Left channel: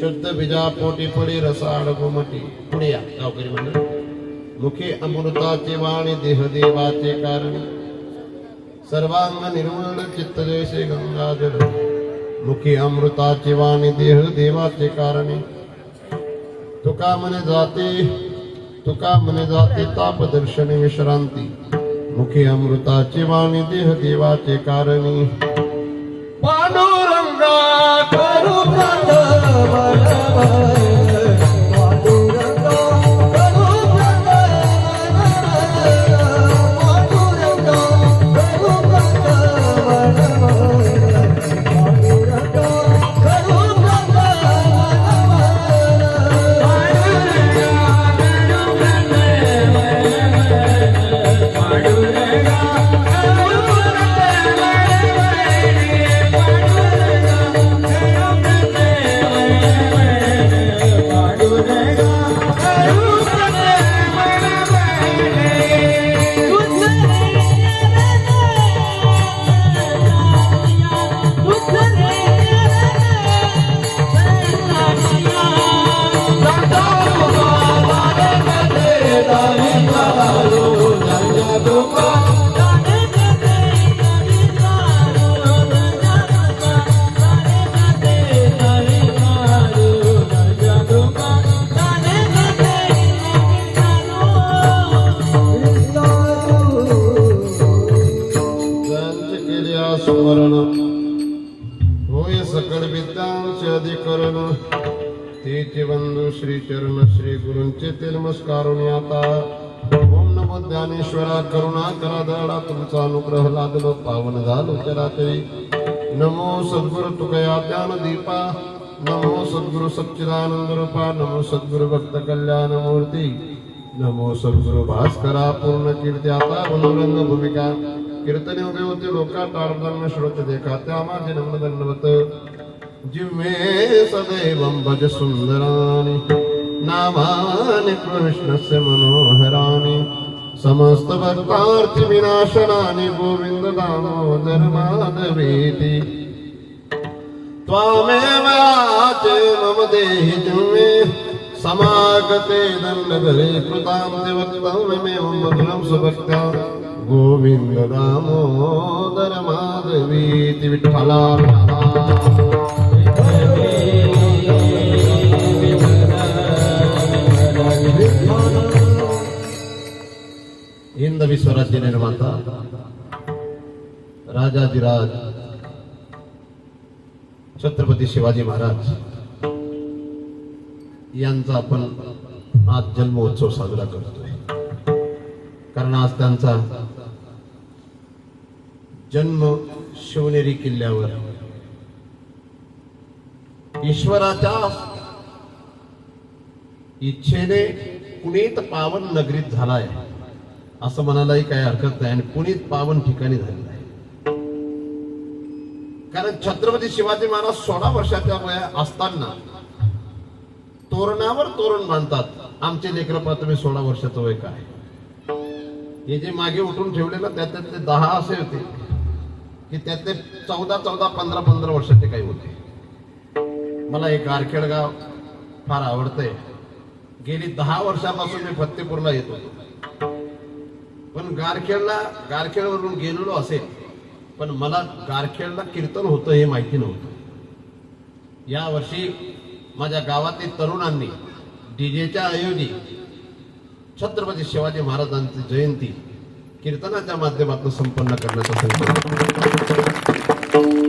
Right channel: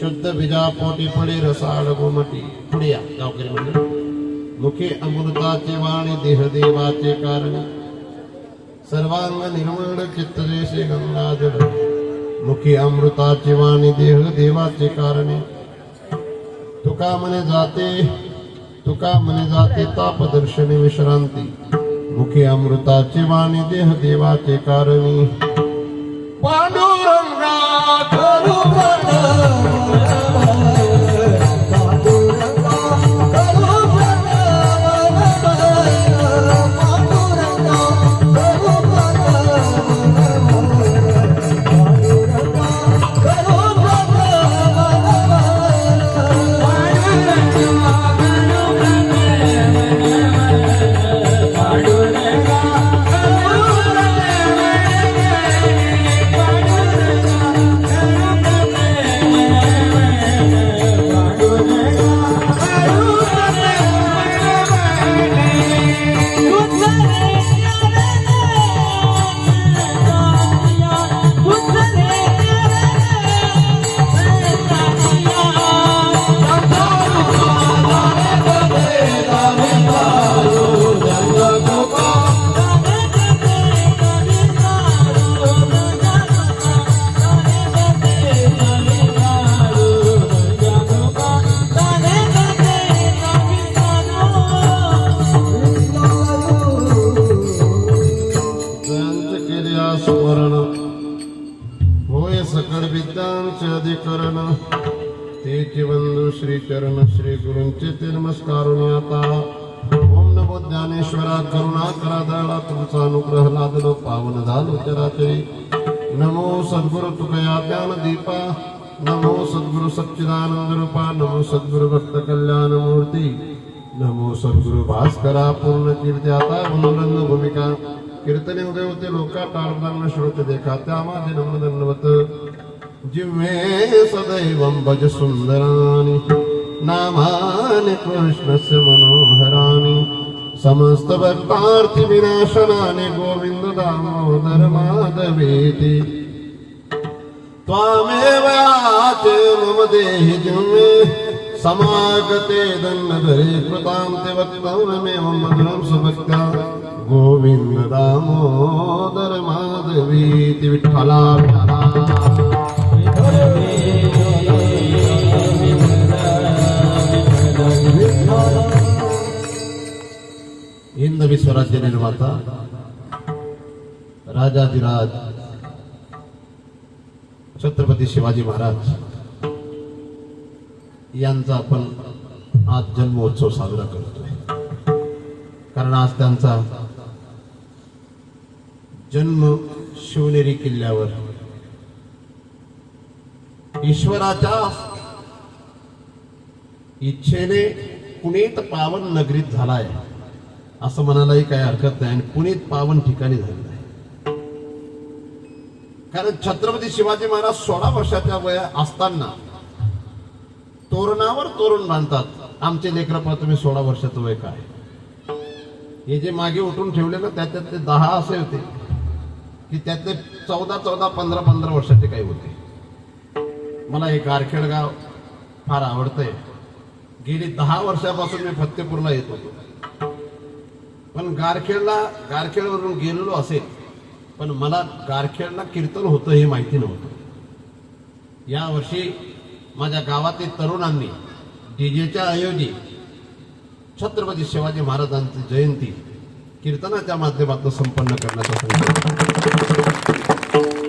शुद्ध बीजा पोटी पडी रसाळ गोमटी पुढे या गावकरी मंडळ मुखे अमृताचे वाणी देह देवाचे कारणी सर्वांग निर्मळ चित्त जैसे गंगाजळ मुखे अमृताचे वाणी देह देवाचे कारणी तुका मने जाते ताप दर्शनी विश्रांती मुखे अमृताचे वाणी देह देवाचे कारणी पांडुरंगा करू तेचे बंधू श्री चरण श्री गुरूंचे ते नमस्कारुणी आता ओम नमो ज्ञानेश्वरा करुणा करा दयाळा तुमचा अनुग्रह लादलो पावन झालो चराचरी नमो सद्गुरु तुकया ज्ञान दीपा नमो सद्गुरु सच्चिदानंद रूपा नमो सद्गुरु भक्त कल्याण मूर्ती नमो सद्गुरु भास्करा पूर्ण कीर्ती आता अनुरंग भूमिका कीर्तने उदय होते लोका टाळताना श्रोते देखा त्या माझे नमन दंडवत जिव्हे सदैवं भज सुंदरानि नामानि कृष्णस्य मनोहराणि समस्त भक्तार्थी विनाशनानि गोविंद दामोदर माधवेति त्वामेव याचे मम देहि जिह्वे समागते दण्डधरे कृतान्ते वक्तव्यमेवं सुभक्त्या गोविंद दामोदर माधवेति विठ्ठला हिंद विश्वराज्य निर्माता राजाधिराज छत्रपती शिवाजी महाराज यांचा आपण आज जन्मोत्सव साजरा करतोय कारण आज त्यांचा जन्म शिवनेरी किल्ल्यावर ईश्वराच्या इच्छेने पुनीत पावन नगरीत झालाय असं म्हणायलाही काही हरकत नाही आणि पुनीत पावन ठिकाणी झालेलं आहे. कारण छत्रपती शिवाजी महाराज 16 वर्षाच्या वया असताना तोरणावर तोरण बांधतात. आमचे लेकरं पाहतो तुम्ही 16 वर्षाचं वय काय. हे जे मागे उठून ठेवले ना त्याच्यातले 10 असे होते की त्यातले 14, 15 वर्षाचे काही होते. मला हे गारखेड गाव फार आवडतंय. गेली 10 वर्षापासून मी फत्तेपूरला येतो, पण गारखेडवरून गेलेलो असेल, पण मला गारखेडला कीर्तन होतं हे माहिती नव्हतं. या वर्षी माझ्या गावातील तरुणांनी डीजेच्या ऐवजी छत्रपती शिवाजी महाराजांची जयंती कीर्तनाच्या माध्यमातून संपन्न करण्याचा संकल्प.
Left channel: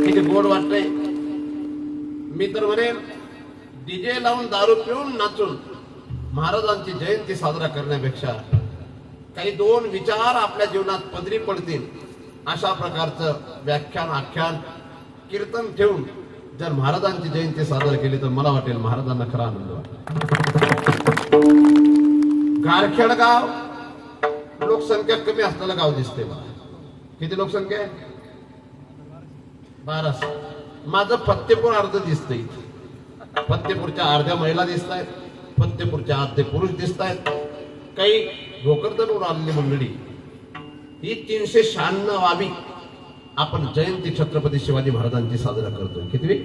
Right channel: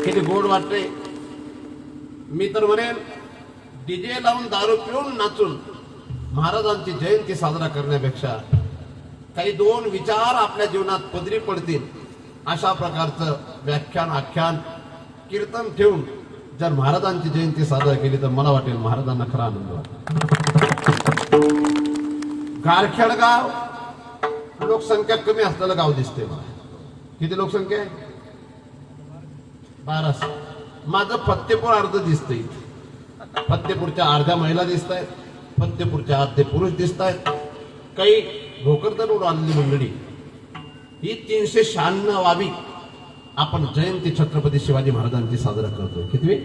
किती गोड वाटते. मी तर म्हणेन डीजे लावून दारू पिऊन नाचून महाराजांची जयंती साजरा करण्यापेक्षा काही 2 विचार आपल्या जीवनात पदरी पडतील अशा प्रकारचं व्याख्यान, आख्यान, कीर्तन ठेवून जर महाराजांची जयंती साजरा केली तर मला वाटेल महाराजांना खरा आनंद वाटेल. गारखेड गाव लोकसंख्या कमी असलेलं गाव दिसते मला. किती लोकसंख्या आहे? 1200. माझं फत्तेपूर अर्ध दिसतंय. फत्तेपूरच्या अर्ध्या महिला दिसत आहेत, फत्तेपूरच्या अर्धे पुरुष दिसत आहेत, काही भोकरदनवर आलेली मंडळी. ही 396वी आपण जयंती छत्रपती शिवाजी महाराजांची साजरा करतोय. कितवी?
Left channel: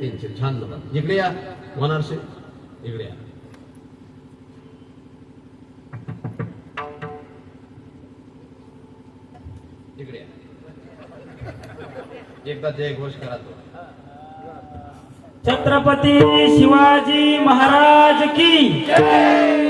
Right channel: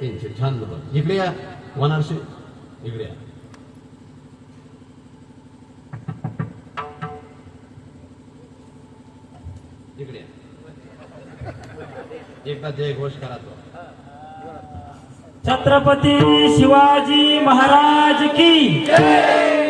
396. इकडे या वनारसे, इकडे या. इकडे या. एकदा जय घोष करा तो. छत्रपती शिवाजी महाराज की जय.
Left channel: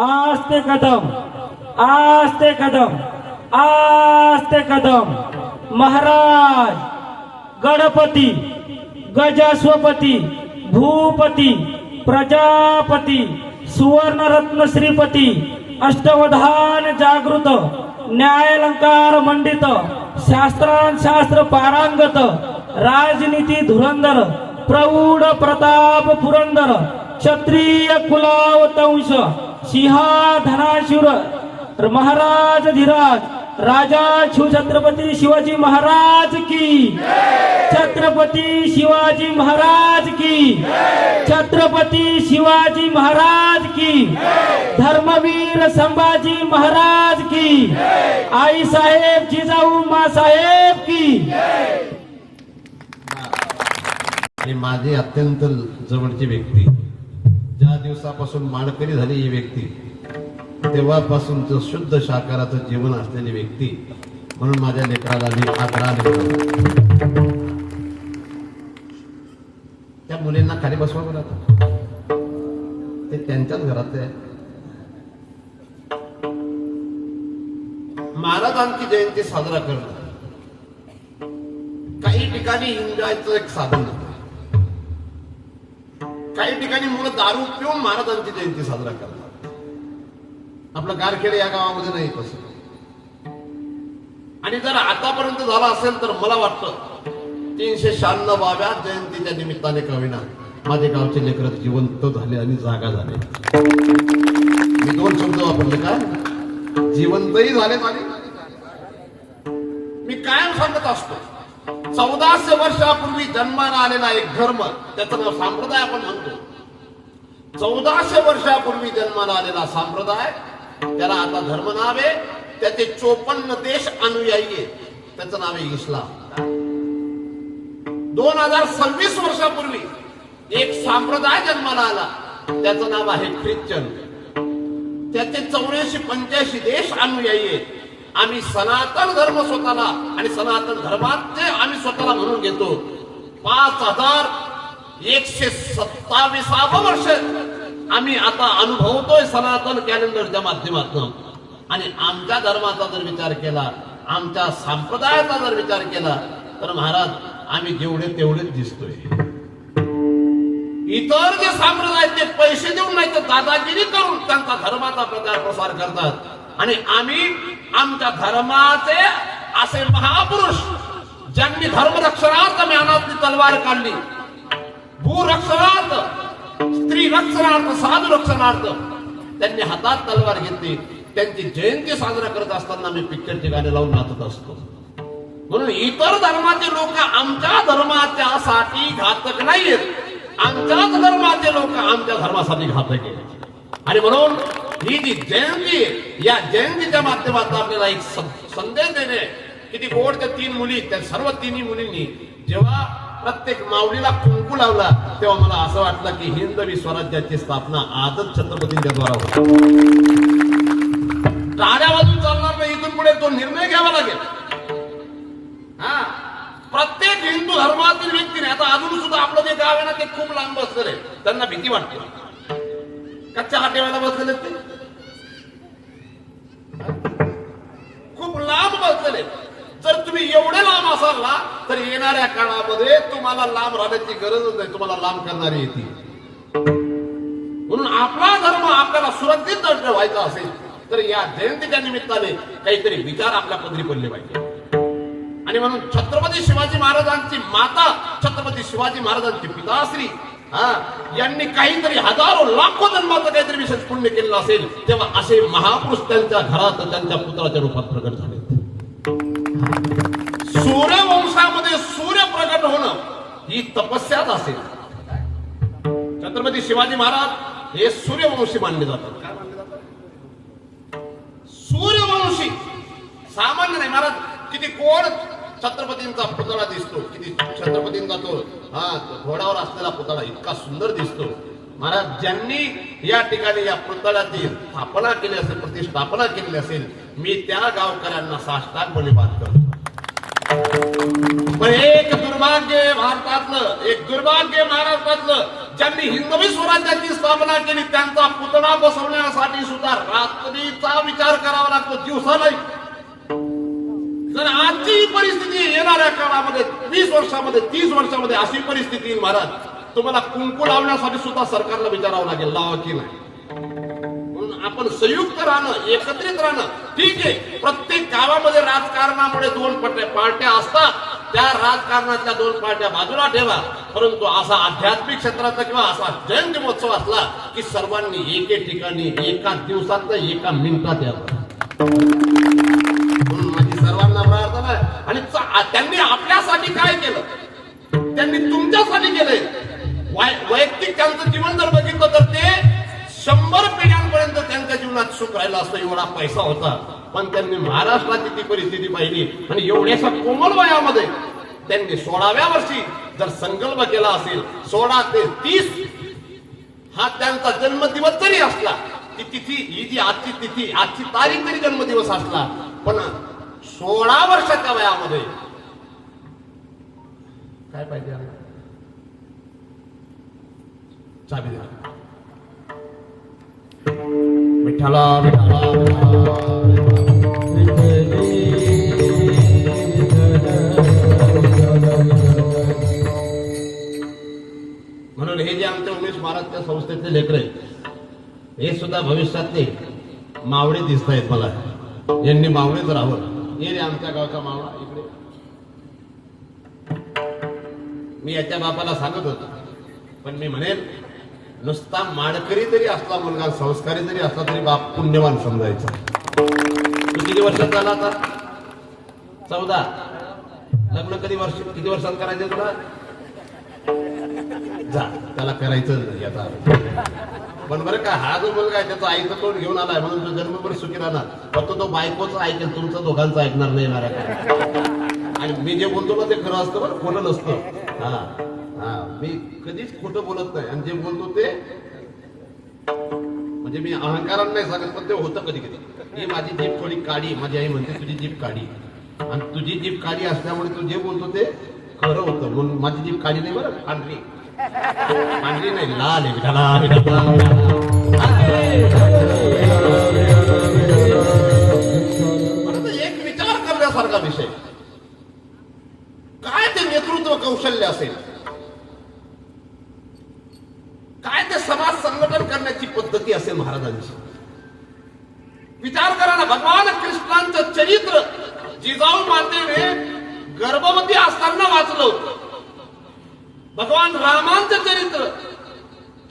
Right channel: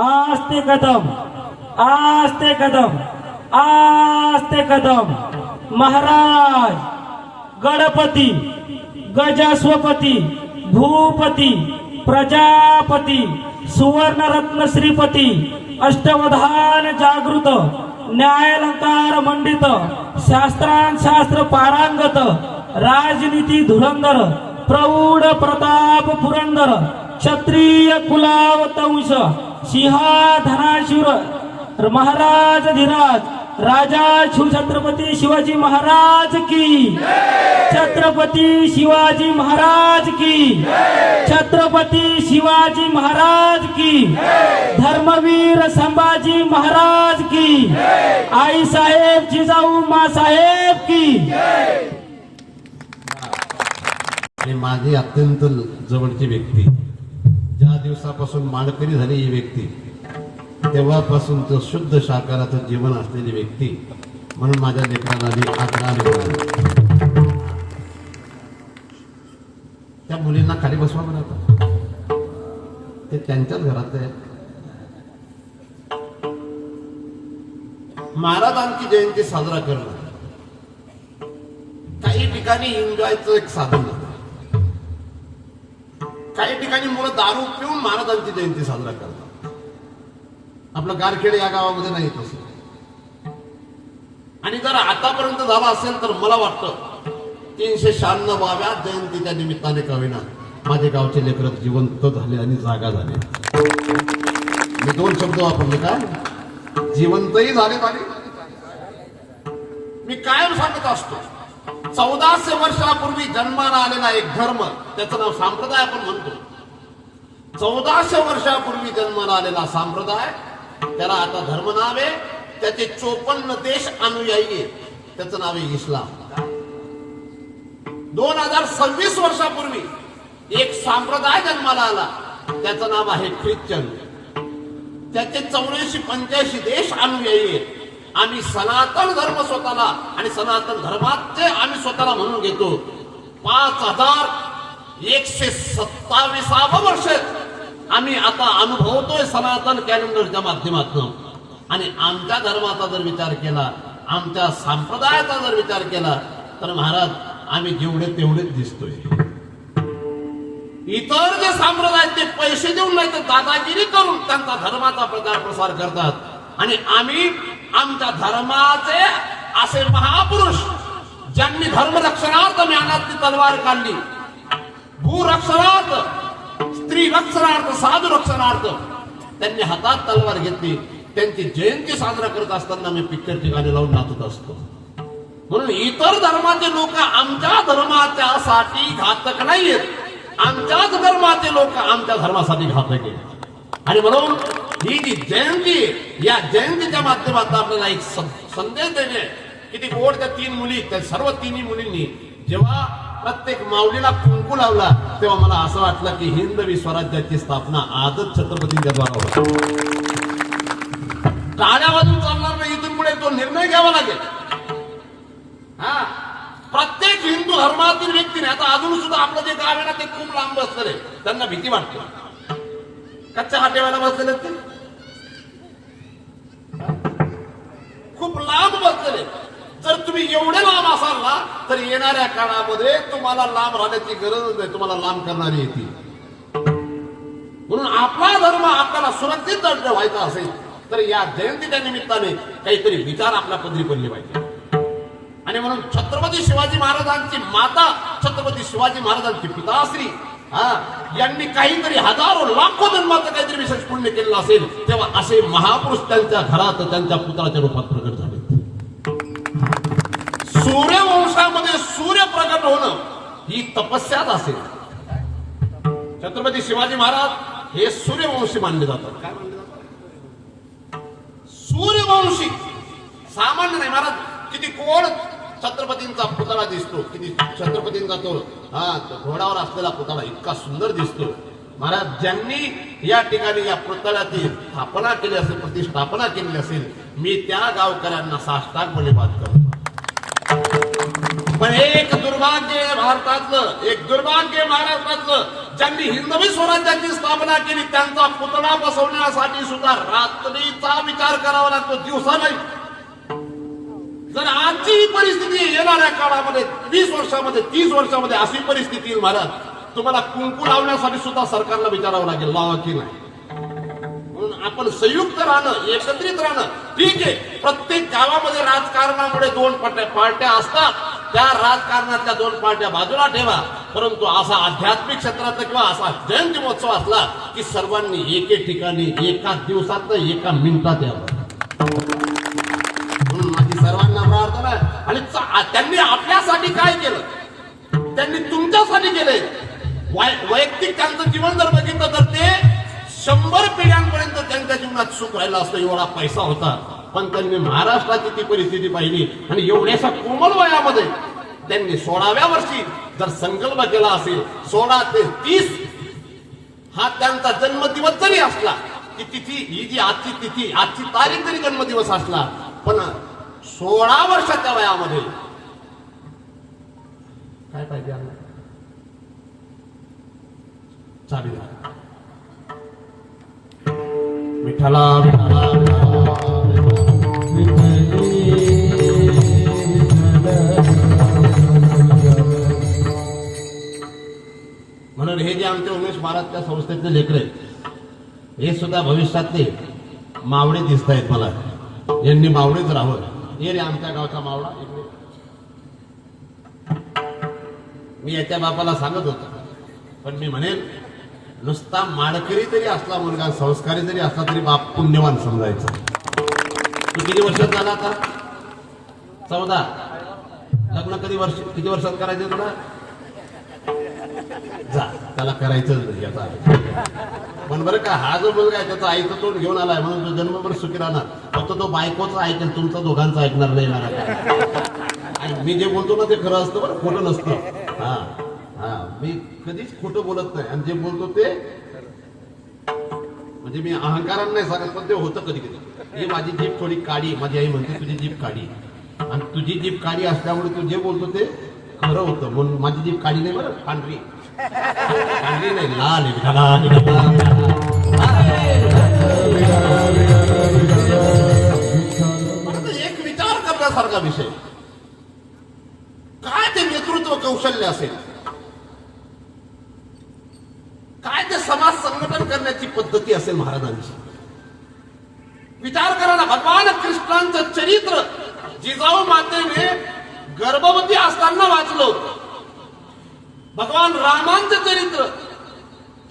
आस्ते कदम, आस्ते कदम, आस्ते कदम. महाराज गणपती, गजाश्वपती, भूपती, प्रजापती, सुवर्णरत्न श्रीपती, अष्टवधान जागृत, न्यायालंकार मंडित, शास्त्र पारांगत, राजनीती धुरंधर, प्रौढ प्रताप पुरंदर, क्षत्रिय कुलावतंश, सिंहाधनाशूर महाराज धीराज, राजा छत्रपती शिवाजी महाराज की, छत्रपती शिवाजी महाराज की, छत्रपती शिवाजी महाराज की, धर्मवीर संभाजी महाराज की, आई साहेब जिजाऊ मा साहेब की. आणि माझी अत्यंत जवळची व्यक्ती, ज्या दिवसापासून माणकरी झाली ही व्यक्ती, तेव्हापासूनच शुद्ध शाकाहाराचं जीवन असलेली व्यक्ती म्हणून माझ्या लेकराला मी आकडा लिहिला. त्या मुलींना खाली बसवलं जातं, ते त्यांच्याच घरात आहे. महाराजांची जयंती साजरा करणं काही ठिकाणी एन्जॉयचं एक साधन आहे. काही ठिकाणी मुलं दारू पिऊन महाराजांची जयंती साजरा करतात. आपलं गारखेड या गावामध्ये नाही तसं. आणि जर आतापर्यंत झाला असेल तर मला वाटतं 396व्या जयंतीच्या निमित्ताने का होईना माझे गावचे लेकर जिवंत झाले आणि जागा झाले. मी 2 शब्द वापरले का? जिवंतही झाले आणि मी कायम सांगत असतो 1400 वर्षापूर्वी जन्माला आलेला एक धर्म, त्याचं नाव संप्रदाय आपण म्हणतो. 1400 वर्षापूर्वी जन्माला आलेला संप्रदाय, त्याला आता धर्म नाव आहे. त्याचे 54 देश अनुयायी आहेत. त्याचं नाव आहे इस्लाम. 2026 वर्षापूर्वी एक संप्रदाय जन्माला आला, त्याचं नाव आहे ख्रिश्चन. त्याचे 84-85 देश अनुयायी आहेत. आम्ही सनातन धर्म स्वतःला आणि सनातन धर्माचे आम्ही स्वतःला म्हणून घेतो. 5127 वर्ष आम्ही आता अनुभवतोय सनातन कॅलेंडरच्या माध्यमातून. आणि आमच्या धर्माचा जर विचार केला, आमच्या संप्रदायाचा जर विचार केला, तर महाराज आम्ही जेवढे तेवढेच दिसतोय. इतर जे संप्रदाय ते पैसे देऊन नाही तर दादागिरी करून त्यांचा धर्माचा प्रचार प्रसार करतात. आणि आम्ही आमच्या धर्माचे असे महापुरुष ज्यांनी धर्मरक्षणार्थ ज्ञानातली तलवार काढली, भूरक्षणार्थ, स्त्री रक्षणार्थ, साधू रक्षणार्थ त्यांनी हातात तलवार घेतली. त्यांची जयंती साजरा करत असताना मी पिक्चरची गाणी लावून नाचत असतो. म्हणून इतर धर्माचे लोक आमच्या धर्माच्यासाठी घातक नाहीयेत, आमच्याच धर्माचे लोक आमच्या धर्मासाठी घातक आहेत. आणि म्हणून ही जी जयंती, या जयंतीच्या माध्यमातून आपल्याला एक संदेश देणे. किती गोड त्या 3 मुली, त्या सर्व 3 मुलींनी जेव्हा प्रत्येक माऊलीला कुंकू लावला, तेव्हा मला असं वाटलं की हिंदवी स्वराज्याची स्थापना आजच छत्रपतींच्या द्वारा होती. टाळ्या वाजून चालणार नाही, इथून पुढे तो निर्णय घ्यावा लागेल. हा, प्रत्येक हिंदू धर्मातील व्यक्तीने, आता अजून सुद्धा आपलं जे गाव आहे ना ते खूप लांब बसलेले, त्यांना भीती वाटते. कच्च्या हाटेवाला बसलेले ते खूप लांब बसलेले. जर तुम्ही एवढे लांब असाल ना, तर येणाऱ्या काळामध्ये तुम्हाला लांब राहण्याची गरजच नाही, तुम्हाला लांब करणारी येते. म्हणून आपला धर्म आपल्याला सुरक्षित व्हायचा असेल तर या जयंतीच्या निमित्ताने काहीतरी विचार आपल्या पदरी पडले पाहिजे. आणि म्हणून छत्रपती शिवाजी महाराजांची माता, छत्रपती शिवाजी महाराजांची पिताश्री यांनी काहीतरी हजारो लाखो जन्माचं काहीतरी विशेष पुण्य केलेलं असेल, तेव्हा असे महापुरुष त्यांच्या घरात त्यांच्या पुत्राच्या रूपात प्रकट झाले. सूर्यवंशामध्ये सूर्य प्रकट होणं ही तपस्याच असेल. छत्रपती शिवाजी महाराज हे सूर्यवंशी मानले जातात. काय मानले जातात? सूर्यवंशी. सामान्य नाही महाराज. किती कोण छत्रपतींचा पुतळा दिसतो, किती छत्रपतींचा तो घोडावर असलेला पुतळा इतका सुंदर दिसतो. महाराज ज्यांनी या ठिकाणी या पुतळ्याची स्थापना केली असेल, प्रतिष्ठापना केली असेल, मी त्या गावकऱ्यांना साष्टांगपणे बात करतो. पण एक दुर्भाग्य भारतातलं, एक दुर्भाग्य महाराष्ट्रातलं, ज्यांनी हिंदवी स्वराज्याची स्थापना केली त्यांचा पुतळा बसवण्यासाठी सुद्धा रात्रीचा विचार करावा लागतो, दिवसा नाही. जर आजची ही परिस्थिती येणाऱ्या काळामध्ये 20 वर्षामध्ये 30 वर्षामध्ये अशी परिस्थिती येईल महाराज, तुम्हाला कुंकू लावण्यासाठी सुद्धा सरकारला विचारावं लागेल, लावा की नाही. म्हणून आपण संयुक्त राहणं, एकत्रित राहणं. ठीक आहे, प्रत्येक गावामध्ये राजकारणामुळे 2 पार्ट्या असतात, त्या राजकारणातल्या 2 पार्ट्या बाजूला ठेवा. परंतु असा आध्यात्मिक क्षेत्राचा किंवा असा जयंती महोत्सव असला की सर्वांनी एके ठिकाणी एका दिवसात एका मिनिटात यावं. सर्वांना प्रार्थना आहे. आणि त्यांनी आपल्यासाठी काय केलं, त्यांनी तुमच्यासाठी केलंय. वैयक्तिक त्यांचं जीवन जर बघितलं तर ते 100 पिढ्यांपर्यंत त्यांच्या जीवनात सुख राहिलं असतं, एवढा पैसा होता. पण त्यांनी महाराष्ट्राची ती परिस्थिती पाहिली आणि एवढ्याशा कोमल वयामध्ये त्यांनी 16व्या वर्षी जर संकल्प केला असेल, 16 ते 30 हा त्यांचा जन्मदिवस जरी असला, ती तिथी, ही जी आजची तिथी, आजची तारीख जरी जन्मदिवस असला, पण 16 वर्षाच्या वयामध्ये काय पाहिजे, चाबी विठ्ठला विठ्ठला म्हणून हे जे आमच्या उमेश महाराजच्या संस्थेतले लेकर आहेत, हे सुद्धा भविष्यातले मावळे दिसत आहेत मला. यांनी मावळेच राहावं. ये रे आमच्या गावचा मावळा इकडे. मी याच्या बापाला सांगत होतो, पण मी म्हणेल नुसता माडकरी जरी असला मुलगा, संस्कारी जरी असला तरी बाप पुण्यवान समजायचा. तू किती वर्षात झाला आता? 14. लग्न किती वर्षात करायचं तुला? जा, त्याला करायचं नाही याचा. पण बरं का, हा जो मुलगा आहे त्याचा आईचं तोंड घेऊन आलाय म्हणून तो जन्मभर सुखी राहणार. फक्त तो बायकोचं ऐकेल, तुमचं दोघांचं ऐकणार नाही येणार आहे. आणि मी जे बोलतो ना ते खरं असतं बरं, खोटं नसतं. हा, मी कधीच खोटं बोलत नाही. आणि जे बोलतो ते म्हणजे मी अहंकारानं नाही सांगत, पण ते होतं कधी कधी. ही माझी जीभ थोडी काळी, माझी आई म्हणते तुझी जीभ काळी, आणि तुझी जीभ काळी असल्यामुळे तू जे बोलतो ते खरं होतं. म्हणून माझी जीभ काळी नाही बरं, पांढरी. पांढरी नाही, लाल आहे. महाराजांची. विचार करा ना, भगवान कृष्णांचं चरित्र जिजाऊ मातेने गर्भवती असताना वाचलं. भगवान रामांचं चरित्र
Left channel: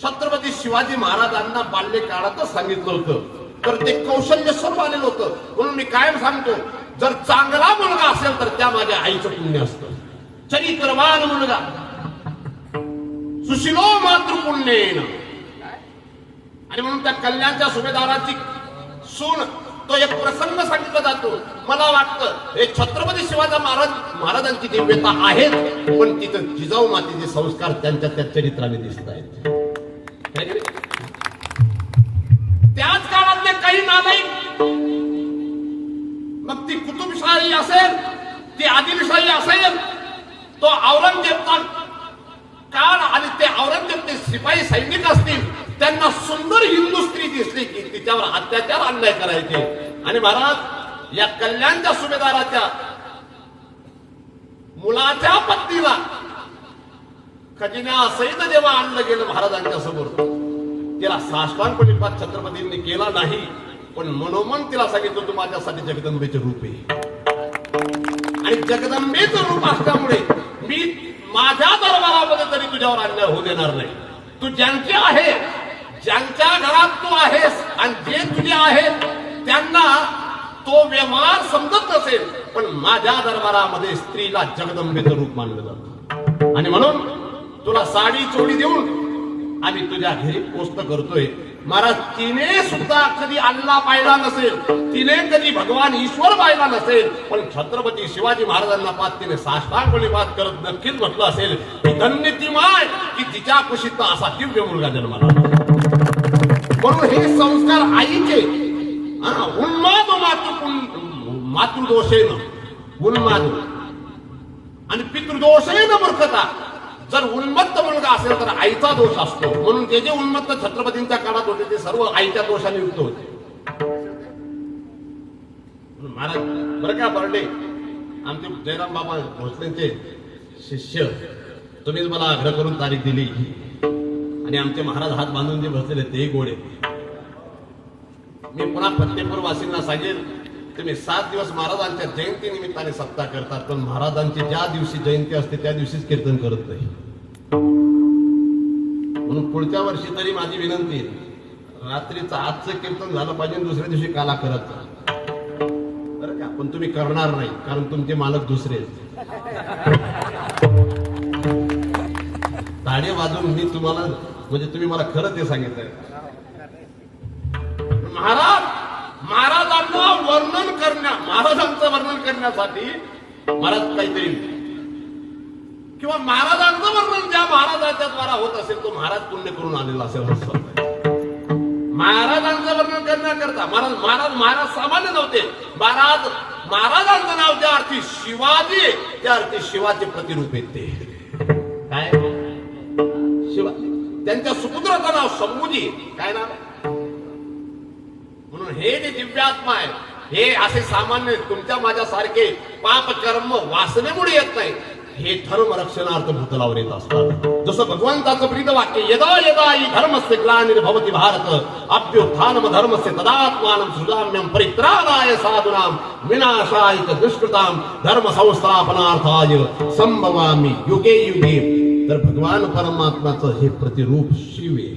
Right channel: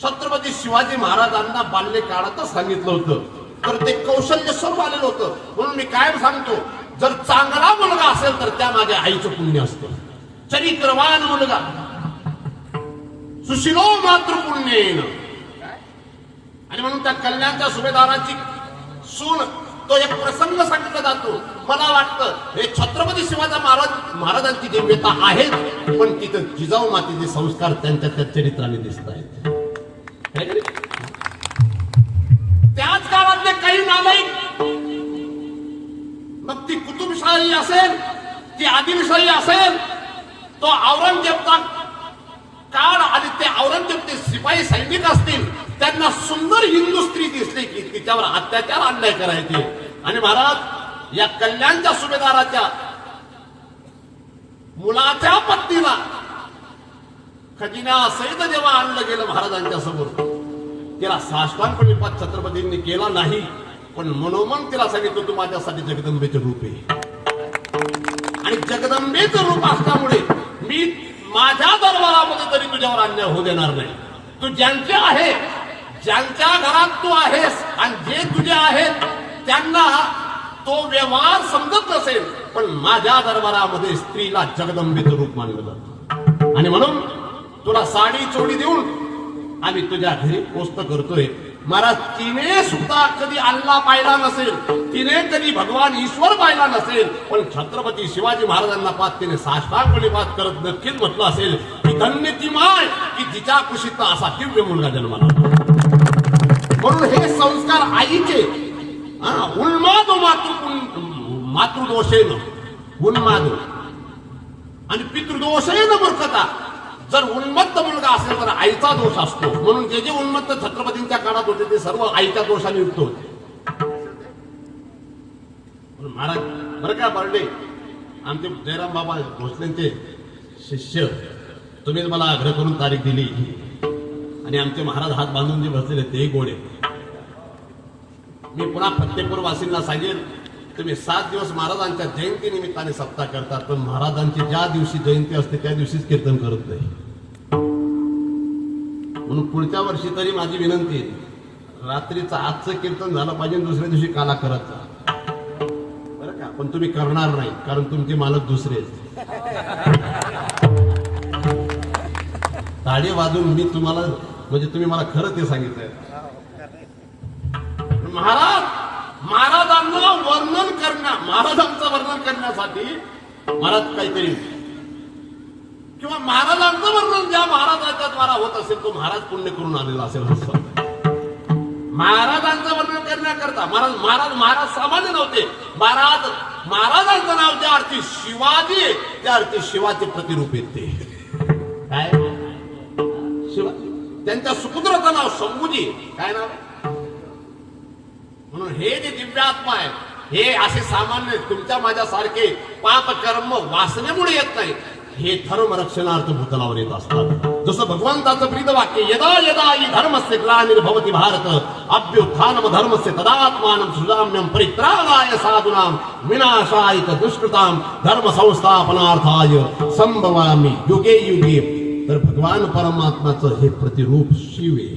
छत्रपती शिवाजी महाराजांना बाल्यकाळातच सांगितलं होतं. तर ते कौशल्य सर्व आलेलं होतं. म्हणून मी कायम सांगतो, जर चांगला मुलगा असेल तर त्या माझ्या आईचं पुण्य असतं. चरित्रवान मुलगा, सुशिलो मातृपुण्येन. आणि म्हणून त्या कल्याणच्या सुभेदाराची सून, तो एक प्रसंग सांगितला जातो. मला वाटतं हे छत्रपती शिवाजी महाराजांची दिव्यता आहेत, पण तिथं जिजाऊ मातेचे संस्कार त्यांच्या त्या चरित्राने दिसत आहेत. त्याच काळातले काही नालायक, मग ती कुतुबशाही असेल, ती आदिलशाही असेल, तो औरंगजेबचा काळ आणि ते औरंगजेबचे शिपाई सैनिक असतील, त्यांना सुंदर हिंदू स्त्री दिसली की तिच्यावर अत्याचार अन्याय करायचे. आणि महाराज या कल्याणच्या सुभेदाराच्या मुलाच्या पत्नीला खजिन्यासहित जेव्हा आणलं गेलं महाराजांच्या समोर, तिला साष्टांग पाठ छत्रपतींनी केला नाही, पण मनोमन तिला सांगितलं तू माझ्यासाठी जगदंबेचं रूप आहे. आणि जगदंबेचं रूप असल्यामुळे मी माझ्या दरबारामध्ये तरी तुझ्यावर अन्याय होऊ देणार नाही. तू ज्यांचे आहे, ज्यांच्या घरात तू आहेस आणि जे तुझे आहेत त्यांना तो व्यवहार समजत नसेल, पण माझ्या दरबारामध्ये स्त्रीला जगदंबेचं रूप मानलं जातं. आणि म्हणून तुला साडी चोडी देऊन आम्ही तुझ्या घरी पोस्ट करतोय. महाराज, तिने सुद्धा कधी अल्ला पाहिला नसेल, तिने कधी भगवान ईश्वर पाहिला नसेल, पण छत्रपती शिवाजी महाराजांना पाच तिने साष्टांग करत नक्कीच म्हटलं असेल की धन्य ती माय की तिच्या कुशीत असा दिव्य मुलगा जन्माला. म्हणून हे संस्कार आईचे उन्माद मातृदोषेन, उन्माद आणि पितृदोषेन मूर्खता. जर उन्मत्त मुलगा असेल तर आईचा दोष असतो. म्हणून जे जे उन्मत्त छत्रपतींच्या काळात होते ते सर्व आईच्या दोषाने युक्त होते. महाराज बरं का बर्डे, आमचे जयराम बाबा भोसलेंचे शिष्य, तुम्हीच मला आग्रह करून तारीख दिली आणि आमचे महाराज हात बांधून जे बसलेले ते गोडे. मी पुन्हा फतेपूर वासींना सांगेल, तुम्ही 7 दिवस महाराजांच्या जयंती निमित्ताने सप्ताह करतात, पण महाराजांची ज्या दिवशी जयंती असते त्या दिवशीच कीर्तन करत नाही. म्हणून पुढच्या वर्षी तरी माझी विनंती आहे, रात्रीचं आजचं कीर्तन झालं पाहिजे, दुसऱ्या दिवशी काला करत बरं का. पण तुम्ही करणार नाही, कारण तुमचे मालक दुसरे ताडे वाजवून मी तुम्हाला, म्हणजे तुम्ही मला खरं ते सांगितलंय. महाराजांचं वर्णन करण्यासाठी महाराज काहीतरी किंवा महाराजांचं वर्णन ज्या महाराजाच्या द्वारा होत असेल तो महाराज पुण्य करून आलेला असेल. महाराजांचं वर्णन करण्याकरता महाराज सामान्य नव्हते. महाराजांचं नाव ज्या अर्थी शिवाजी, त्या अर्थी शिवाचे प्रतिरूप आहेत. ते काय शिवा, त्यांच्या सुपुत्राचं नाव शंभूजी, काय नाव आहे. म्हणून हे जे दिव्यात्मा आहे, हे असे सामान्य तुमच्या माझ्यासारखे पाप कर्म वासनेमुळे येत नाही. हे धर्म रक्षणार्थ भूतलावर येत असतात. जसं भगवंताचं प्रीत वाक्य, यदा यदा हि धर्मस्य ग्लानिर्भवति भारत अभ्युत्थानम धर्मस्य तदात्मानं सृजाम्यं परित्राणाय साधूनां विनाशाय च दुष्कृतां धर्म संस्थापनार्थाय संभवामि युगे युगे. तर भगवान परमात्माचं हे प्रतिरूप शिव आहे.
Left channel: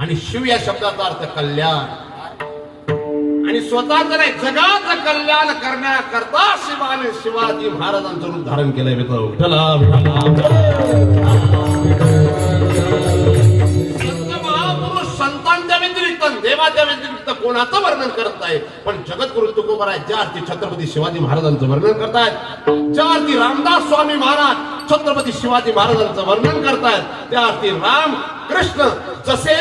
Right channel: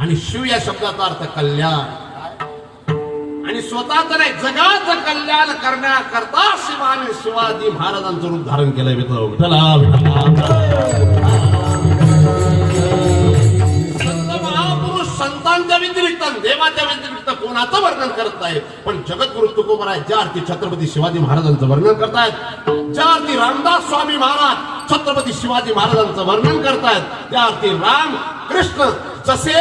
आणि शिव या शब्दाचा अर्थ कल्याण, आणि स्वतःच नाही जगाचं कल्याण करण्याकरता शिवाने शिवाजी महाराजांचं रूप धारण केलंय. विठ्ठला महापुरुष संतांच्या व्यतिरिक्त, देवाच्या व्यतिरिक्त कोणाचं वर्णन करत आहे, पण जगद्गुरु तुकोबराय ज्या अर्थी छत्रपती शिवाजी महाराजांचं वर्णन करतायत, ज्या अर्थी रामदास स्वामी महाराज छत्रपती शिवाजी महाराजांचं वर्णन करतायत, त्या अर्थी राम कृष्ण जसे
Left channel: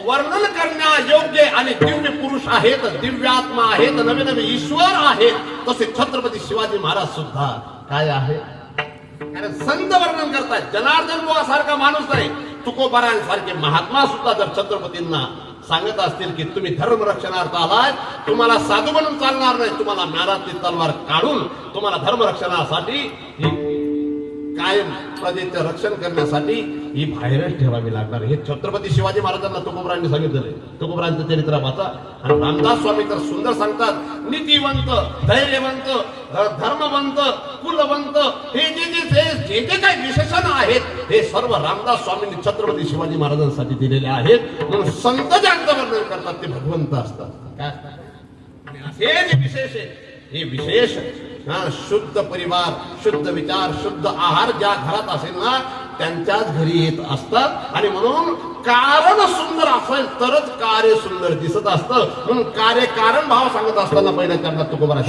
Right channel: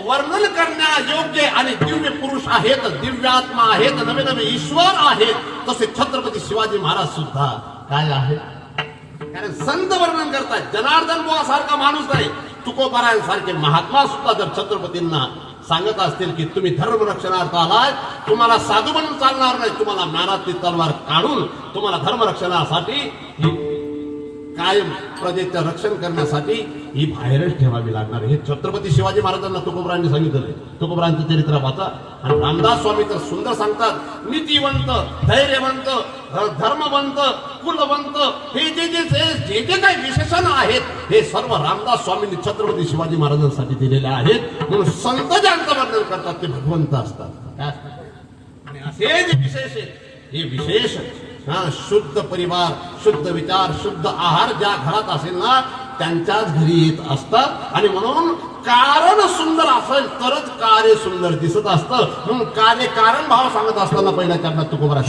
वर्णन करण्या योग्य आणि दिव्य पुरुष आहेत, दिव्यात्मा आहेत, नवे नवे ईश्वर आहेत, तसे छत्रपती शिवाजी महाराज सुद्धा काय आहे. कारण संत वर्णन करतात. जनार्दन बुवासारखा माणूस नाही, तुकोबारायांसारखे महात्मा सुद्धा जर छत्रपतींना सांगत असतील की तुम्ही धर्म रक्षणार्थ आलाय, तुम्हाला साधू बनून चालणार नाही, तुम्हाला म्यानातली तलवार काढून तुम्हाला धर्म रक्षणासाठी कायम प्रजेचं रक्षण करण्यासाठी ही बाहेरच ठेवावी लागणार. हे छत्रपती शिवाजी महाराजांना तुकोबरायांनी सांगितलेलं. तुकोबरायांचं चरित्र वाचा. आणि रामदास स्वामी तर सुंदर सांगतात, नीतिवंत, धैर्यवंत, धर्मवंत, कुलवंत, हे जे काही विशेषण आहेत हे सर्व रामदास स्वामींनी छत्रपती शिवाजी महाराजांसाठी दिलेले आहेत. म्हणून संत ज्यांचं वर्णन करतात ते भगवंत असतात. काय असतात? आणि असे जे विशेष आहेत हे विशेष शुद्ध परिवार, शुद्ध विचार, शुद्ध आहार ज्या घरात असेल ना त्यांच्याच घरी येत असतात. आणि म्हणून कारण सुंदर असेल तरच कार्य सुंदर दिसत असतं. म्हणून कार्य कारण भाव सांगत असताना पहिल्या चरणात तुकोबरा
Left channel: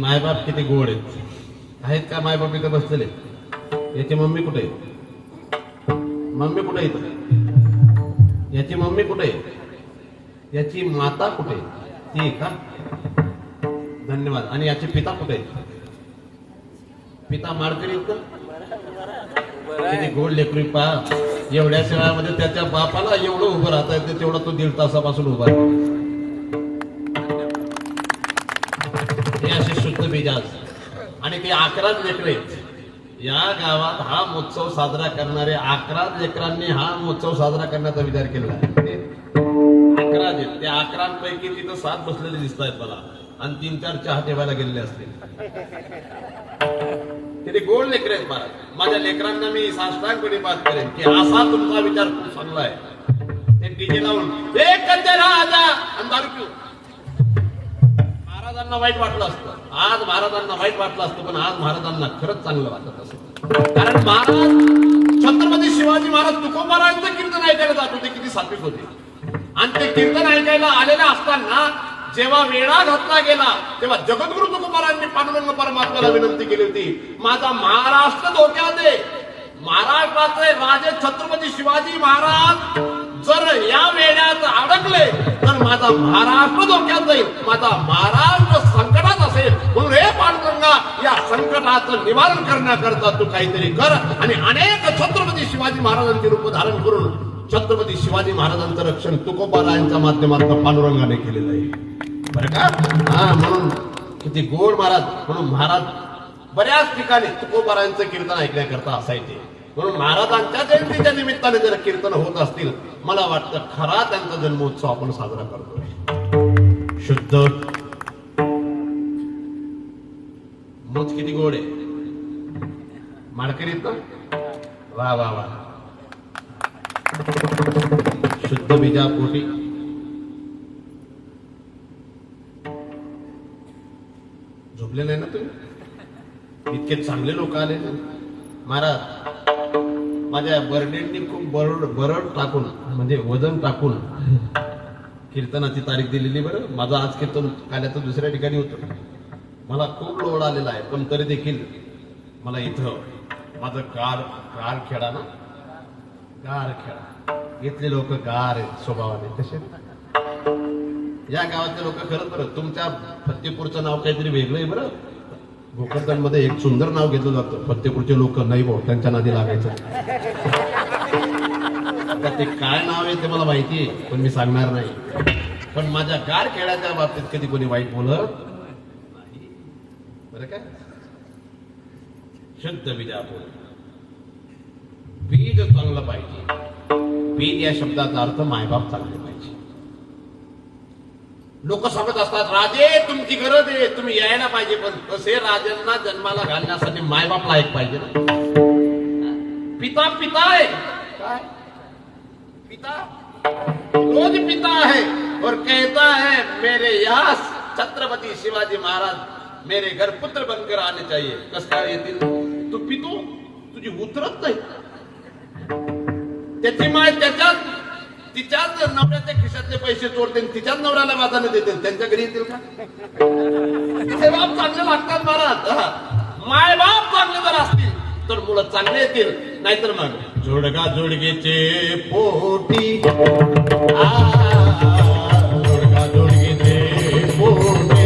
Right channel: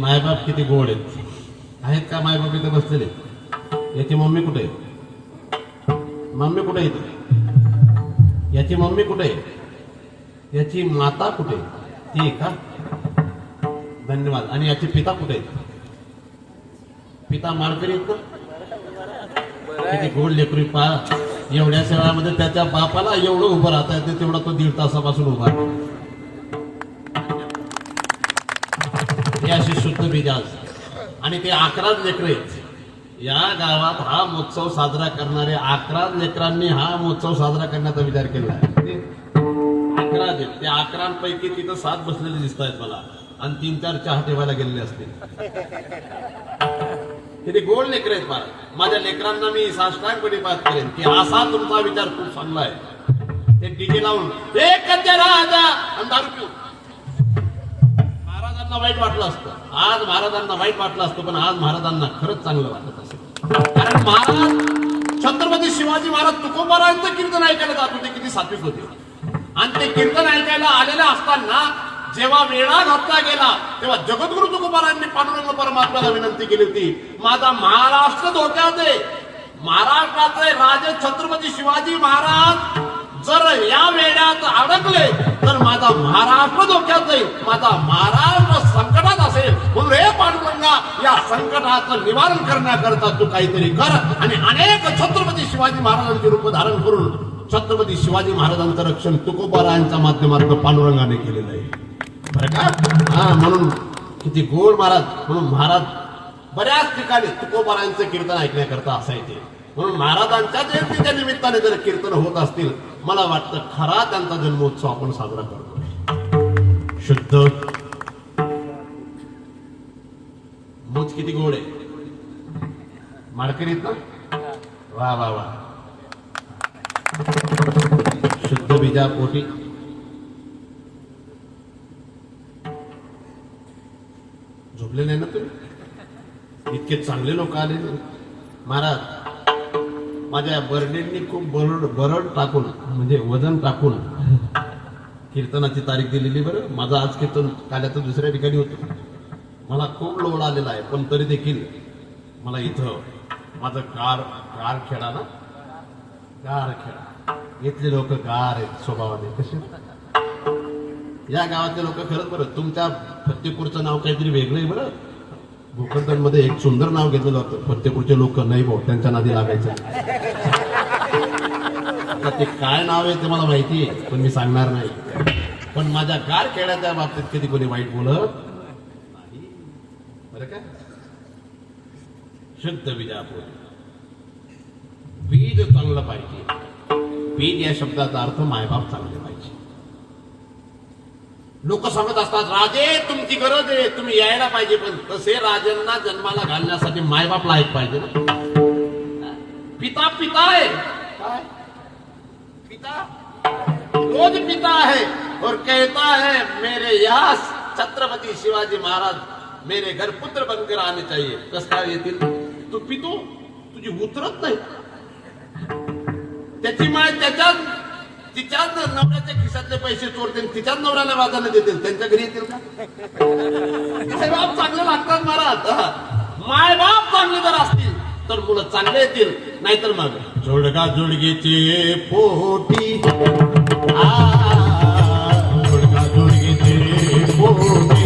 मायबाप किती गोड आहेत का? मायबाप इथे बसलेले. याची मम्मी कुठे आहे? मम्मी कुठे आहे? याची मम्मी कुठे आहे? याची माता कुठे? ती का? धन्यवाद. आणि याचे पिता कुठे आहेत? पिता माळकरी आहेत का? किती गोड लेकरी पा. एवढ्या शेळ्यामध्ये त्याच्या बापाला एवढं उभं राहता येते तेवढा तो 1.5 तासापासून उभा आहे. हे असे शुद्ध बीजाज. आणि ते 11 लेकरे या गावात हा महोत्सव साजरा करणारे 11 लेकरांनी हा महोत्सव साजरा करण्याचा विचार केला आहे. 11 आहेत. त्या 11 पैकी तिथं 7 बसलेले दिसत आहेत मला. आणि 3-4 चहा ठेवायला गेलेले असतील. किती गोड लेकर आहेत मला. माझ्या लेकरांना मी साष्टांगपणे बात करेन की असा तुमचा विचार खूप चांगला आहे. ते डीजे लावून एक राजा आणि दारू पिऊ. महाराजांना वाईट वाटलं असतं. आज महाराजांना वाईट वाटलं असतं. पण आज महाराजांना खरंच चांगलं वाटत असतं. कारण महाराज छत्रपती शिवाजी महाराज तुकोबारांचं कीर्तन ऐकायला जात होते. किती सात्विक होते. आणि ते कीर्तन ऐकायला आलेले असताना जेव्हा वेढा घातला गेला तेव्हा जगद्गुरु तुकोबारायांनी पांडुरंग परमात्म्याला विनंती केली होती, माझा महाराष्ट्र धोक्यात आहे, महाराष्ट्राचे राजे छत्रपती शिवाजी महाराज जर या वेळात अडकले तर माझा महाराष्ट्र धोक्यात जाईल, माझा महाराष्ट्र संकटात असेल, म्हणून हे पांडुरंगा या संकटाचं निवारण करण्याकरता तू काहीतरी कर. आणि अनेक छत्रपती शिवाजी महाराजांचे रूप धारण करून छत्रपती शिवाजी महाराजांचं रक्षण तुकोबारायांच्या माध्यमातून पांडुरंगाने केलेलं आहे बरं का. हा म्हणून किती गोड महाराज. म्हणून महाराज बऱ्याच ठिकाणी तुकोबारायांचं कीर्तन ऐकण्याकरता असायचे. म्हणून महाराजांच्या जयंतीच्या निमित्ताने जर कीर्तन होत असतील, मला वाटतं खरा त्यांचा जन्मोत्सव आपण साजरा करतो. शुद्ध मूच किती गोड आहे माळकरीत ना. वा वा वा. शुद्ध बीजा पोटी झोपले नाही ना तुम्ही. इतके चांगले लोक आले महाराज. माझ्या बर्डेंनी खूप बरड टाकून म्हणजे वजन टाकून कीर्तनाची तारीख दिलेली. बरं माझं आज कीर्तन काल्याचं दुसऱ्या ठिकाणी होतं. मला खूप लोड आलेला आहे, पण तरी देखील मला इथं माझं गार खेळा ना, गार खेळा. इथले लोक गार आहेत स्वभावाने. तसे या गावातले लोक खरंच बरं. तुमच्या फत्तेपूरचं नाव काहीतरी वेगळं आहे बरं. भोकरदनमध्ये एक सुंदर नाव घेतलं जातं. फत्तेपूरचे लोक नाही भाऊ त्यांच्या नादी लागायचं. आता ते काय नाव आहे ते मला माहिती आहे, पण मी सांगणार नाही. पण माझ्या गार खेळाच्या बाबतीत कधी कोणी वाईट बोलत नाही बरं का. शुद्ध बीजापूर. बीज चांगलं पाहिजे. बीज या शब्दाचा अर्थ मायबाप चांगले पाहिजे. लोक सांगत असतात राजे तुमची गरज आहे, तुम्ही यायला पाहिजे, पण तसे राजांना जन्माला घालण्यासाठी मायबाप लायक पाहिजे. पिता पिता आहे काय. पिता रोज पिता है और कहता है मेरे यहाँ छत्रपती शिवाजी महाराज मेरे घर पुत्र बनकर आने चाहिए. कस काय येतील. तू पितो, तुझी उतरत नाही. त्याची माय तिच्याच नवऱ्याच्या खिशातले पैसे चोरते, तिच्याच नवऱ्याला वाजाने देते. त्यांच्या घरी येतील का. तिचे बाप चांगले लागतात महाराज. माय बाप चांगले जर असतील तर मुलं चांगले येतील, नाहीतर मग जोडगा जोडगेचे पोटी. जोडगा जोडगेचे पोटी.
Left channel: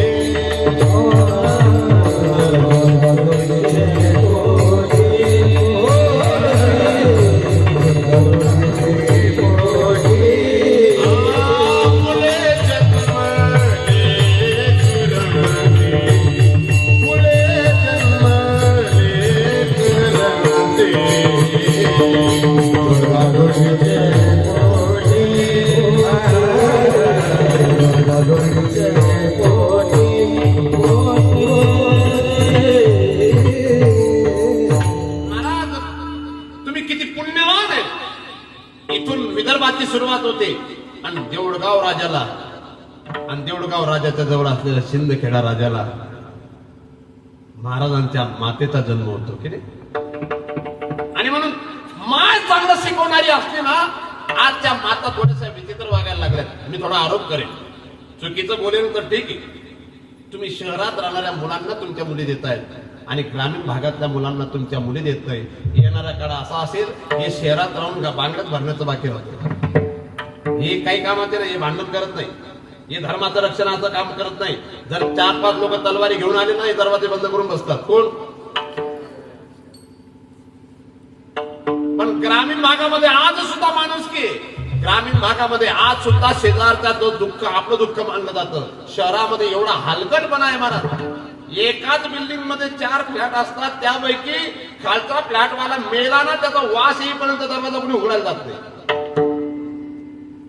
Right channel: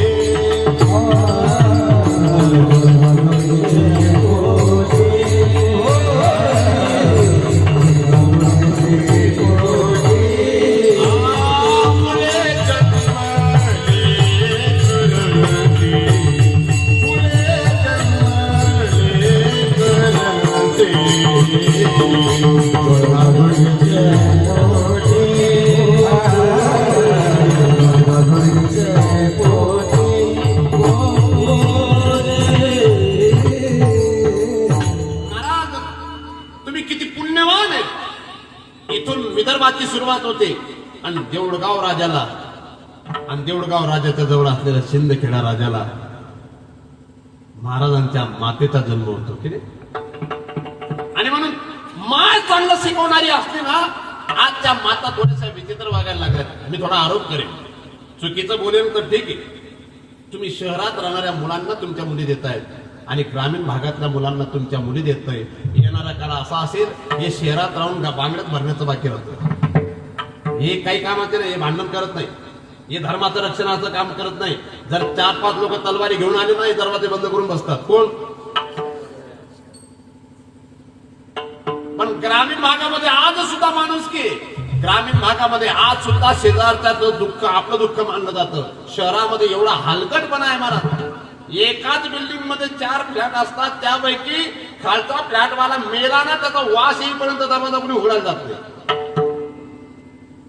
विदर्भाची सुरुवात होते आणि देऊळगाव राजाला आणि देऊळगाव राजाच्या जवळ असलेल्या शिंदखेडा राजाला महाराजांच्या मातेचा जन्म होतो की नाही. आणि म्हणून माय चांगलं शिकवणारी असते ना, आजच्या माता थोड्याशा विचित्र वागायला लागल्यात. मी थोडा आरोप करेन, चुकीचं बोलेन तर ठीक आहे. तुम्ही शहरात राहणाऱ्या मुलांना तुमच्या मुली देतायत आणि ग्रामीण भागातल्या मुलांना तुमच्या मुली देत नाही. येणारा काळ असा असेल हे शहरात राहून बांगड्यात भरण्याचं बाकी राहतं. हे काही कामाचे नाही, हे भांडण करत नाही, हे धर्माचं रक्षणाचं काम करत नाही. जर 4-5 लोक तलवारी घेऊन आले नाही दरवाजे बंद करून बसतात. कोण. पण ग्रामीण भागामध्ये आज सुद्धा माणूस की ग्रामीण भागामध्ये आज सुद्धा शेजारचं दुःख आपलं दुःख मानलं जातं. शहरामध्ये एवढा हलकटपणा आहे महाराज. एकाच बिल्डिंग मध्ये 4 फ्लॅट असतात, त्यापैकी खालचा फ्लॅटवाला मेला ना त्याचा वास येईपर्यंत दरवाजा कोणी उघडायला जात नाही.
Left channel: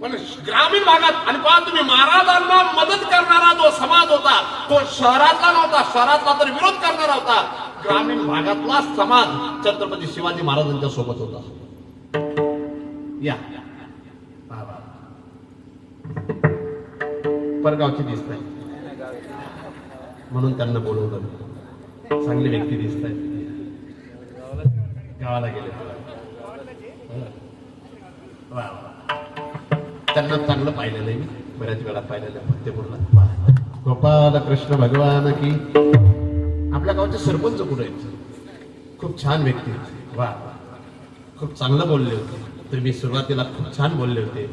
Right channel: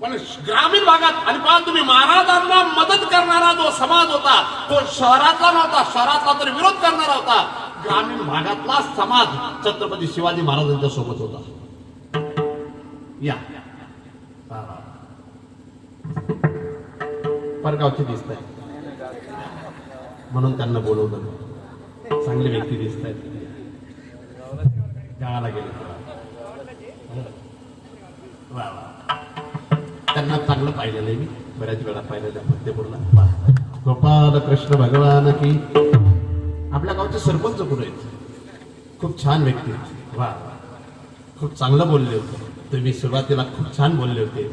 पण ग्रामीण भागात आणि पहा तुम्ही, महाराजांना मदत करणारा जो समाज होता तो शहरातला नव्हता, शहरातला तर विरोध करणारा होता. ग्रामीण भागातला समाज छत्रपती शिवाजी महाराजांच्या सोबत होता. या परगावची दिसत आहे म्हणून त्यांना बोलवलं. चांगली व्यक्ती दिसत आहेत. गावाला गेले त्यांना चांगलं पाहिलं नाही. बऱ्याच वेळा पाहिलेल्या फतेपूरला. गोपाल कृष्ण भगवान की. आपल्या गावचे सरपंच कुठे आहेत? खूप छान व्यक्ती आहेत. वा, खूप चांगलं बोलले होते तुम्ही. सुरुवातीला खूप छान बोलले होते.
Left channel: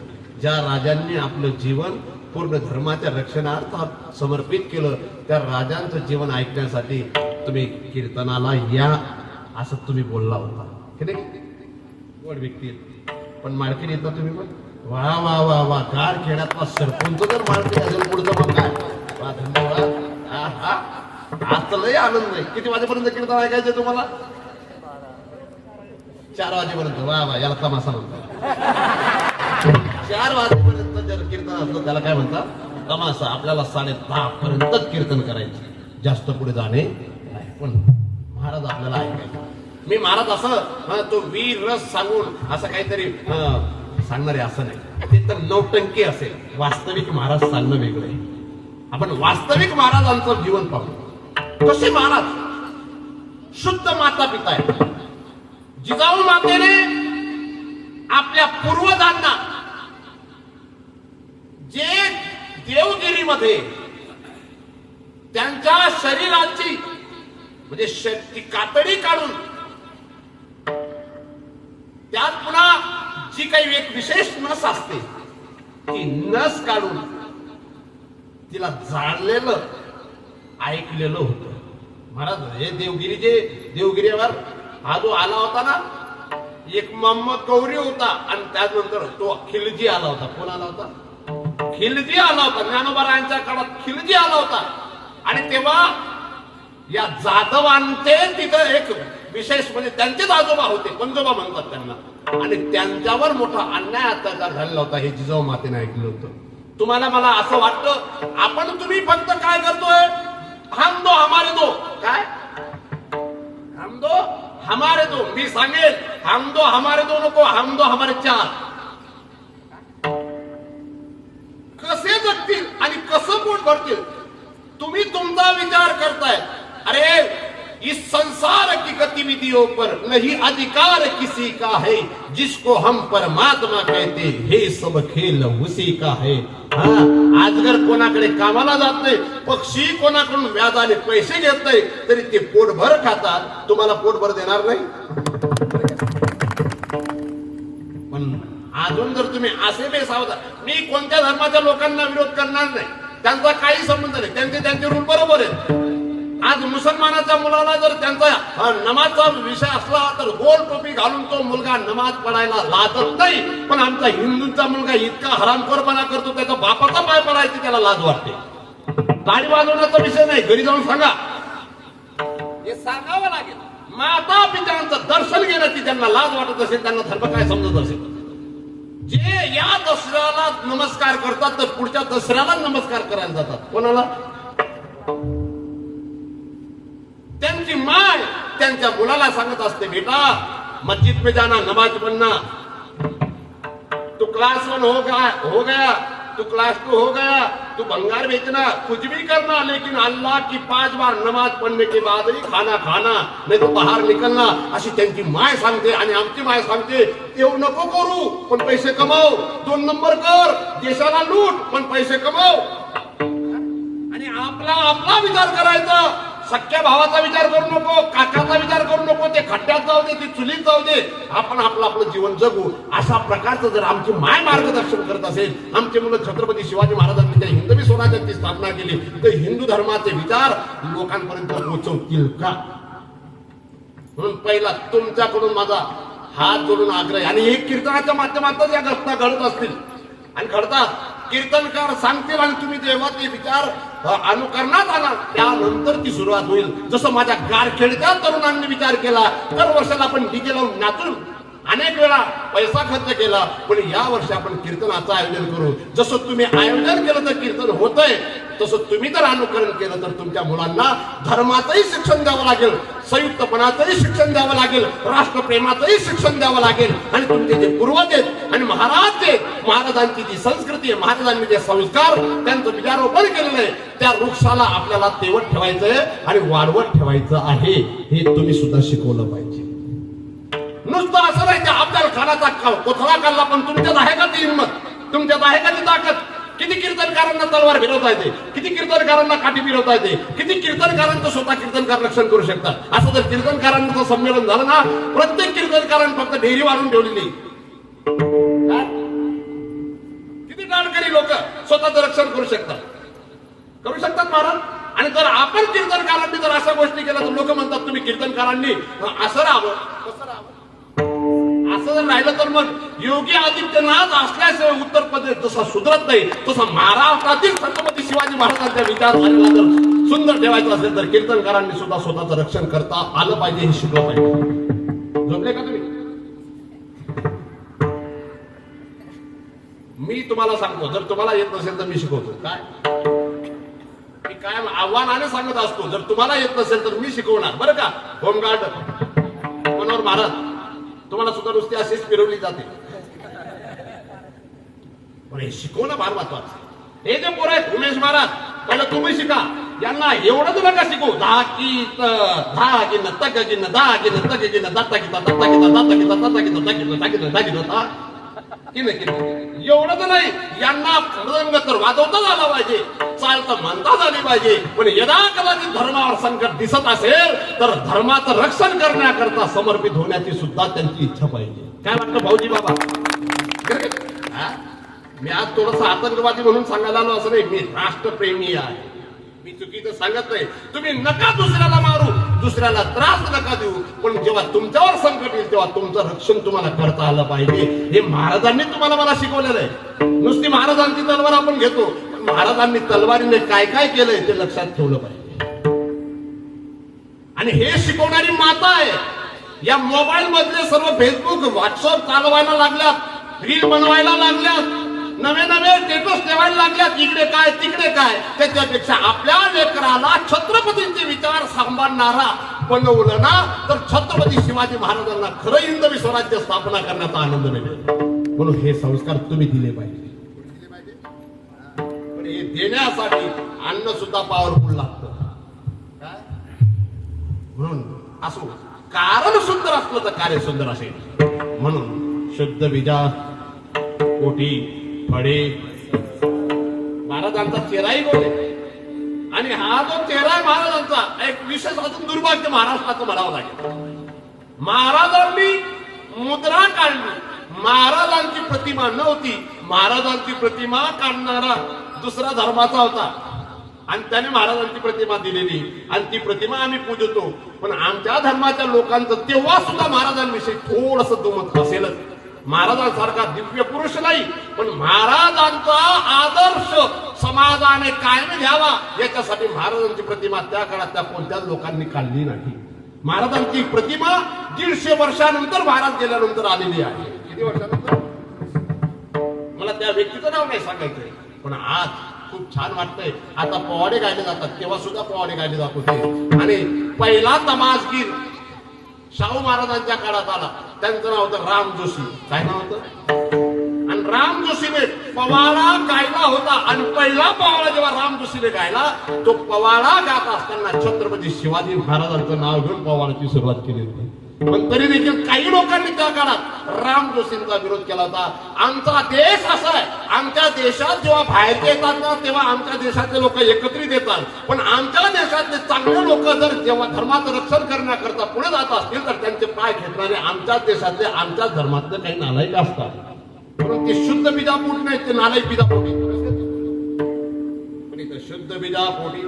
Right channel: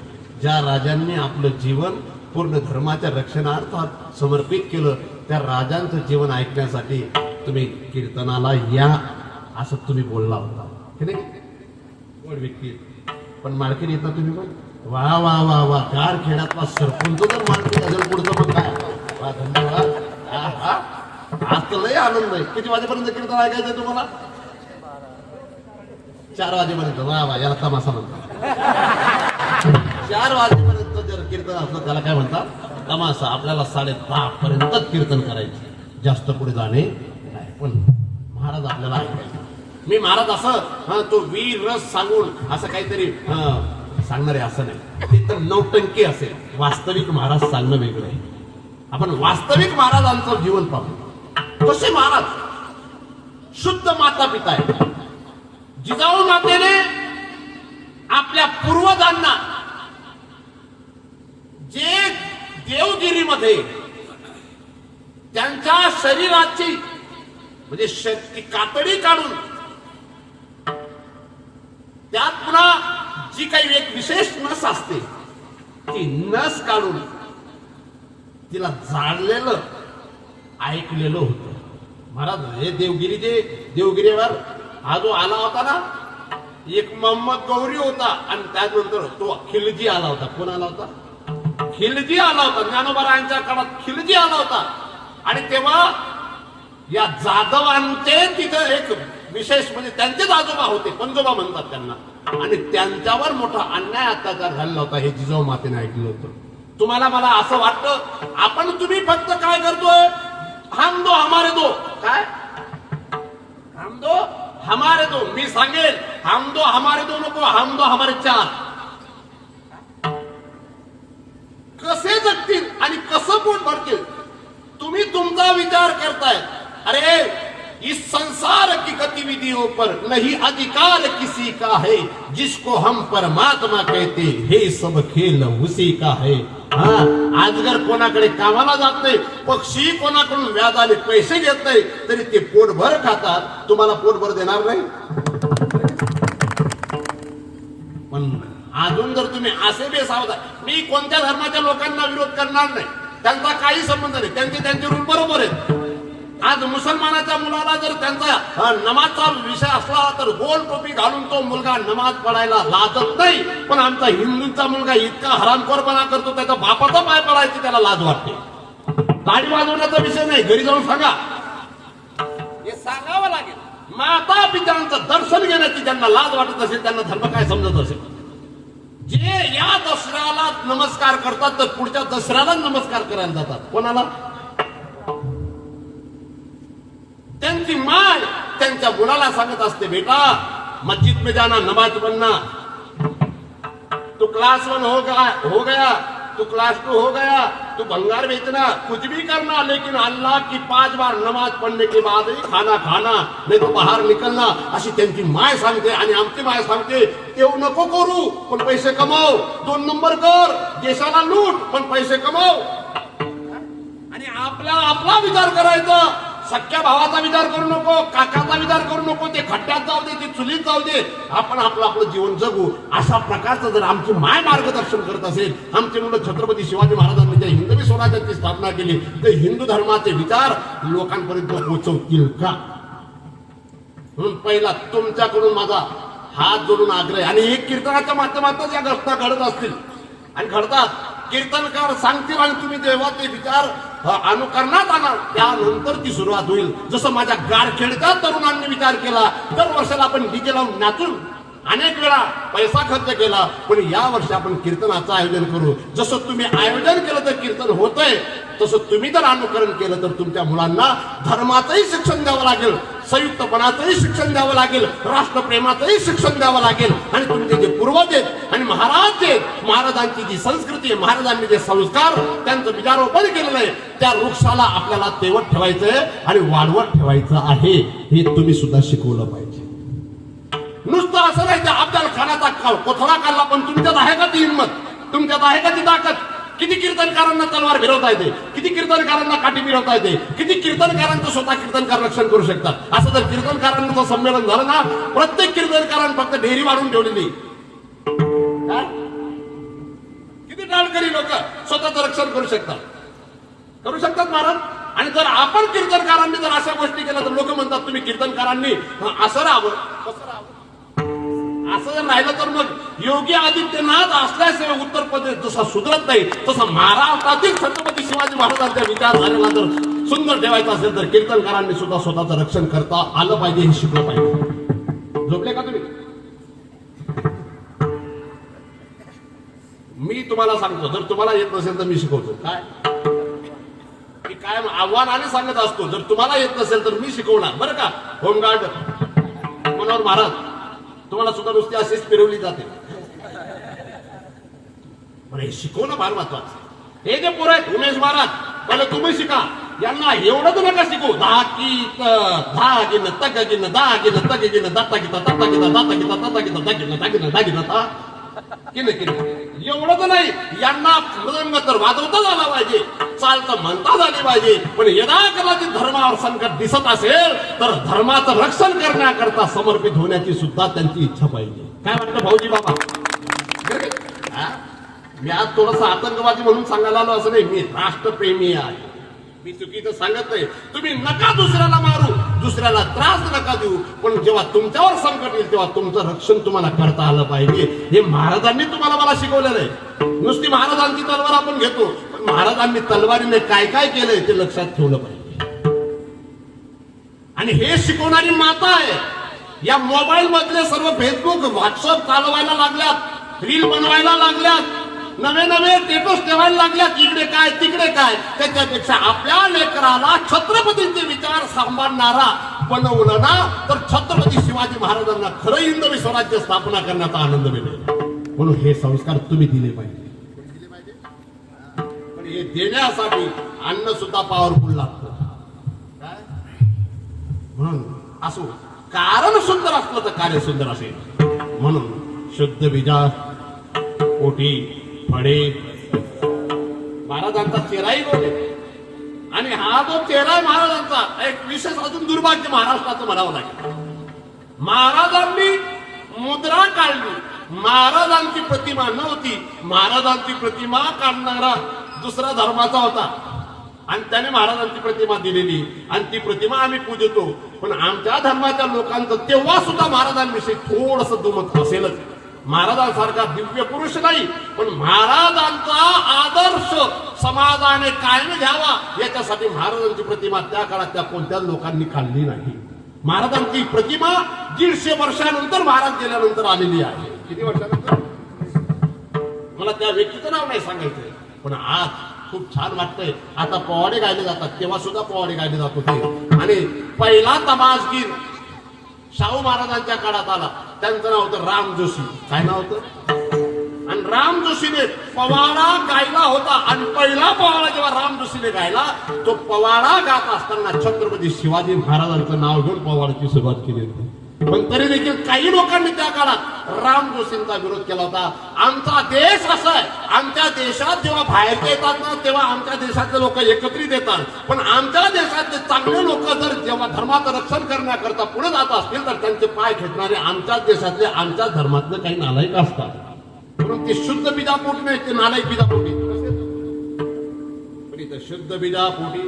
ज्या राजांनी आपलं जीवन पूर्ण धर्माच्या रक्षणार्थ समर्पित केलं, त्या राजांचं जीवन ऐकण्यासाठी तुम्ही कीर्तनाला या असं तुम्ही बोलला होता की नाही? गोड व्यक्ती आहेत. पण मार्केट येतात तुम्ही पण वा वा वा वा. कार खेड्यातला सरपंच तर मार्केट असेल पुढचं मग काय. वा, धन्यवाद. आज तर लय आनंद आहे. किती वाजेपर्यंत कीर्तन ऐकायचंय तुम्हाला? 4 वाजेपर्यंत. वा वा, याला तमाशा म्हणतात. 4 वाजेपर्यंत जर कीर्तन असलं त्याला काय म्हणतात? तमाशा. आपल्याला 10:30 पर्यंतच कीर्तन करायचं, जास्त पुढे जाणे नाही. पण महाराज आपल्याला ऐकायचं. मी महाराज असं तो वीर रस सांगून असं काहीतरी सांगणारे असं नाही. ते तर नौटंकी असेल. वास्तविक महाराज सांगणं वेगळं आहे. आपण वास्तविक महाराजांचं जीवन पाहू. कसे महाराज शुद्ध माता पिता आहेत. जिजाऊ मातेने आपल्या पूर्वजांना जे देवगिरीमध्ये त्यांच्या शरीराची म्हणजे शक्ती कातडी काढून त्यात पुन्हा जी काही एक विशेष नस असते ती नस काढून तिला जाळलेलं ऐकलेलं होतं. महाराज हे देवगिरीवर हा जो आला होता ना, एक मोहम्मद गौरी होता आणि त्यानंतर तो खिलजी आला होता. कोण आला होता? खिलजी आला होता. ज्ञानोबा काळात खिलजी आला होता. आणि तेव्हा या जाधवांचे तिथं एक विशेष म्हणजे त्यांचेच आजोबा होते, पंजोबा म्हणतात त्यांना. आणि त्यांच्यावर मोठा अन्याय अत्याचार झालेला होता. हे जिजाऊ मातेने ऐकलं होतं. तुम्हाला मला असं वाटतं आपण तुम्ही फक्त काय करतोय? हम दो हमारे दो. काय हम दो हमारे दो. मी सांगेल हम दो हमारे दो नको, हम दो हमारे 4. कसे जगतील आणि कसं पोट भरतील तुम्ही तुमचा विचार करताय. अरे इस संसार की गतिविधियों पर नहीं अधिकार किसी का है, जिसको हम परमात्मा कहते हे सब खेल उसी का है. आजगर कोणाकडे कामाला जात नाही, पक्षी कोणाकडून व्याजाने पैसे घेत नाही, तरी ते पोटभर खातात. तुम्हाला पोटभर देणार नाही. पण अजून जर तुम्ही असे बेसावता, मी कोणत्या धर्माच्या लोकांना विरोध करणार नाही, त्यांचा काही संबंध नाही. त्यांचे रूप बरोबर आहेत. आज मुसलमानाच्या मुलाला जर त्यांचा नमाजचा विषय असला तर गोल टोपी घालून तो मुलगा नमाज पडायला लाजत नाही. पण आमचा हिंदूचा मुलगा इतका हरामखोरपणा करतो, त्याचा बापाचा पाय पडायची त्याला लाज वाटते. गाडी वाजवण्याचा विषय नाही, घरी जाऊन सांगा. हे सांगावं लागेल. माता पित्यांचं दर्शन घेण्याची ज्यांना लाज वाटत असेल त्यांना धर्म काय समजत असेल. जे या दसऱ्याला नमस्कार करतात तर पुढच्या दसऱ्याला नमस्कार करायला जातात. कोणाला? त्यांची माय त्यांच्या मुलाला सांगत असते, बेटा मस्जिद में जाना, नमाज पढ़ना. तू क्लास 1 हो गया, तू क्लास 2 हो गया, तू भंगार बेचना, कुछ भी करना, लेकिन अल्लाह की 5 बार नमाज पढ़ने के बाद ही खाना खाना, नहीं तो बाहर निकलना. अशी त्यांची माय सांगते. आणि आमची माय सांगते, तेव नको करू पण पैसे कमाव, 2 नंबर कर, देशाला लूट पण पैसे कमाव. आणि आपला विचार करायचा. सख्या भावाचा विचार करू नको, काकाचा विचार करू नको. ते खड्ड्यात जाऊ दे, ती चुलीत जाऊ दे, आपण आपलं जीवन जगू. अशा प्रकारचं जर आमची माय मार्गदर्शन करत असेल, आमचे मुलं छत्रपती शिवाजी महाराजांनी त्या हिंदवी स्वराज्याची स्थापना केली, तर हिंदू धर्माचे विचार लोकांपर्यंत पोहोचवतील का? म्हणून पहिला तुमच्याकडून माझा हात जोडून आग्रह. आणि हे कीर्तनाच्या माध्यमातच या घटना घडत असतील आणि घडतात. कीर्तनकार सांगतील आणि तुम्ही जेव्हा ते विचार अनुकरणात आला त्यानंतर ती सुरुवात होईल. जसं माझ्या गारखेडच्या तरुणांनी विचार केला, दरवर्षाला आपण डीजे लावून नाचून अनेक वेळा पैसा खर्च केला, पण या वर्षी आपण कीर्तनाचं आयोजन करू. जसं तुम्ही आयोजन केलं तर कीर्तन होतंय, तसं तुम्ही जर अनुकरण केलं तर तुमच्या मुलांना धर्माचंही शिक्षण द्यावं लागेल, संयुक्तपणाचंही शिक्षण द्यावं लागेल, राष्ट्रप्रेमाचंही शिक्षण द्यावं लागेल. आणि तुमचे जे पूर्वज आहेत आणि महाराज आहेत, महाराजांची जी संस्कृती आहे, महाराजांनी जे संस्कार त्यांचं विचारोपण केलेलं आहे, त्या वृक्षाला आपल्याला तेवत ठेवायचंय आणि वाढवत ठेवायचं आहे. हे तुम्ही सुद्धा शिकवलं पाहिजे. नुसतं असं नाही की अफजल खानाचा कोथळा काढला, पण तुमच्यात आहे का ती हिंमत? तुमच्यात आहे का ती ताकद? किती कीर्तनकारांना तलवार फिरवता येते, किती कीर्तनकारांना काठी फिरवता येते, किती कीर्तनकारांचं स्वतः कीर्तनकार रक्षण करू शकतात. असं जर कीर्तनकारांचं संमेलन झालं ना, प्रत्येक कीर्तनकारांनी फक्त ढेरी वाढून ठेवलेली. काय? किती टाळकरी लोक स्वतःचं रक्षण करू शकतात महाराज. आणि जर आपण कीर्तनकारांनी जर अशा गोष्टी केल्या तर लोक म्हणतात तुम्ही कीर्तनकारांनी असं राहावं कसं राहावं. असं जर राहिलं तर मग योगी आदित्यनाथ असल्याशिवाय उत्तर प्रदेश जसा सुधरत नाही, तसं महाराष्ट्रातील छत्रपती शिवाजी महाराजांच्या विचारधारेला जर सुंदर ठेवायचं असेल तर कीर्तनकारांनी सुद्धा स्वतःचं रक्षण करता आलं पाहिजे, हे शिकलं पाहिजे. झोपले का तुम्ही? मी तुम्हाला सांगतो, जर तुम्हाला येत नसेल तर मी शिकवतो. काय मी कायम आव्हानाने सांगत असतो, जर तुम्हाला येत नसेल तर मी शिकवणार बरं का. होमगार्ड मनोहर महाराज, तुम्हाला सुद्धा नुसती अशीच फिरवली जाते, पण हे शिकवणं फार महत्वाचं. हे जे पोरं आहेत उमेश महाराज, पहिले तुम्ही शिका. यांना एवढं तर नका शिकू. धाकीत धागिन तगिन दागिन तगिन दाता गीता दाता गीता दाता गीता दाता गीता दागिन दागिन दागिन दा किन किन एवढं तर नाही. यांना मृदंग तर वाजवताच आला पाहिजे, चालतं म्हणताच आली पाहिजे. पण यदा कदाचित धर्मावर संकट दिसत असेल तर धर्माचं रक्षण करण्याकरता समर्पित होण्याची सुद्धा त्यांची इच्छा पाहिजे. काय वाटतं भाऊजी बाबा? मी आज थोडासा आतंकवादी म्हणून सांगायला आलो असं नाही, मी राष्ट्रप्रेमी आहे. मी चुकीचं सांगत नाही. तुम्ही नका दुसऱ्याला मारू, दुसऱ्याला त्रास नका देऊ, पण जेव्हा तुमच्यावर संकट येईल तेव्हा तुमचं रक्षण तुम्हाला करता आलं पाहिजे. हे महाराजांनी तुम्हाला मला शिकवलेलं आहे. नुसती महाराजांची तलवार आपण घेतो, पण महाराजांनी तलवारीने काय काय केलंय ते लक्षात ठेवलं पाहिजे. आणि हे शिकवणारी माता आहे. या मोबाईल मधले सर्व फेसबुक व्हॉट्सअप चालवायला लागल्यात, रील बनवायला लागल्यात, नवे नवे स्टेटस ठेवायला लागल्यात, इकडे काय तिकडे काय. त्याच्यापेक्षा आपल्या लेकराला छत्रपतींचे विचार सांभाळणारा बनवलं ना तर छत्रपती शिवाजी महाराजांना खरं हिंदवी स्वराज्य स्थापना करण्याचा आनंद मिळेल. म्हणून हे संस्कार तुम्ही दिले पाहिजे. पण हे देण्यासाठी अन्न सुद्धा पॉवरफुल लागतं. काय म्हणून असो, कारण सुंदर असलं तर कार्य सुंदर असेल. म्हणून शुद्ध बीजा पोटी फळे महाराजांचा चेहराही बोले. आणि हा जो चेहरा आहे महाराजांचा, एक विशेष अजून दुर्भाग्य महाराष्ट्राचं म्हणावं लागेल. महाराजांनी मुद्रा काढली, महाराजांची प्रतिमा नव्हती. महाराजांची प्रतिमा काढणारा दुसरा धर्माचा होता आणि त्याने महाराजांची प्रतिमा दिलेली आणि ती प्रतिमा आम्ही पूजतो. पण आमच्या धर्माच्या लोकांचं तेव्हा सुद्धा महाराजांविषयी थोडस दुमत असेलच. महाराजांसारखा दिव्य पुरुष नाही, पण महाराजांचा आदर्श समाजाने कायम घ्यावा याच्यासाठी महाराजांची प्रतिमा त्या काळात त्या कोणत्याच लोकांनी काढली नाही. महाराजांची प्रतिमा 150 वर्षानंतर महाराज गेल्यानंतर आलेली आहे. किती वर्षानंतर मला त्या व्यक्तीचं नाव नाही सांगायचंय, पण आज खूप छान वाटतंय. आता पोवाडे गायले जातात, तेव्हा सुद्धा पोवाडे गायले जात होते. आणि पहिला तमासगीर शाहू महाराजांच्या काळात आला, त्यांचं नाव होतं राम जोशी. काय नाव होतं? आणि राम जोशीने पवाडा गायला होता. आणि पहिला पवाडा जेव्हा राम जोशीने गायला, तो पवाडा गात असताना छत्रपती शिवाजी महाराजांचं नाव घेऊन पवाडाची सुरुवात केली होती. पण तरी देखील काही लोकांनी त्या काळात राम जोशींचा विरोध केला होता. आमचा देश असा आहे, आमच्या देशात जेव्हा बाहेर येतात ना तेव्हा आमच्या देशातले लोक एकत्रित येतात, पण आमच्या देशातले चांगले लोक जर जेव्हा धर्माचं रक्षण करण्याकरता पुढे जात असतील तर त्यांचे पाय खेचणारे आमच्याच देशातले आमच्याच धर्मातले काही नालायक असतात. म्हणून ते शुद्ध बीजापोटी नाही, ते नालायक बीजापोटी. पण इथं शुद्ध बीजापोटी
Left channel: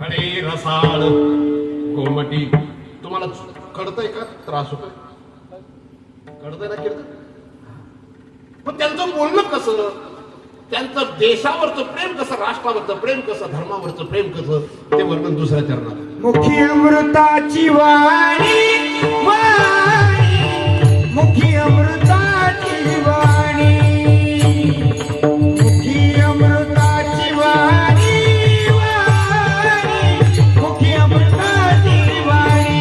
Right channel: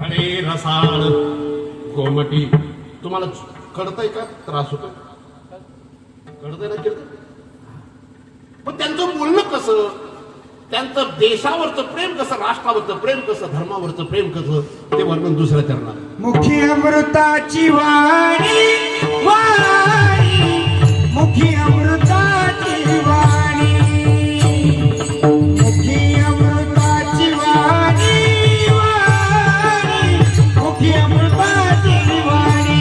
आणि रसाळ कोमटी. तुम्हाला कळतंय का? त्रास होतोय? कळतंय ना कीर्तन? पण त्यांचं बोलणं कसं, त्यांचं देशावरचं प्रेम कसं, राष्ट्रावरचं प्रेम कसं, धर्मावरचं प्रेम कसं, ते वर्णन दुसऱ्या चरणात. मुखी अमृताची वाणी, वाणी मुखी अमृताची वाणी, मुखी अमृताची वाणी, वाणी मुखी अमृताची वाणी.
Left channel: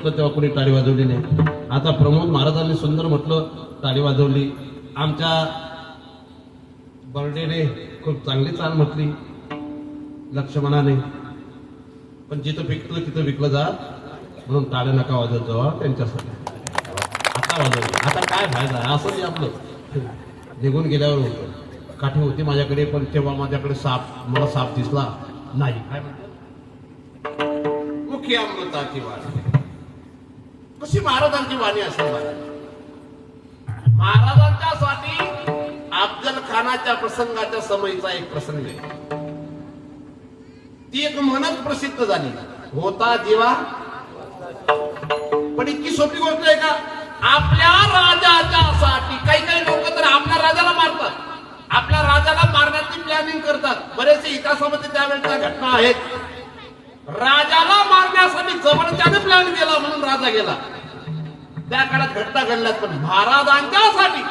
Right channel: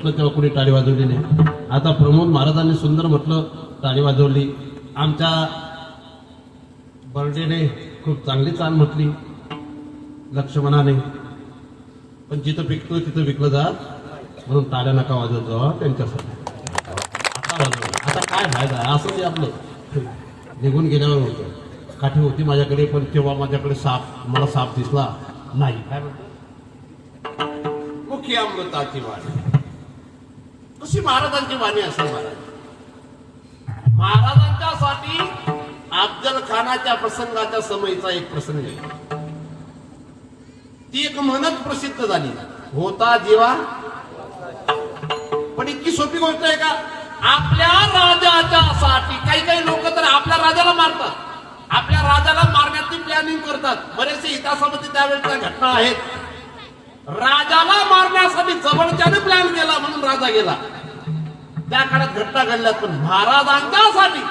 म्हटलं तेव्हा कोणी टाळी वाजवली नाही. आता प्रमोद महाराजांनी सुंदर म्हटलं, टाळी वाजवली. आमच्या बर्डेने खूप चांगली चाल म्हटली, लक्ष्मणाने. पण जिथं पिकलं तिथं विकलं जात, म्हणून टाळ्या नका वाजवत जावा त्यांच्यासाठी. आता वाजवलं, आता काय फायदा आहे? असं ते आपलं निघून गेल्यावर होतं. काठी होती माझ्याकडे, पण तेव्हा माझ्याकडे मला साप दिसला नाही. काय म्हणतो? मुखी अमृताची वाणी. कशी महाराजांची वाणी असेल? महाराजांच्यासाठी अफजल खानाच्या प्रसंगाच्या समयीचा एक प्रसंग आहे. ती एक म्हणत प्रसिद्ध झाली, होता जीवा. पण इतकी सोपी गोष्ट आहे का? आपल्या राजाच्या साठी काही काही लोक तर आपल्या राजाला मारतात, आपल्या राजाला मारण्याची प्लॅनिंग करतात. बरेचसे इतिहासामध्ये त्यावेळेच्या घटना आहेत. राजाला मारण्यासाठी जवळच्याने प्लॅन केला म्हणून राजा गेला. त्या काळात घटना घडल्यात. पण महाराजांच्यासाठी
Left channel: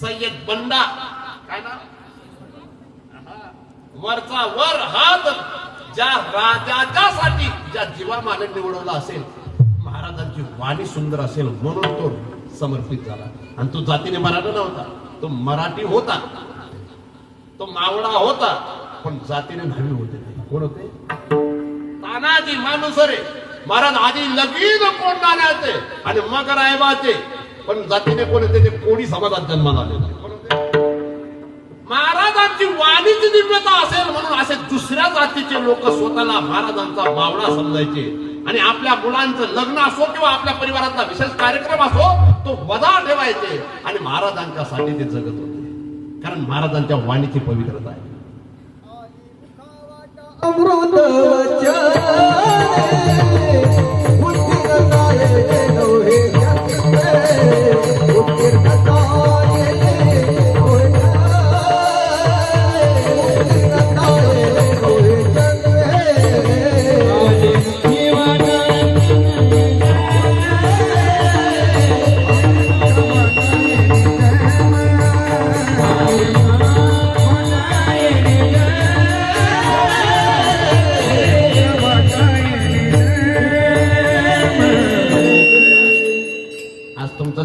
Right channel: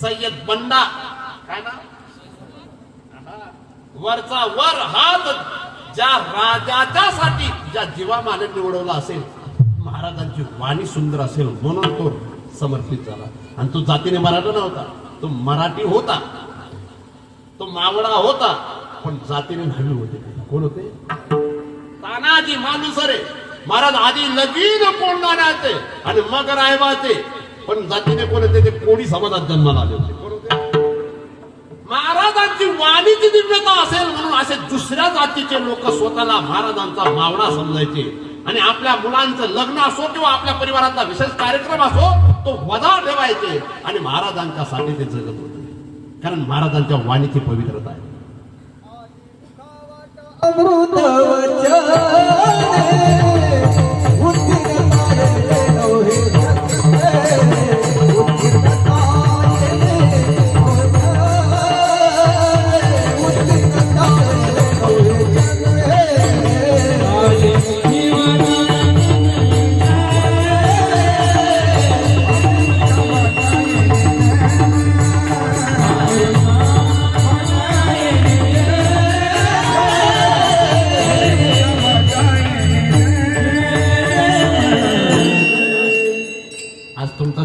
सय्यद बंडा, काय नाव, वरचा वर हात ज्या राजाच्यासाठी ज्या जीवामाने निवडवला असेल, महाराजांची वाणी सुंदर असेल म्हणून तो समर्पित झाला. आणि तो जातीने मराठा नव्हता, तो मराठी होता, तो मावळा होता, पण जातीने भावी होते. कोण होते? तानाजी मालुसरे महाराज. आधी लगीन कोंडाण्याचे आणि मग रायबाचे, पण जातीने कोण होते? ते कोणी समाजात जन्माला आले होते. कोण होते? महाराजांची वाणीची दिव्यता असेल म्हणून असे दुसऱ्या जातीचे लोक स्वतःला महाराजांचा मावळा समजायचे. आणि आपल्या मुलांचं लग्न असो किंवा आपल्या परिवाराचा विशेष कार्यक्रम असो, तो वजा ठेवायचे आणि महाराजांच्यासाठी ते जगत होते. कारण महाराजांच्या वाणीची पवित्रता आहे. अमृत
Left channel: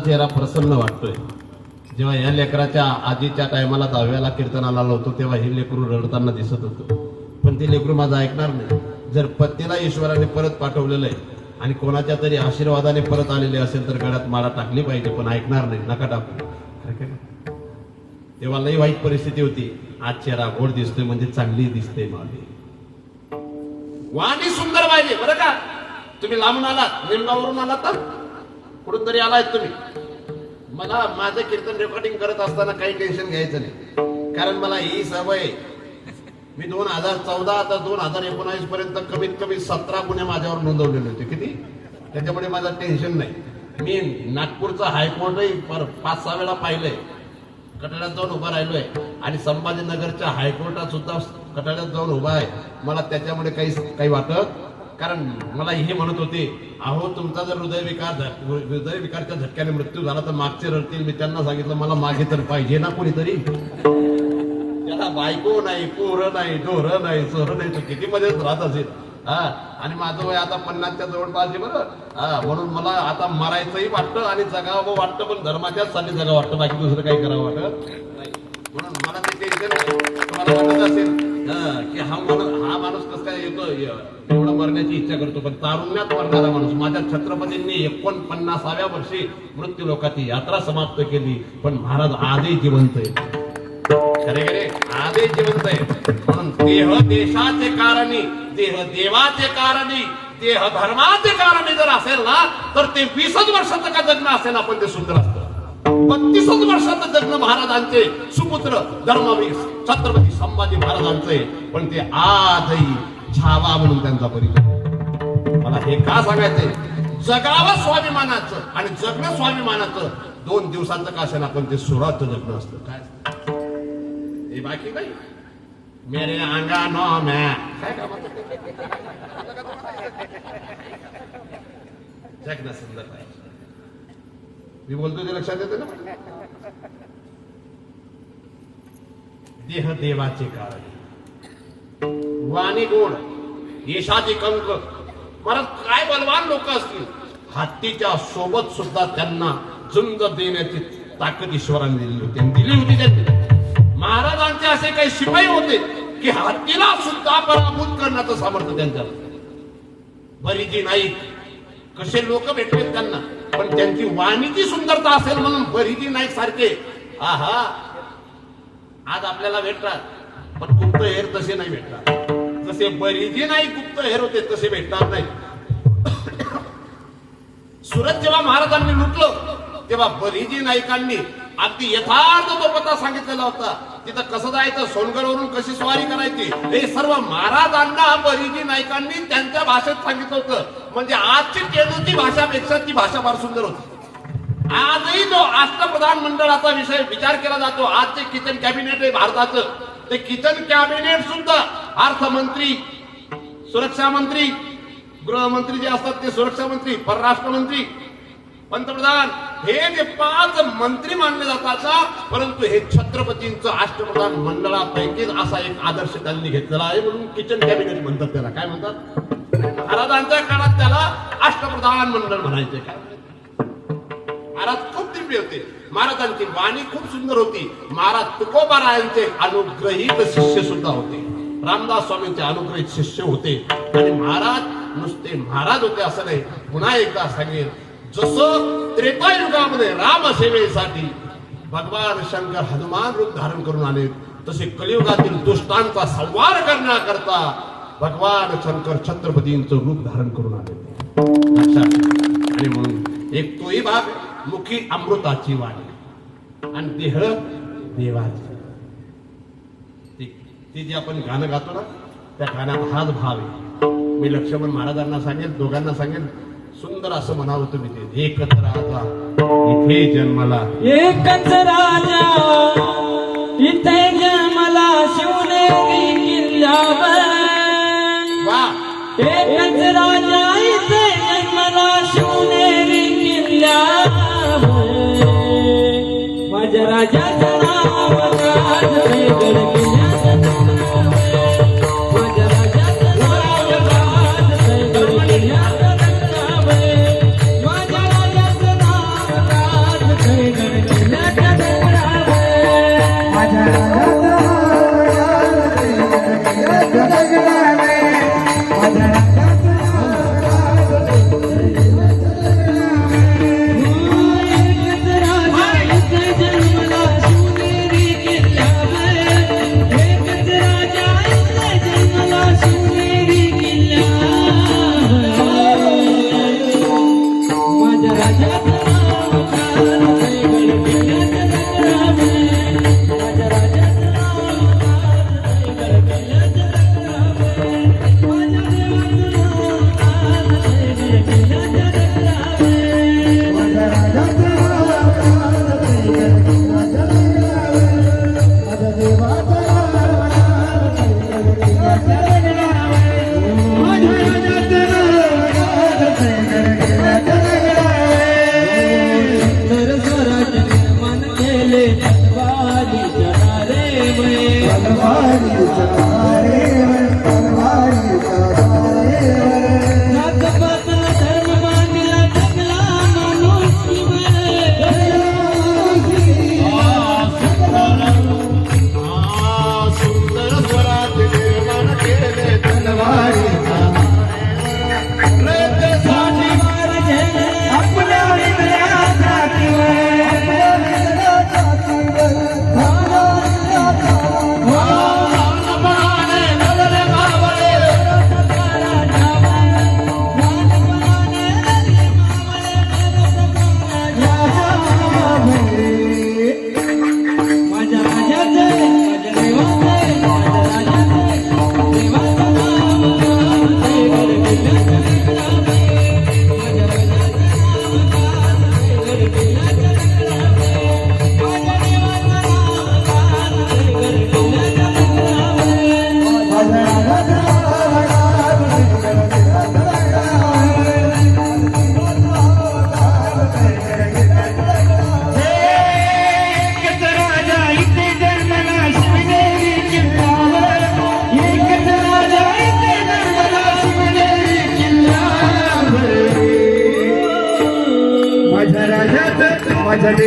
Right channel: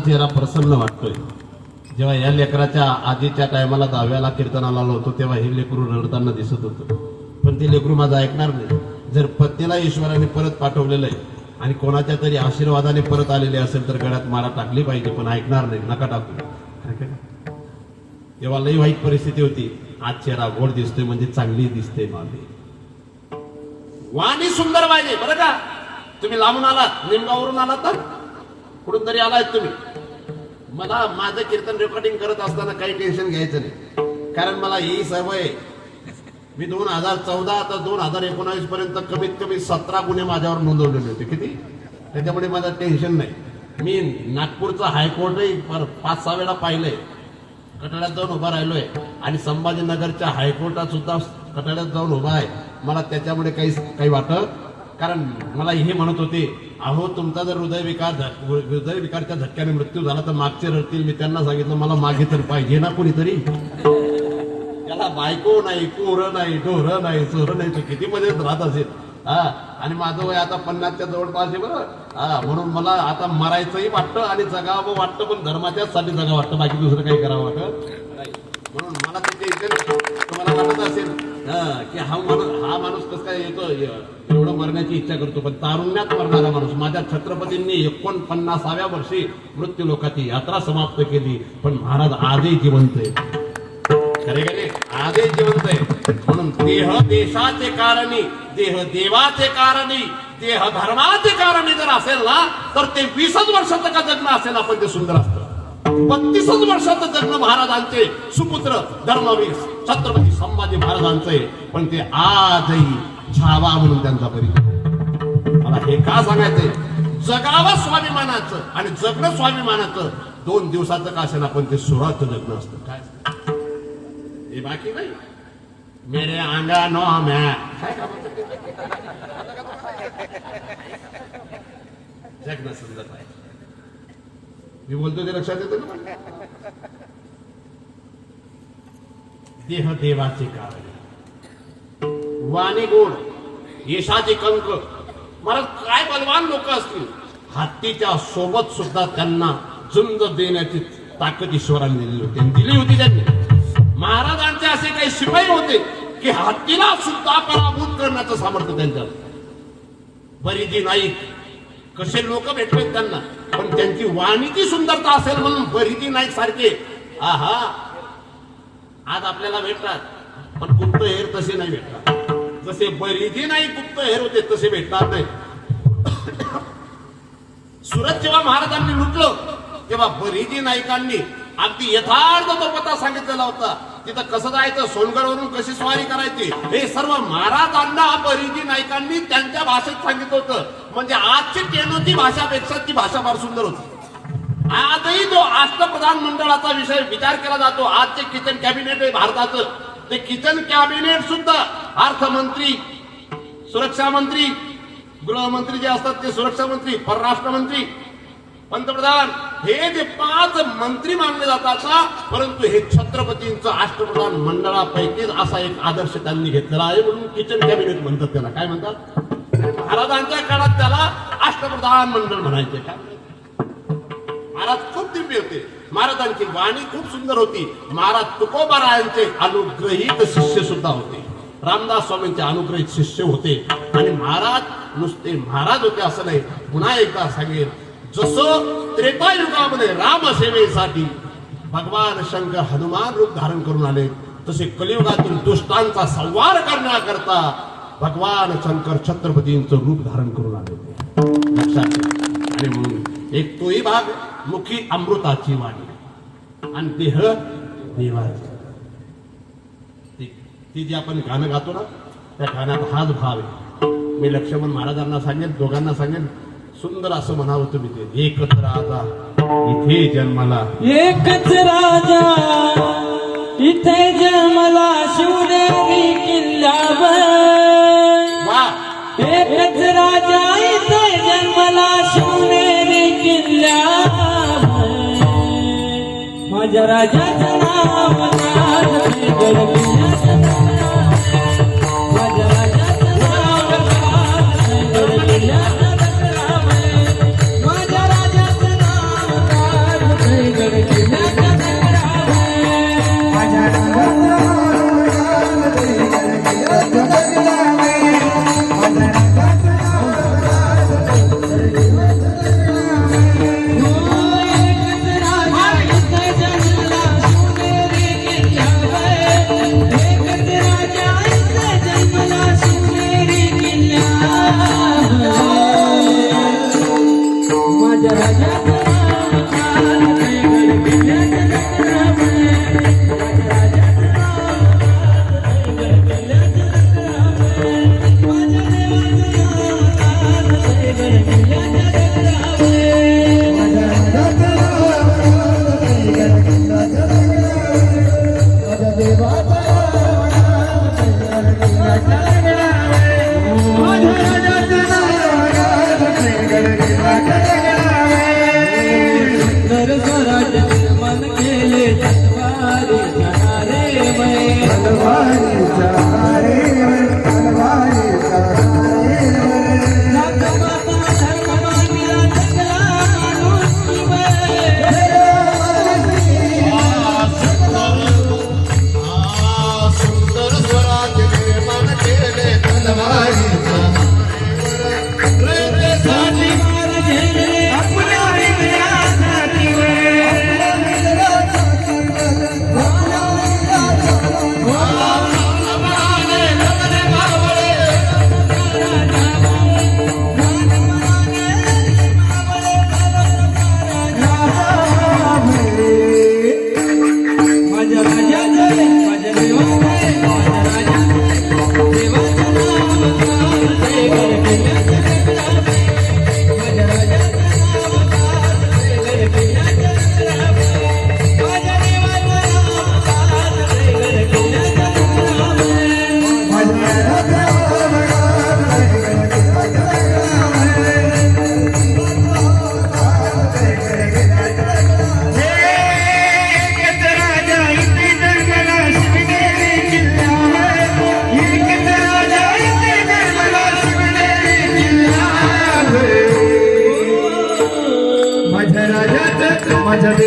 चेहरा प्रसन्न वाटतोय. जेव्हा या लेकराच्या आजीच्या टायमाला 10व्याला कीर्तनाला आलो होतो, तेव्हा हे लेकरू रडताना दिसत होतं. पण ते लेकरू माझं ऐकणार नाही. जर पत्नीला ईश्वराने परत पाठवलेलं आहे आणि कोणाच्या तरी आशीर्वादाने परत आलेले असेल तर गळ्यात माला टाकली पाहिजे, पण ऐकणार नाही. नका टाकू. तेव्हा लई वाईट परिस्थिती होती. आज चेहरा गोड दिसतोय म्हणजे चांगली दिसते. वाणी सुंदर पाहिजे बरं का. तुम्ही लांबून आलात, निमगावरून आलात तर कुठून तरी आलाय तुम्ही. मला माझं कीर्तन रेकॉर्डिंग करत असताना काही टेन्शन घ्यायचं नाही, कारण मला ही सवय. मी 2014 तर 2019 पर्यंत कमीत कमी 17 गुन्हे माझ्यावर नोंदवलेले होते. किती? त्याच्यामुळे माझं टेन्शन नाही. मी नागपूरचं हायकोर्टही 5-6 वेळा पाहिलंय. कटाड्यात जाऊन उभा राहिलोय आणि संभाजीनगरच्या हायकोर्टात सुद्धा कटाड्यात जाऊन उभा आहे. मला त्याच्यामुळे काही वाटत, कारण मला हे म्हणत होते, अहो तुमचा जर हृदयविकारच्या झटक्याने मृत्यू झाला तर मागचे रडतील. मी त्यांना सांगितलं मला मागे तर पाहिजे ना कोणीतरी. त्याला बायको नाही, पोरं नाही, ढोरं नाही, सोरं नाही, तो किती मजेत राहत असेल. आणि माझं वय आता 50च्या जवळपास आहे बरं. म्हणून मला आता मरायचंही वाटतं आणि जगावं वाटतं, पण धर्माच्याच साठी जगावं वाटतं, बाकी दुसरं काही करावं वाटत नाही. म्हणून मला ते टेन्शन. तुम्हाला वाटत असेल की हा माणूस कसं काय येतो, एवढं मरण्याची इच्छा करतो, पण तारुण्यात मरणारा माणूस. माझ्या छत्रपतींनी 49व्या वर्षी मृत्यू लोकाची यात्रा समाप्त केली, पण महाराज आजही जिवंत आहे. खरे खरे आजही जिवंत आहे. म्हणून देह देशाचे कारणी, देह देवाचे कारणी, देह धर्माचे कारणी जर असेल ना, तर ते 20च वर्षाचं का जगणं असेल आपण ते सुंदर असतं. 32च वर्षाचं जगणं महाराजांचे सुपुत्र धर्मवीर छत्रपती संभाजी महाराजांचे, पण ते आजही छावा म्हणून त्यांचा परिचय. मला हे का सांगायचंय? जगावं स्वाभिमानाचं आणि जगणं स्वाभिमानाचं 2 दिवसाचं का असेल, पण ते सुराचं जगणं असतं. काय हे बाकी नाही. मेरे अंगानो मैं काय जगणं सुंदर पाहिजे. मी बोलतो ते लक्षात येते ना. देह देवाचे कारण, वाणी गोड, यशाचे कंक, महाराज काय बलवान लोक असतील. हत्तीच्या सोबत सुद्धा त्यांना झुंज देण्याची ताकद ईश्वराने दिली होती आणि दिली होती त्यांनी. महाराजांचे असे काही शिपाई होते की हत्तीला सुद्धा पराभूत करण्याचं सामर्थ्य त्यांच्यावर. बरीजी नाईक कसे लोक भेटले त्यांना, पण त्यांची वाणीची सुंदरता असेल म्हणून बरीजी नाईक सारखे आहा आज आपल्याला भेटतात, पण गुप्त हेर तसे नाही भेटतात. जसे बरीजी नाईक गुप्त हेर होते तसे भेटणार नाही. सुरत जेव्हा महाराजांनी लुटलं तेव्हा बरीजी नाईकांनी अगदी यथार्थ तो पता सांगितलेला होता. तिथं कसं जायचं, सोनगडवरून कशी स्वारी करायची, हे सर्व महाराजांना बरीजी नाईकांनी त्यांच्या भाषेत सांगितलं होतं. म्हणजे आजची केंद्राची भाषापेक्षा ती भाषा फार सुंदर होती. आजही जो अष्टप्रधान मंडळाचा विषय विचार केला जातो, आजचे किचन कॅबिनेट आहे भारताचं, ते किचन कॅबिनेट सुद्धा अर्थमंत्री, सुरक्षा मंत्री, गृहमंत्री जे असतात ते सुरक्षा मंत्री, परराष्ट्र मंत्री, पंतप्रधान, हे जे 5 मंत्री मानले जातात ना, परंतु हे छत्रपतींचं अष्टप्रधान मंडळापैकी असा एक आदर्श त्यांनी घेतलेला आहे म्हणून किचन कॅबिनेट म्हणतात त्याला. काय म्हणतात? महाराजांच्या काळात त्याला अष्टप्रधान मंडळ म्हणायचे. काय महाराज खूप दिव्य होते. महाराजांची वाणी खूप सुंदर होती. महाराज तुकोबारायांचे अनुग्रहित शिष्य सुद्धा होते. रामदास स्वामींचे अनुग्रहित शिष्य होते. आणि महाराज नुसते महाराज होते असं नाही. पुन्हा एकदा सांगेल, जसं त्रेतायुगामध्ये रामसेवेसाठी भगवान शंकर हनुमान रूप धारण करून आले, तसे कलियुगातील दुष्टांचा संहार करण्याकरता भगवान शंकर छत्रपतींचं रूप धारण करून आले. लक्षात घ्या. आणि म्हणून एक तोही भाग, मुखी अमृताची वाणी आणि देह देवाची. ती जी आपण गाणं गातो ना, त्या गाण्यात हाच भाव आहे. मी लक्ष्मण महाराजांना सांगेन, दोघांना सांगेन, सुंदर असं म्हणावं तुम्ही ते. एकच राजा इथे जन्मला, एकच राजा इथे जन्मला, शिवनेरी किल्ल्यावर. वा, एकच राजा इथे जन्मला, शिवनेरी किल्ल्यावर. माझ्या राजाचं नाव राजगड किल्ल्याचं नाव. माझ्या राजाचं नाव राजगड किल्ल्याचं नाव. माझ्या राजाचं नाव राजगड किल्ल्याचं नाव. एकच राजा इथे जन्मला,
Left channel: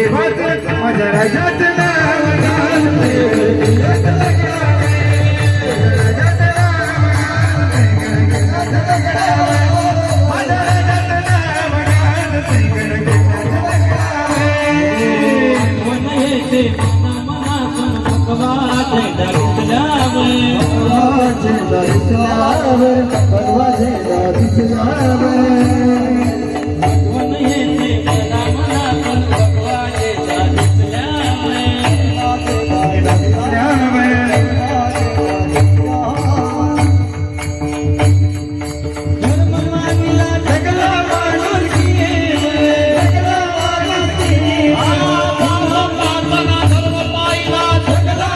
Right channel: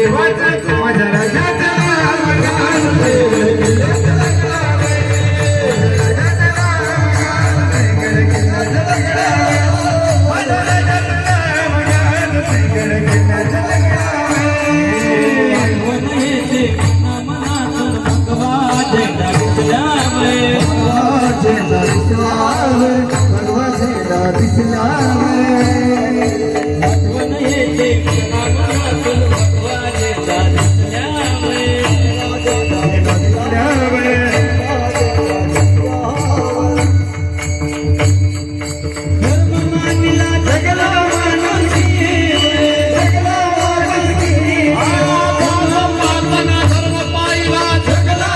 देवाचं माझ्या राजाचं नाव गाजते किल्ल्याचं लग्नावे. माझ्या राजाचं नाव गाजते किल्ल्याचं लग्नावे. आठवण येते मनातून भगवा झेंडा दिसल्यामुळे. आठवण येते मनातून भगवा झेंडा दिसल्यामुळे. धर्म मानला जगला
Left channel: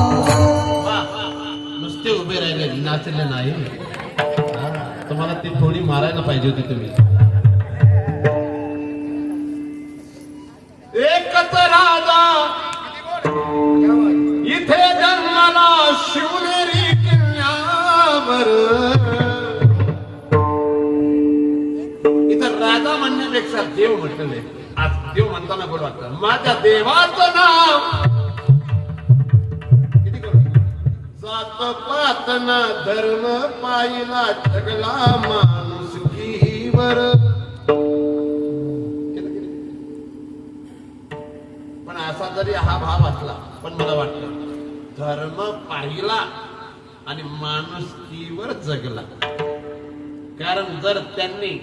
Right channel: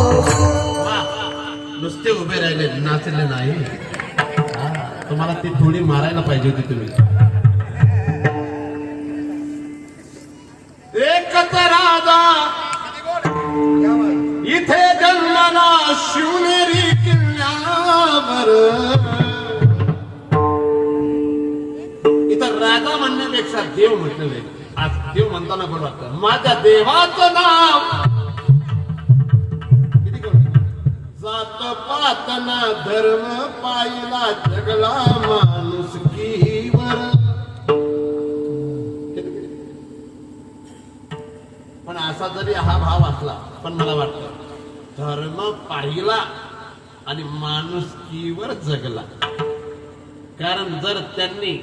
माणूस नुसते उभे राहिले नाचले नाही. तुम्हाला ती थोडी मारायला पाहिजे होती तुम्ही. एकत्र राजा इथे जन्माला शिवनेरी किल्ल्यावर. इथं राजा म्हणण्यापेक्षा देव म्हटलेलं आहे. आज देव म्हणताना बरं वाटतं. माझ्या देवाचं नाव जात पातना धर्म पाहिला जगला माणुसकीवर. पण असा जरी हा भाव असला पण मला वाटतं धर्म पाहिला आणि माणुसकीवर जगला. कारण जर त्यांनी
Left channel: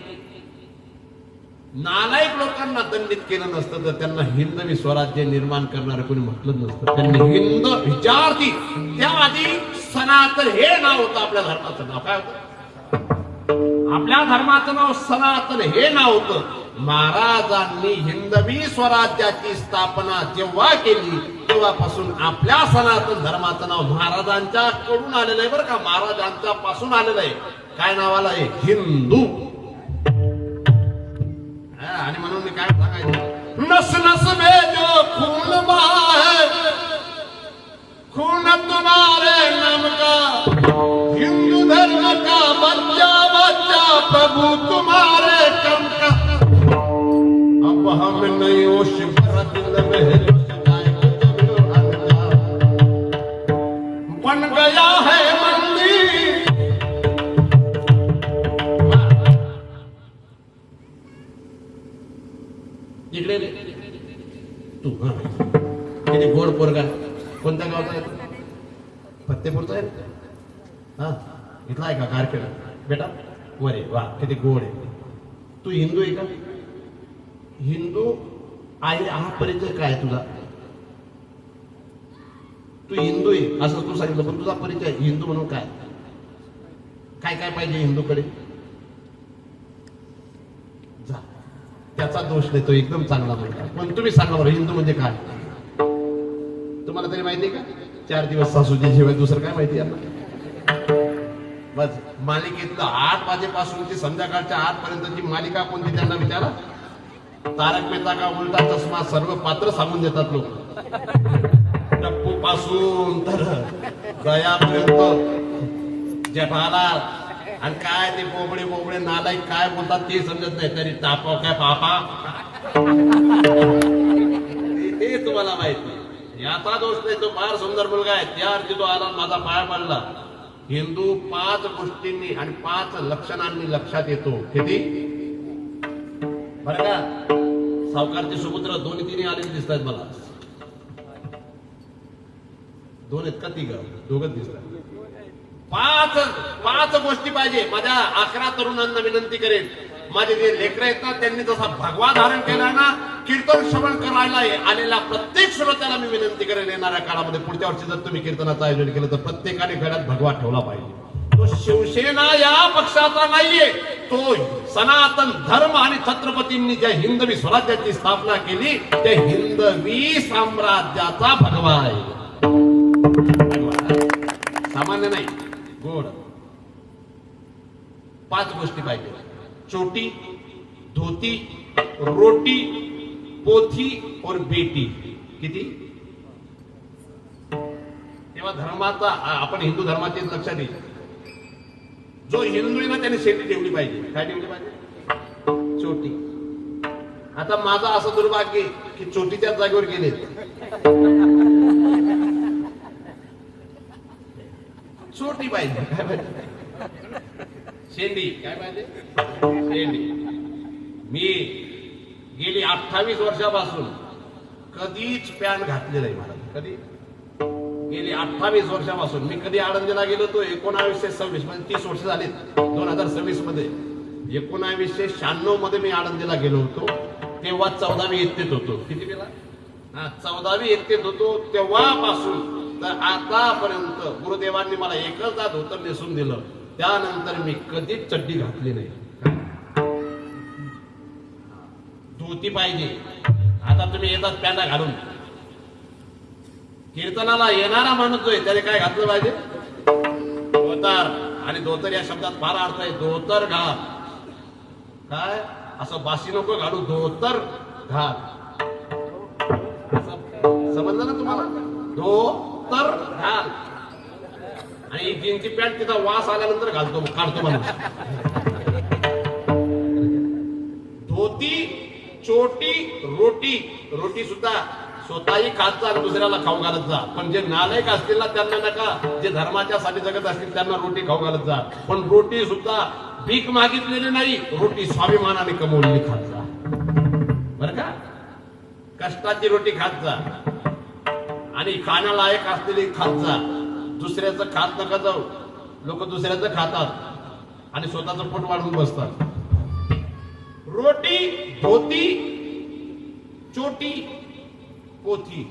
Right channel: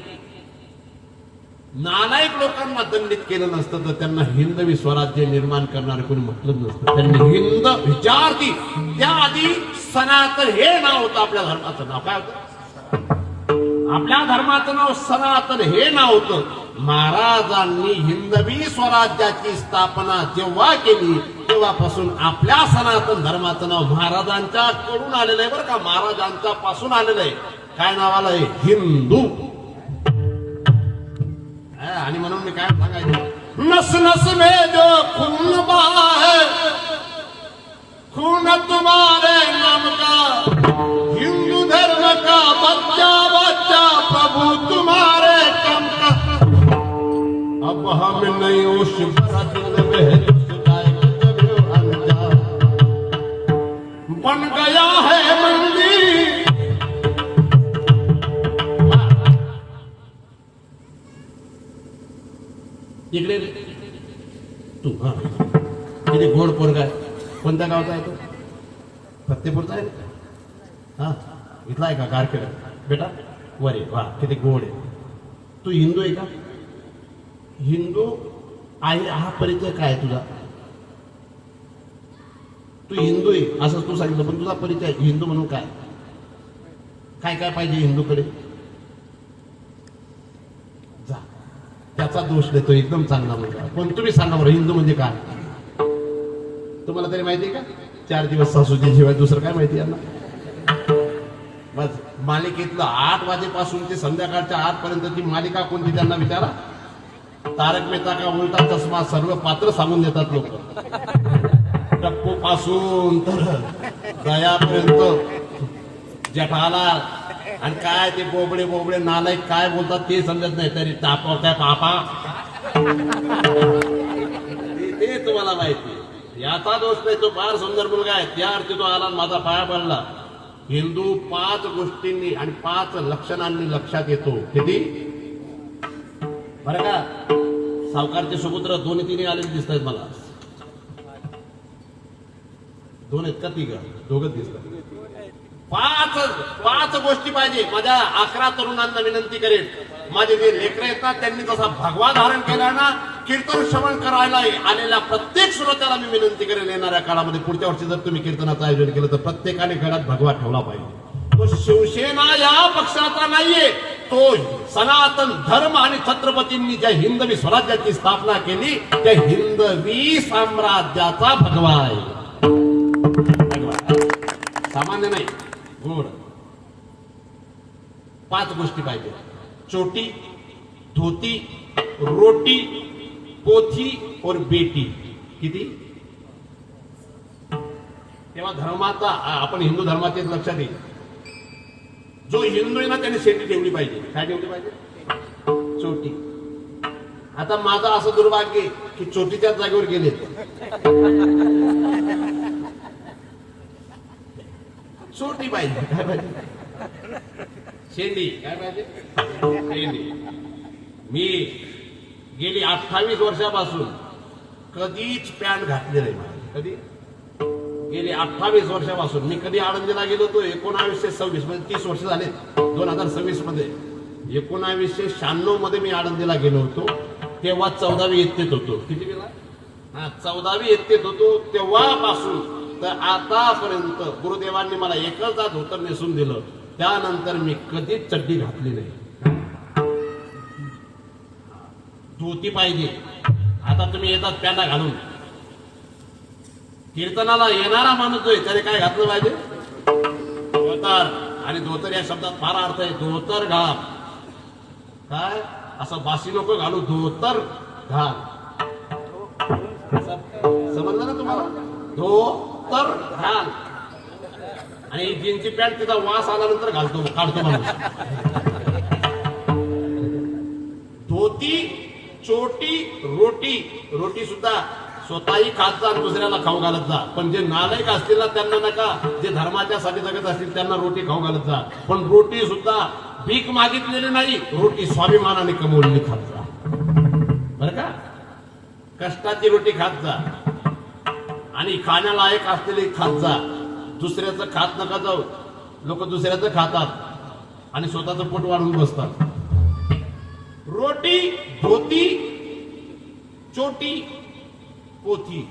नालायक लोकांना दंडित केलं नसतं तर त्यांना हिंदवी स्वराज्य निर्माण करणारे कोणी म्हटलं नसतं. त्यांनी हिंद विचारती त्याआधी सनातन हे नाव होतं आपल्या धर्माचं नाव. काय होतं आपल्या धर्माचं नाव? सनातन हे नाव होतं. महाराजांनी हिंदवी स्वराज्याची स्थापना जेव्हा केली तेव्हापासून आपल्या सनातन धर्माचं नाव महाराजांच्या कडून आलेलं आहे बरं का. महाराजांच्या पासून आलेलं आहे. काय नाव आलं आहे? हिंदू. आणि म्हणून मी काय सांगायचं, नस नस में जो खून बहा है खून तुम्हारे नाम का, हिंदू धर्म का बच्चा बच्चा प्रभु तुम्हारे कम का. अब हम नहीं उस भरत में बन गया है मंदिर. इकडे तू हा किती गोड पोरगा आहे. कोणत्या गावचा आहे तो? फत्तेपूरचा आहे. हा इथला आहे का? कारखेड बेटा वरे वा किती गोड आहे. तू हिंदू आहे का? हिंदू आहे हा परिचय काय तुझा? तू हिंदू आहे असं तू सांगितलं पण तुझा परिचय हिंदू म्हणून काय काय काय पाहिजे हिंदूकडे? जा त्याचा दोष देतो एकदम चांगला मुलगा. पण तुम्ही सांगा बरं हिंदू म्हणजे काय? तुम्हाला तरी माहिती आहे का? 4 दिवस सासूजी शिवाय दुसरं काय माहिती यांना? बस मालिकेतलं 8 वाजेपासून ते संध्याकाळच्या 8 पर्यंतची मालिका कोणती त्यांना विचारा. तारक मेहता का उलटा चष्मा सर्व पात्र सांगून देतात लोक. टप्पू पासून तर गयापर्यंत जेठाला. आणि काय ते बोबडे बोबडे नालायक काय बोलतात ते समजत नाही. तरी तापा काय पापा ते तुम्हाला माहिती. याचा दोष नाही. तो फार सुंदर मुलगा आहे. त्या अर्थी तो आला माझा पाया पडला. हिंदू 5 गोष्टींनी आणि 5 लक्षणांनी लक्षात येतो. किती बरं का? सावकारचे सुपुत्र 2-3 आलेले दिसत आहेत मला. 2 आहेत का 3? 2च दिसतात. 5 गोष्टी पाहिजे. माझ्या 11 तरुणांना विनंती करेन. माझे जे लेकरं येतात त्यांनी जसा भगवा धारण केला ना, कीर्तन श्रवण करायला आलेल्या प्रत्येक श्रोत्याला मी विनंती करेन येणाऱ्या काळामध्ये पुढच्या वर्षी जर तुम्ही कीर्तनाचं आयोजन केलं तर प्रत्येकाने घरात भगवा ठेवला पाहिजे. तो शिवसेना या पक्षाचा नाहीये, तो सनातन धर्म आणि छत्रपतींनी ज्या हिंदवी स्वराज्याची स्थापना केली त्या हिंदवी साम्राज्याचा भगवा आहे. सामान्य नाही, गोड. 5 गोष्टी पाहिजे: चोटी, धोती, रोटी, पोथी और बेटी. किती? तेव्हा धर्माचा, आपण हिंदू धर्माचे लक्षात येईल. जो हिंदू आहे ना त्याने शेती ठेवली पाहिजे. काय ठेवली पाहिजे? चोटी. आता माझं असं दुर्भाग्य आहे की चोटीच्याच जागेवर गेले. चोटी पाहिजे. काय पाहिजे? शेंडी. काय पाहिजे? शेंडी. मी गेली 28 वर्षापासून कधीच पॅन्ट घातली नाही. कधी? गेली 28 वर्षापासून मी कधी आळंदीला गेलो होतो 1926 मध्ये. 30 वर्ष झाले 2026 मध्ये. 1996 मध्ये मी आळंदीला गेलो होतो. तेव्हा 14वी इयत्तेत होतो. किती गेला? 14वी इयत्तेत होतो. तेव्हापासून तर आतापर्यंत गुरुदेवांनी मला एकच धोतर नेसून दिलं. त्यानंतर मी कधीच चड्डी घातली नाही. धोती पाहिजे. आता तुम्ही येतात पॅन्टा घालून. कीर्तनाला येणारा माणूस जो आहे त्याने काय घातलं पाहिजे? धोतर. आणि धोतर या शब्दात फार अर्थ आहे. धोतर घाल. काय असं बाशी नको घालू, धोतर घाल. समजलं ना तुम्हाला? धोतर घाल. आणि जीनची पॅन्ट तिचा वास आल्यानंतर काढतो माणूस. धोती, चोटी, रोटी. रोटी सुद्धा स्वतःही खात जा आणि दुसऱ्याला खाऊ घालत जा. पण जे नालायक असतील ना त्यांना नका. जे धर्माच्या साठी जगत असतील त्यांना रोटी खाऊ घालत जा. पण रोटी सुद्धा भीक मागितलेली नाही, रोटी स्वाभिमानाने कमवलेली खात जा. बरं का? कष्टाची रोटी खात जा आणि खाण्यालायक असलेली खात जा. दुसऱ्याचं खात नका जाऊ. लोक दुसऱ्याचं खातात आणि स्वतःचं पोट वाढवून बसतात. रोटी, धोती, चोटी, पोथी.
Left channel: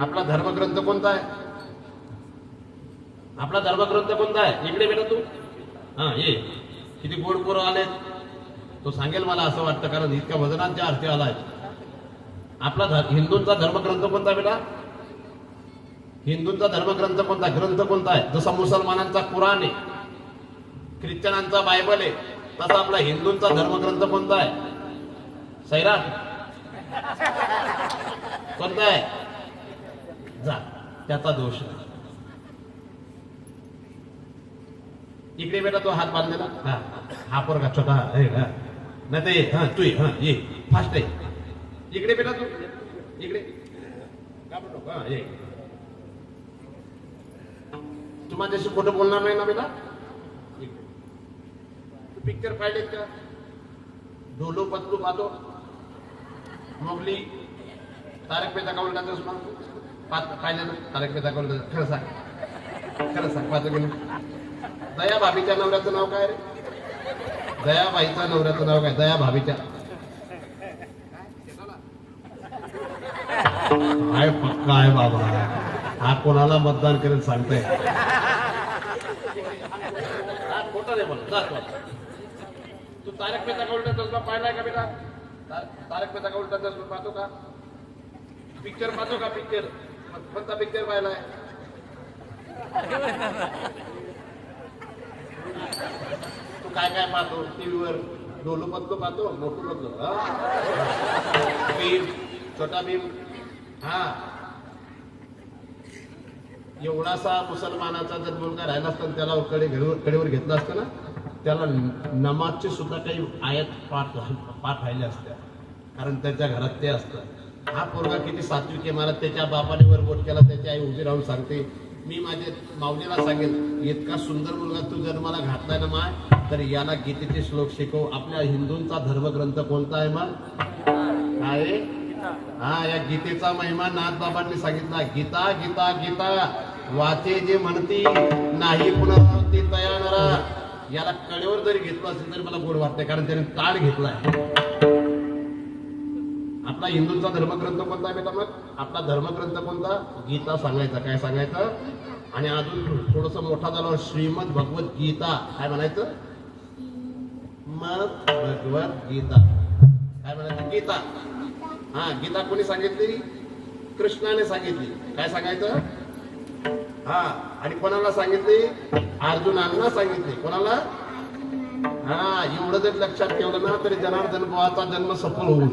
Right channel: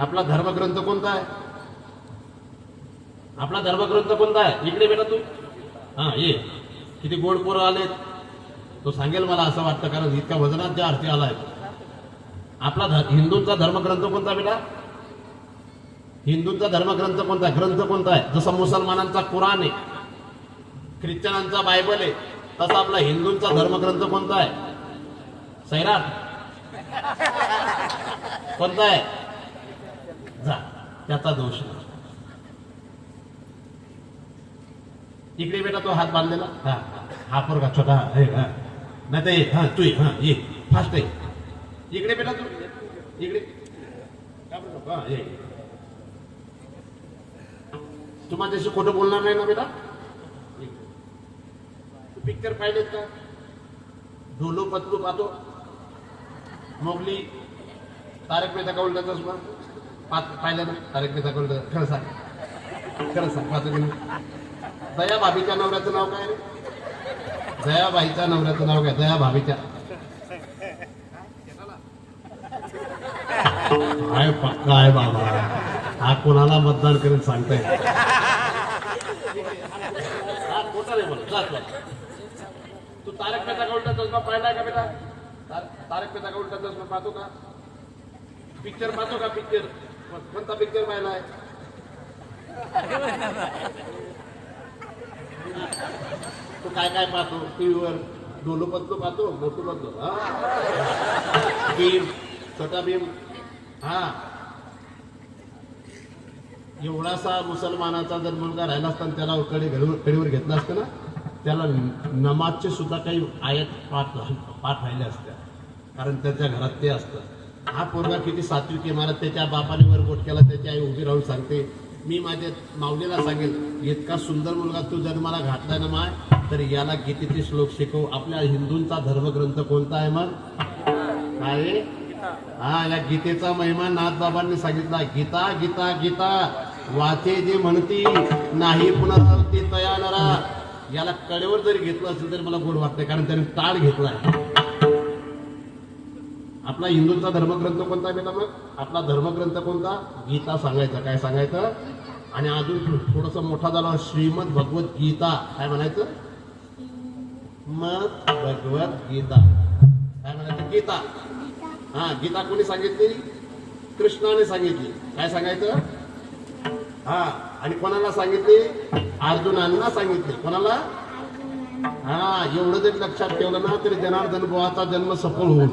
आपला धर्मग्रंथ कोणता आहे? आपला धर्मग्रंथ कोणता आहे? इकडे बेटा तू. हा ये. किती गोड पोरं आलेत. तो सांगेल मला असं वाटतं, कारण इतक्या वजनात ज्या अर्थी आलाय. आपला हिंदूंचा धर्मग्रंथ कोणता बेटा? हिंदूंचा धर्मग्रंथ कोणता? ग्रंथ कोणता आहे? जसा मुसलमानांचा कुराण आहे, ख्रिश्चनांचा बायबल आहे, तसा आपला हिंदूंचा धर्मग्रंथ कोणता आहे? सैराट. कोणता आहे? जा, त्याचा दोष. इकडे बेटा तो हात बांधलेला. हा हा पोरगा छोटा. नाही तर ये. हा तू ये. हा ये फास्ट आहे. इकडे बेटा तू. इकडे घाबरू नको. हा ये. तू माझ्याशी खोटं बोलणार नाही ना बेटा? तू पिक्चर पाहिलेत का? ढोलो पतलू पाहतो, मोगली, तारक मेहता का उलटा चष्मा पाहिलं ना? तारक मेहता का उलटा. खरं सांग, खरं सांग, पाहतो की नाही? दया भाभीच्या नवऱ्याचं नाव काय रे? दयाबाईच्या नवऱ्याचं नाव काय? दया भाभीच्या. काय पक्का आहे बाबा. हा कोणाला मतदान करेल सांगताय? खोटा रे बोल. तू तारक मेहता का उलटा चष्मा पाहिलाय का बेटा? तारक मेहता का उलटा चष्मा पाहतो का? पिक्चर पाहतो का? पिक्चर कोणता पिक्चर पाहिलाय? तू काय काय पाहतो टीव्हीवर? ढोलू पत्तो पाहतो, मोठू पत्तो, भीम, छोटा भीम. हा एवढासा मुसलमानाचा जर मुलगा राहिला असता त्याला कडेवर घेतला असतं ना, त्याला नमाजचे सुद्धा काही आयात पाठ राहिले असत्या, कारण त्याच्या घरात ते असतं. हा पोरगा किती सात्विक आहे. मला त्याच्या बापाने वरबोट केला, त्याची आई उभी राहून सांगते, मी माझ्या माऊलीला सांगेल, इतका सुंदर मुलगा तू जन्माला घातलाय ना माय, तर याला गीतेचे श्लोक शिकव. आपल्या हिंदूंचा धर्मग्रंथ कोणता आहे मग? काय? हा, या गीतेचा महिमा नाथबाबांनी सांगितला. गीता गीता गीता वाचे जे म्हणती, नाही पुनरावृत्ती तयानरा. याला कडेवर जरी घेतलं असेल तरी मला गोड वाटतंय, कारण त्याने ताळ घेतलाय. आपला हिंदूंचा धर्मग्रंथ कोणता बेटा? मग आपला धर्मग्रंथ कोणता? गीता सांगायचा. काय सांगायचं? आणि अजून थोडस मोठा झाला श्रीमद भगवत गीता काय म्हणायचं मग भगवत गीता काय म्हणायचं गीता हा गीता कोणी सांगितली कृष्णाने सांगितली काय सांगायचं हा आणि कोणाला सांगितली अर्जुनांना सांगितली कोणाला हा एवढं जरी लक्षात ठेवलं ना तरी जनार्दन बुवाचा जन्म सफल होईल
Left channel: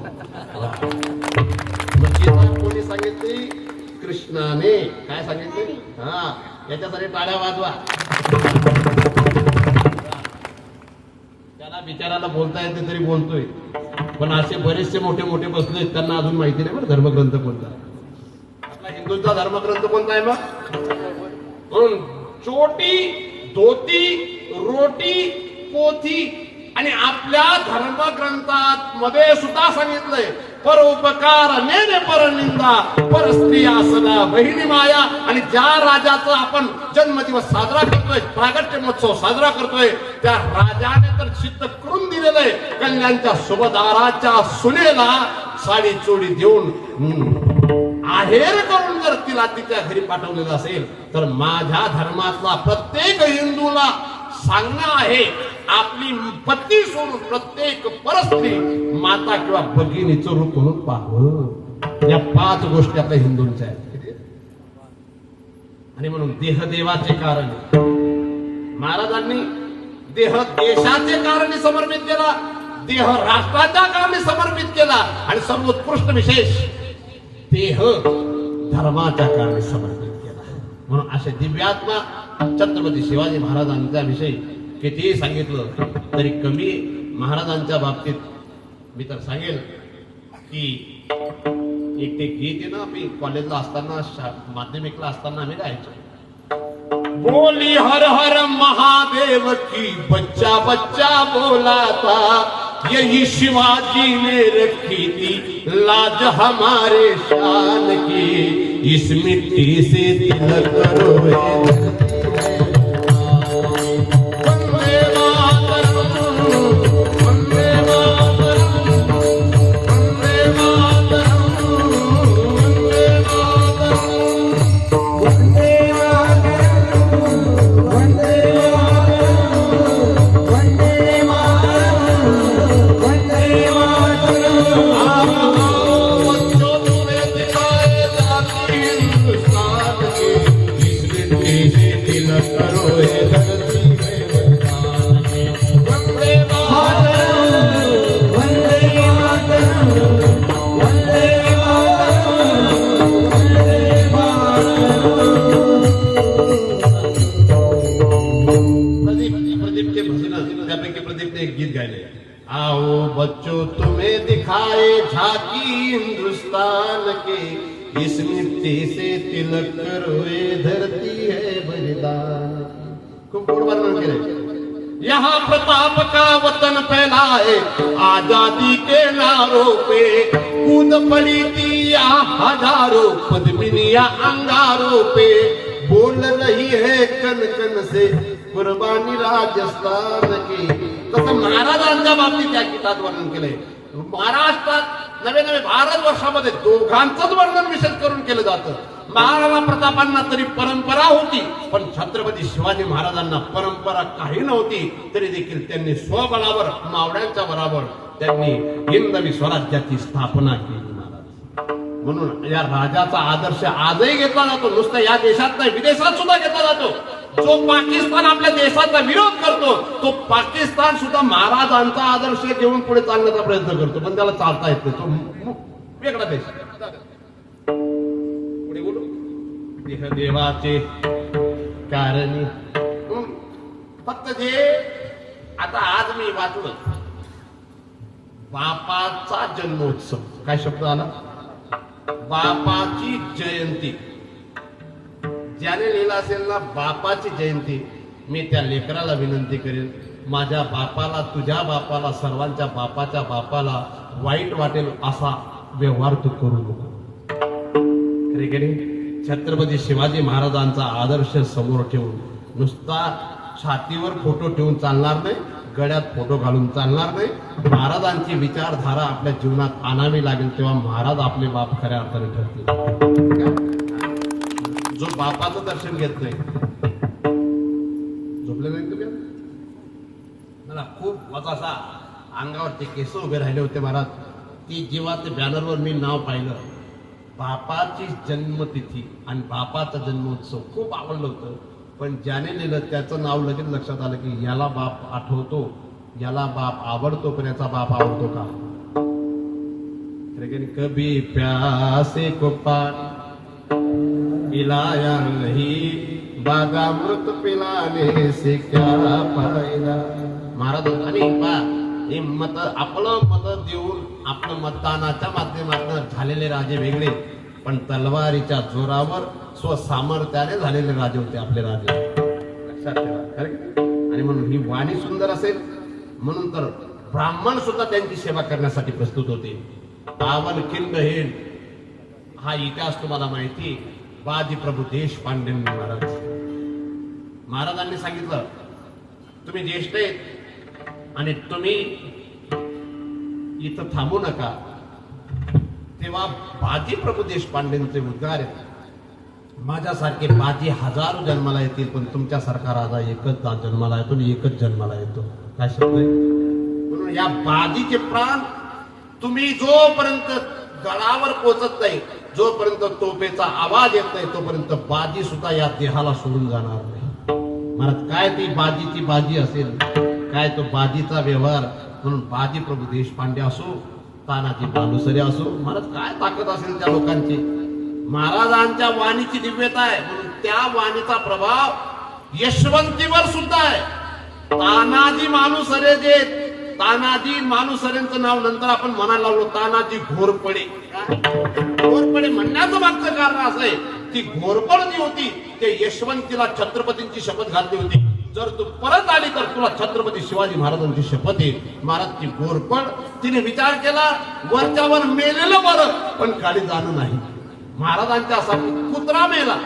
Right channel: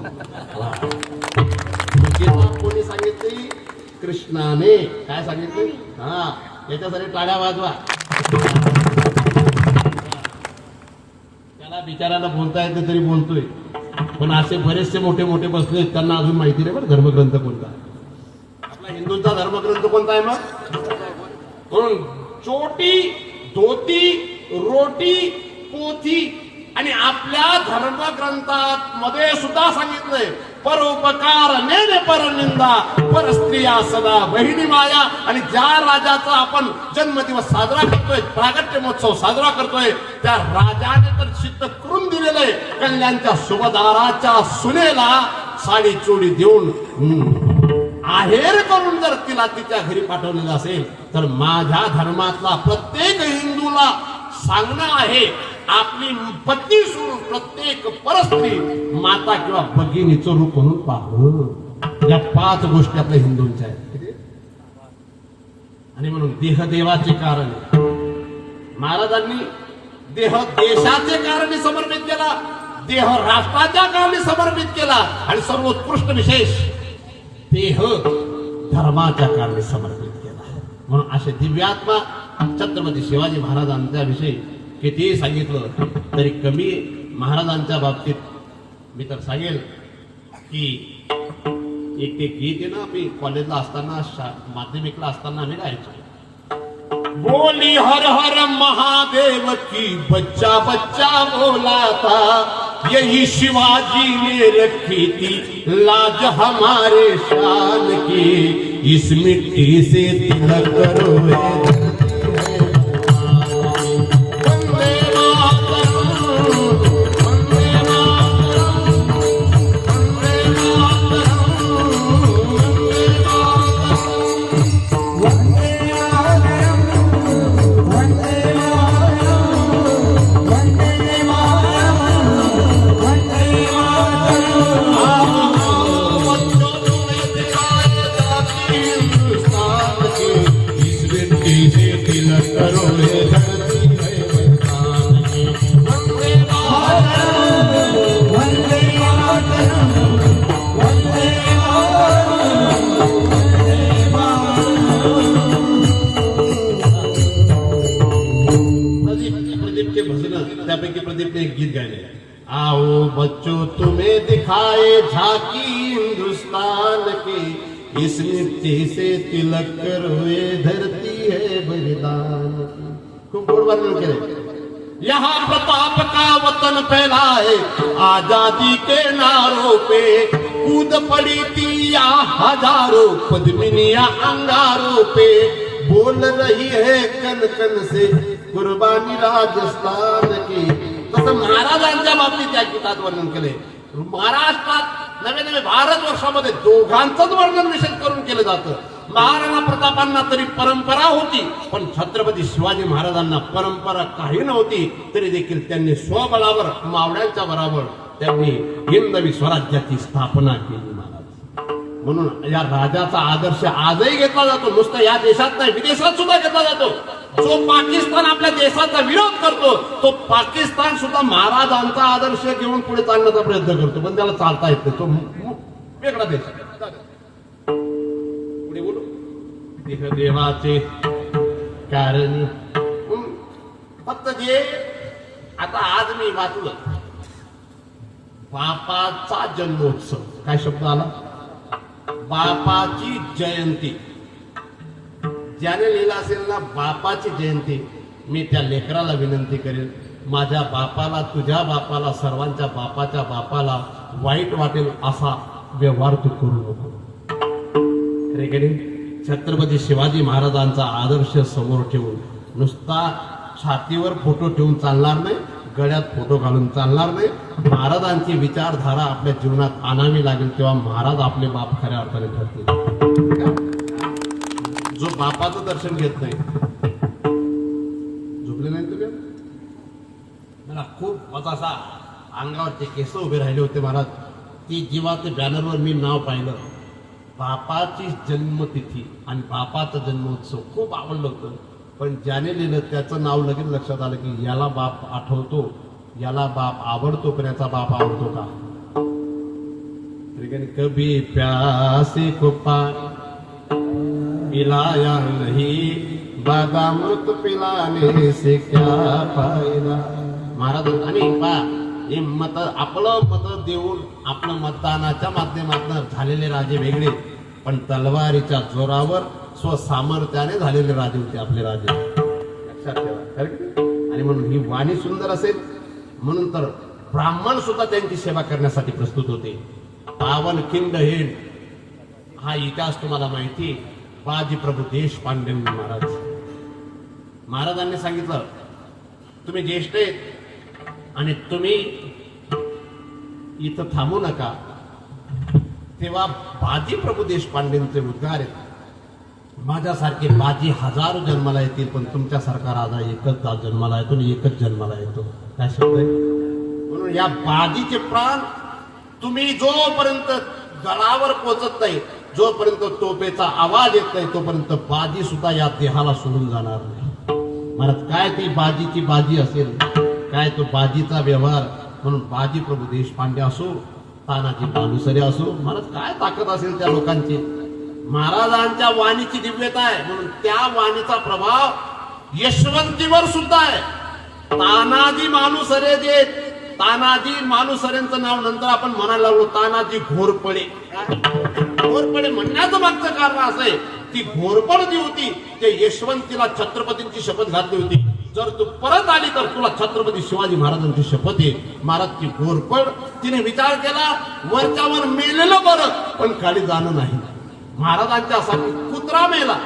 गीता कोणी सांगितली कृष्णाने काय सांगितले हा याच्यासाठी टाळ्या वाजवा त्याला बिचाराला बोलता येते तरी बोलतोय पण असे बरेचसे मोठे मोठे बसले त्यांना अजून माहिती नाही बरं धर्मग्रंथ कोणता आहे आपला हिंदूंचा धर्मग्रंथ कोणता आहे मग म्हणून चोटी धोती रोटी पोथी आणि आपल्या धर्मग्रंथात मध्ये सुद्धा सांगितलंय परोपकार नेने परनिंदा पर स्त्रिया सदा बहिणी माया आणि ज्या राजाचा आपण जन्मदिवस साजरा करतोय प्रागट्य महोत्सव साजरा करतोय त्या राजाने तर सिद्ध करून दिलेलं आहे कल्याणच्या सुभदाराच्या सुनेला साडी चोडी देऊन आहेर करून जर तिला तिच्या घरी पाठवलेलं असेल तर माझ्या धर्मातला प्रत्येक हिंदूला सांगणं आहे आपली पत्नी सोडून प्रत्येक परस्त्री माता किंवा भगिनीचं रूप म्हणून पाहू या 5 गोष्टी आपल्या हिंदूंच्या आहेत आणि म्हणून देहदेवाचे कारण महाराजांनी देह देशाचे कारणी समर्पित केला देह राष्ट्राच्या कारणी समर्पित केला आणि सर्वोत्कृष्ट विशेष देह धर्माच्या कारणी समर्पित केला म्हणून असे दिव्यात्मा छत्रपती शिवाजी महाराजांच्या विषयी कितीही सांगितलं तरी कमी महाराजांच्या बाबतीत मी तर सांगेल की एक ते गीत आहे ना आम्ही कॉलेजला असताना माध्यमिकला असताना आम्ही गायचो बोली हर हर महादेव की बच्चा बच्चा बोला था यही शिवाजी ने रखी थी लाज हमारे शान की इस मिट्टी से तिलक करो त्यापैकी प्रदीपने एक गीत गायले आओ बच्चों तुम्हें दिखाए झांकी हिंदुस्तान की इस मिट्टी से तिलक कर हुए धरती है बलिदान की खूप गोड वर्णन केले यहाँ प्रताप का वतन फैला है आजादी के नारों पे कूद पड़ी थी हजारों पद्मिनियां अंगारों पे बोल रही है कन कन से कुर्बानी राजस्थान की तसं महाराजांच्या बाबतीत या गीतात वर्णन केलंय महाराष्ट्रात नवे नवे भारतवर्षामध्ये दोघांचंच वर्णन विशेष करून केलं जातं महाराणा प्रतापांना तरी परंपरा होती पण छत्रपती शिवाजी महाराजांना परंपरा काही नव्हती तरी देखील त्यांनी स्वबळावर मावळ्यांच्या बरोबर त्यांनी हिंदवी स्वराज्याची स्थापना केली म्हणून या राजाचा आदर्श आजही घेतला जातो नुसतं या देशात नाही विदेशात सुद्धा घेतला जातो जो पाकिस्तान आपल्या देशाचा विरोध करतो तो पाकिस्तान सुद्धा महाराजांचा आदर्श घेऊन पुढे चालण्याचा प्रयत्न करतो पण त्याला चालता येत नाही तो वेगळा देश पुढे बोलू देहदेवाचे कारणी फक्त जे आता आज मी वाचलं बापाचा जन्मोत्सव काय शब्द आला बापाची जयंती ज्याने लिहिलं असेल ना बापाची जयंती मी त्या लेकराला विनंती करेन माझ्या बापाला तुझ्या बापाला सर्वांच्या बापाच्या बापाला वाईट वाटेल असा व्यवहार तू करू नको छत्रपती शिवाजी महाराजांचा आदर्श समोर ठेवून नुसता छातीवर फोटो ठेवून चालणार नाही गळ्यात फोटो घालून चालणार नाही महाराजांची विचारधारा आपल्या जीवनात आणावी लागेल तेव्हा महाराज आपले बाप खऱ्या अर्थाने ठरतील जो बापा बापाचं दर्शन घेत नाही. झोपले नाही तुम्ही? मला खूप मजा असा अंगावरचे केस उभे राहिले होते महाराज. ती जेव्हा ते बॅनरवर मी नाव पाहिलं, बापाची जन्मतिथी आणि बापाचा जन्मोत्सव खूप आवडलं होतं. पण ज्याने लिहिलं त्याचं नाव लगेच लक्षात आलं की याला बाप आठवतो, याला बाप आवडतो, पण याचा बाप आवडतो का? लेकिन कभी प्यासे को पानी पिलाया नहीं, बागामृत पिलाने से क्या फायदा. महाराज आणि हे मत आपलं मत देऊन आपलं मतदानाच्या माध्यमातून झालेले राजे वेगळे, पण तलवारीच्या जोरावर स्वसामर्थ्याने झालेले राजे होते आपले राजे. लक्षात ठेवा. खरं की नाही? आणि म्हणून ही वाणी सुंदर असेल म्हणून तर ब्राह्मण सुद्धा त्यांची सेवा करण्यासाठी प्रस्तुत होते. पावन खिंड हेड हा इतिहास तुम्हाला माहिती. बाजी प्रभू देशपांडे महाराज, महाराजांनी सांगितलं तुम्ही ज्येष्ठ आहेत आणि तुम्ही इथं थांबू नका. तेव्हा बाजी प्रभू देशपांडेंचे उद्गार आहेत, माझ्यासारखे बाजी हजारो जन्माला येतील, पण तुमच्यासारखा राजा एकच जन्माला येतो आणि एकच जन्माला येतो. काय शब्द आहे? म्हणून या बाजीचे प्राण तुम्ही जोपर्यंत गळावर पोचत नाही, जोपर्यंत तोफेचा आवाज येत नाही, तोपर्यंत बाजी सुद्धा या देहाला सोडून जाणार नाही. महाराज काय ती बाजीची बाजी असेल, काय तो बाजीचा व्यवहार. म्हणून बाजी प्रभू देशपांडे असो, तानाजी बालुसरे असो, महाराज काय ताकद असेल त्या लोकांची. महाराजांच्या वाणीची दिव्यता आहे म्हणून त्या वाणीचा प्रभाव यशवंतीवर सुद्धा आहे. तानाजी मालुसरे जे, तानाजी मालुसरेंचं नाव नंतर आपण म्हणायला लागलो तानाजी घोरपडे. घोरपडे म्हणण्याचं मागचं कारण असं आहे, ती घोरपड जी होती ते यशवंतीला छत्रपतींची शपथ घातली होती, जर तू परत आली तर तुला छत्रपती शिवाजी महाराजांची शपथ आहे. महाराज ती घोरपड तिने विचार केला वरच्यावर मेलेलं बरं, पण खाली जाणं नाही. महाराजांच्यासाठी कुत्रा मेला,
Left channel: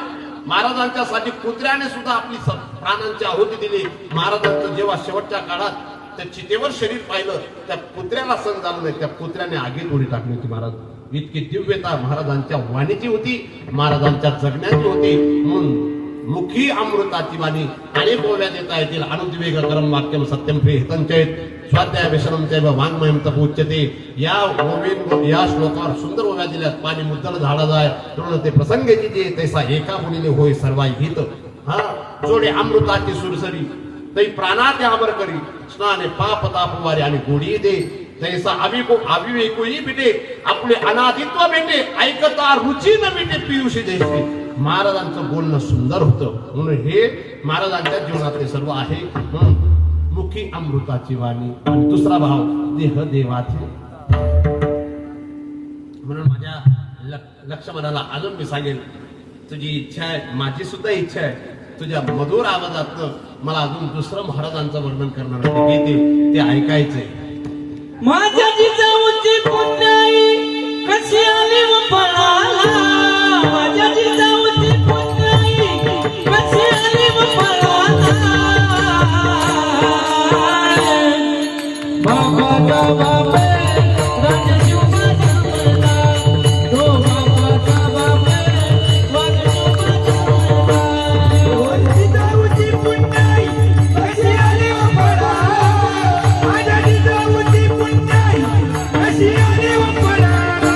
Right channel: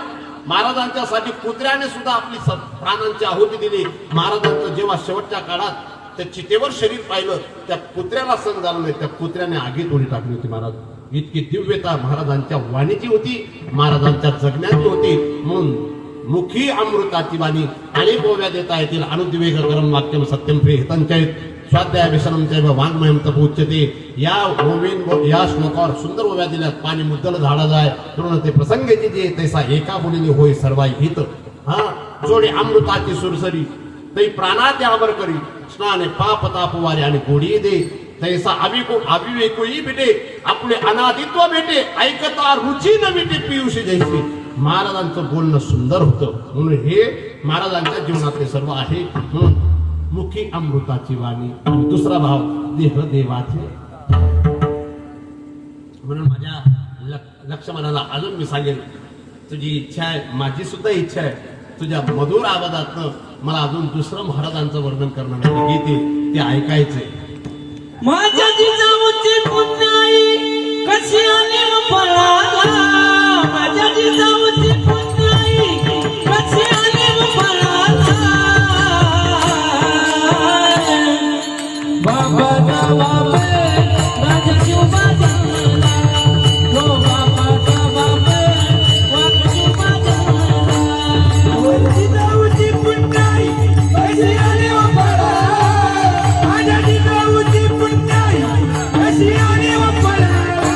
महाराजांच्यासाठी कुत्र्याने सुद्धा आपली प्राणांची आहुती दिली. महाराजांचं जेव्हा शेवटच्या काळात त्या चितेवर शरीर पाहिलं, त्या कुत्र्याला सहन झालं नाही, त्या कुत्र्याने आगीत उडी टाकली होती. महाराज इतकी दिव्यता महाराजांच्या वाणीची होती, महाराजांच्या जगण्याची होती. म्हणून मुखी अमृताची वाणी अनेक ओव्या देता येतील. अनुद्वेग करम वाक्यम सत्यम प्रियतंचैत स्वाध्याय व्यसनंचैव वाङ्मयं तपोच्यते. या ओवीन या श्लोकावर सुंदर ओव्या दिल्यात. पाणी मुद्दल झाडा जाय पूर्ण ते प्रसंगेची जे तैसा एका मुलीने होय सर्वाय गीत. हा जोडे अमृताची सुरसरी तै प्राणात आवर करी, स्नाने पाप तापवारे आणि गोडी दे. तैसा अविवेकोई भेटे आपले अनादित्व भेटे, ऐकता रुची न भेटे पियुषी जैसे. महाराजांचं बोलणं सुंदर होतं म्हणून हे महाराजांच्या जीवनातले सर्व आहे. म्हणून मुखी अमृताची वाणी. आणि दुसरा भाव देह देवाचे. म्हणून माझ्या लक्ष्मणाला अजून मी सांगेल, तुझी इच्छा आहे, माझी सुद्धा इच्छा आहे, तुझ्या मधुर आवाजातनं मला अजून दुसरं महाराजांचं वर्णन करणार गीते ते ऐकायचंय. माझ्या जिजाऊची पुण्याई कशी आली व फळाला, माझ्या जिजाऊची पुण्याई कशी आली व फळाला. बाबा गावा में राजा शिवबा जन्मला, तो बाबाचा बाबे वाघ शिवबा जन्मला. जिजाऊची पुण्याई कशी आली व फळाला, माझ्या जिजाऊची पुण्याई कशी आली व फळाला.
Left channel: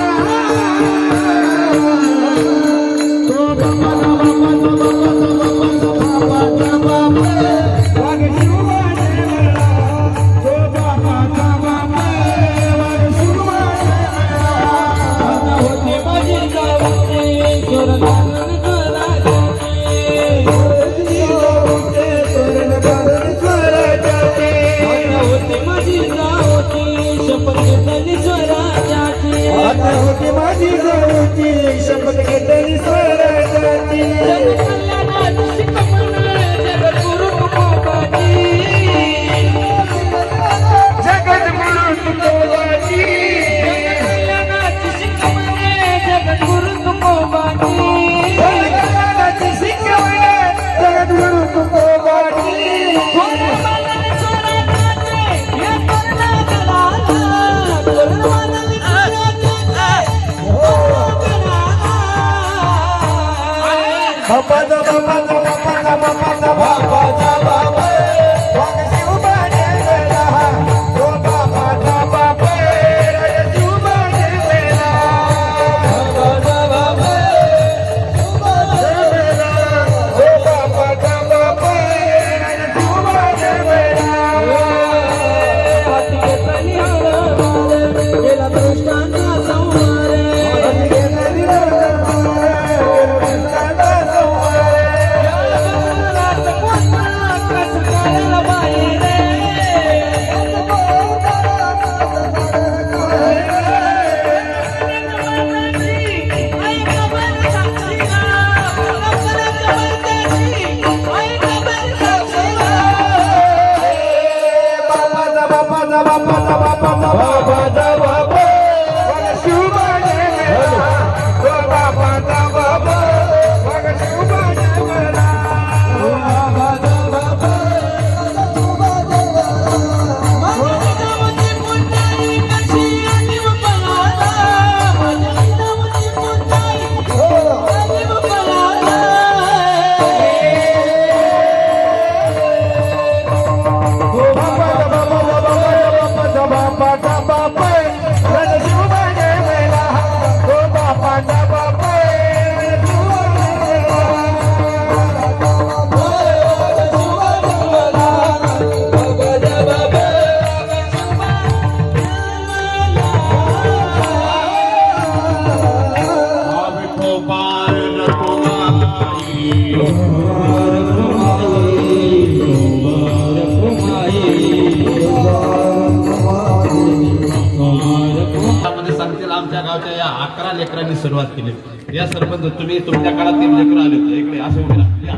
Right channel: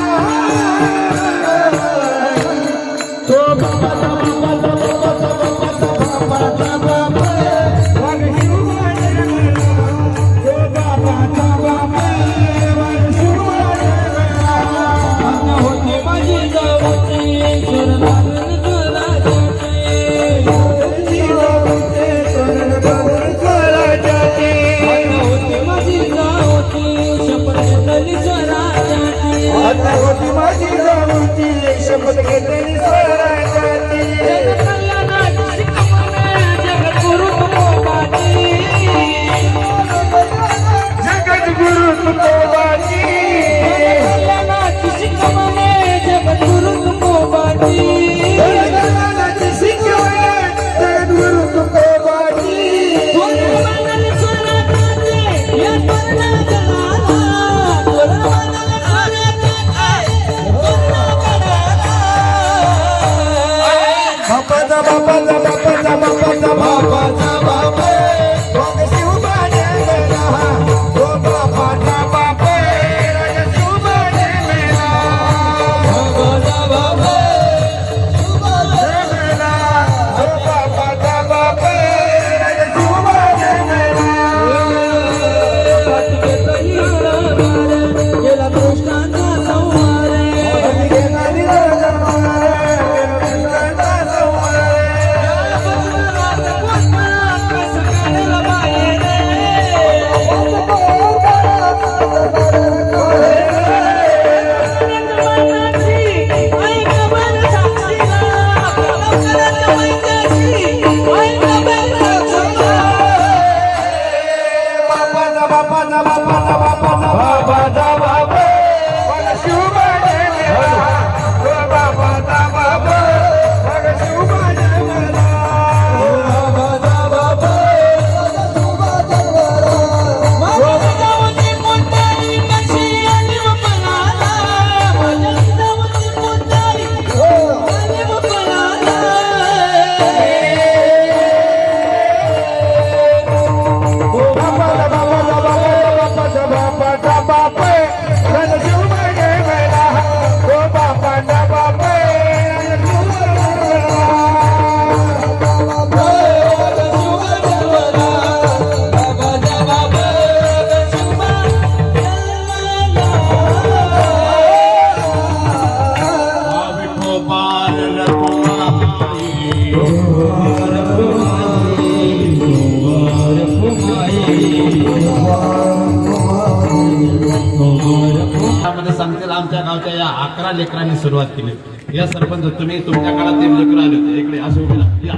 त्यामध्ये सांगतील आमच्या गावच्या या 11 लेकरांनी सुरुवात केली. या सरपंच तुम्ही तुमच्या काळात 3 लेकर आले होते इकडे असे उभे राहा. या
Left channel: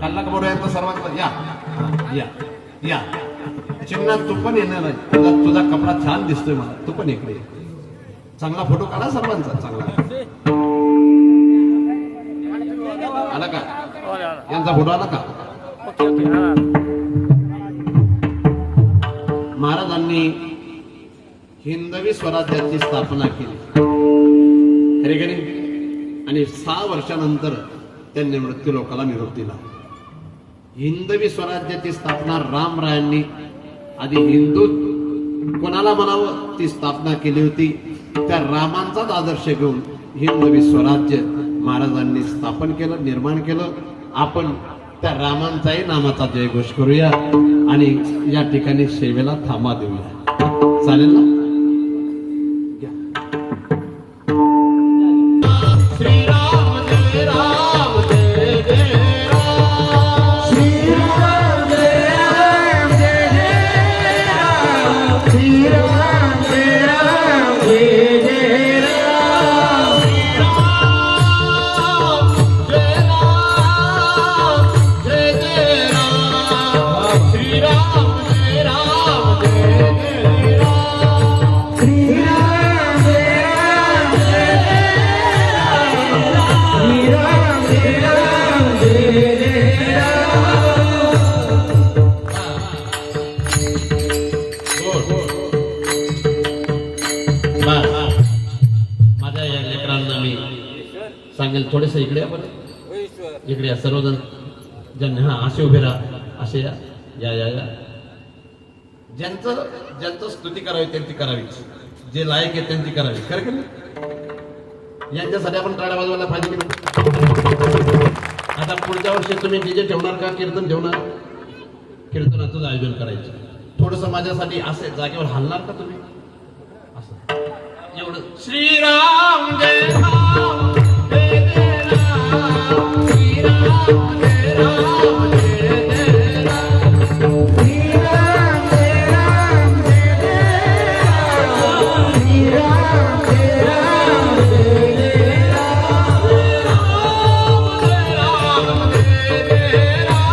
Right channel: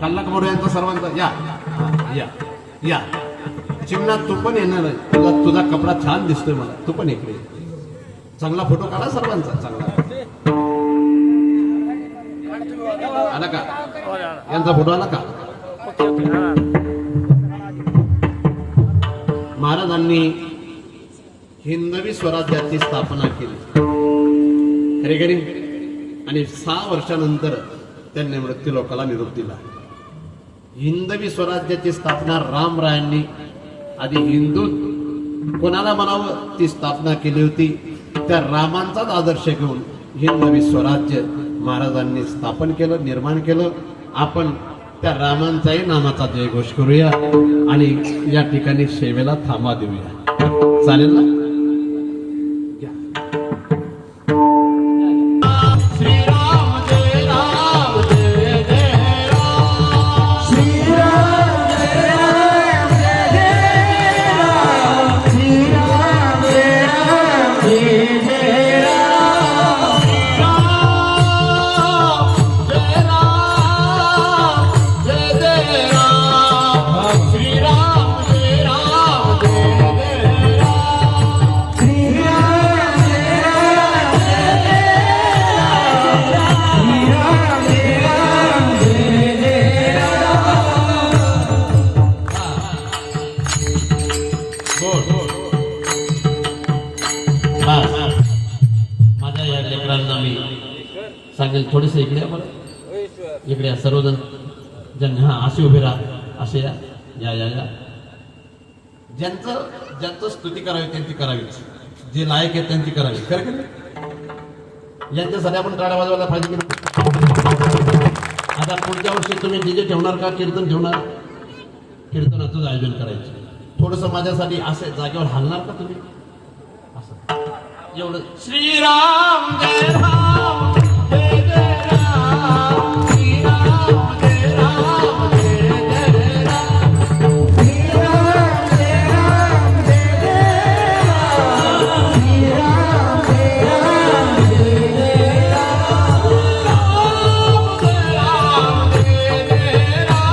कल्लक मोड यांचा सर्वांचा या या या चिन्ह तू पण येणार नाही. तुझा कपडा छान दिसतोय मला. तू पण इकडे चांगला फोटो काढा सर्वांचा चांगला आला का यांचा फोटो आला का. महाराजांनी हिंदवी स्वराज्याची स्थापना केली खरी खरी आणि 6 वर्षानंतर त्यांनी मृत्यू लोकाला निरोप दिला. हिंदवी स्वराज्याची स्थापना रामरायांनी आधी हिंदू कोणाला म्हणावं ती स्थापना केली होती. त्या रामांचाच आदर्श घेऊन हिंदवी स्वराज्य महाराजांनी स्थापन केलं निर्माण केलं. आपण त्या रामांचाही नामाचा जयघोष करूया आणि या ठिकाणी सेवेला थांबा देऊया. चालेल ना. माझ्या या लेकरांना मी सांगेल थोडेस इकडे इकडे या सर्वजण ज्यांना हा असे उभे राहा असे या या या या ज्यांचं स्तुती करावी त्यांची करावी जे लायक आहे त्यांची करावी खरं की नाही. यांच्यासाठी आपण टाळ्या वाजवायला पाहिजे की नाही. आता पुढच्या वर्षी तुम्ही डीजे ठेवणार का कीर्तन ठेवणार. कीर्तनाचं आयोजन करायचं थोडस माझ्यासाठी असे जागेवर हलणार का तुम्ही एवढं. श्रीराम जय राम जय जय राम श्रीराम जय राम जय जय राम श्रीराम जय राम जय जय राम श्रीराम जय राम जय जय राम जय राम जय जय राम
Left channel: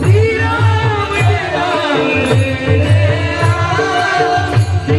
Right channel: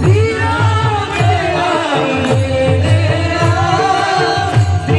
श्रीराम जय राम जय जय राम श्रीराम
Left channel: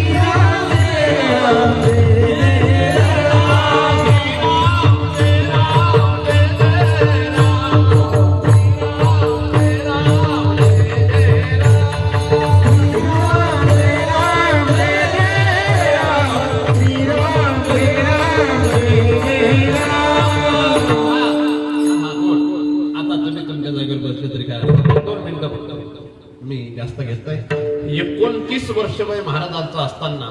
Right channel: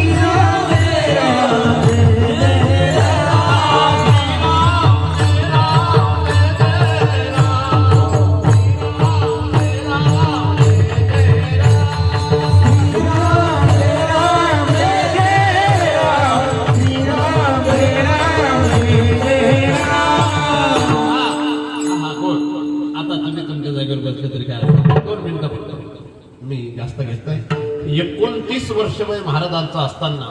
29 वर्ष वय महाराजांचा असताना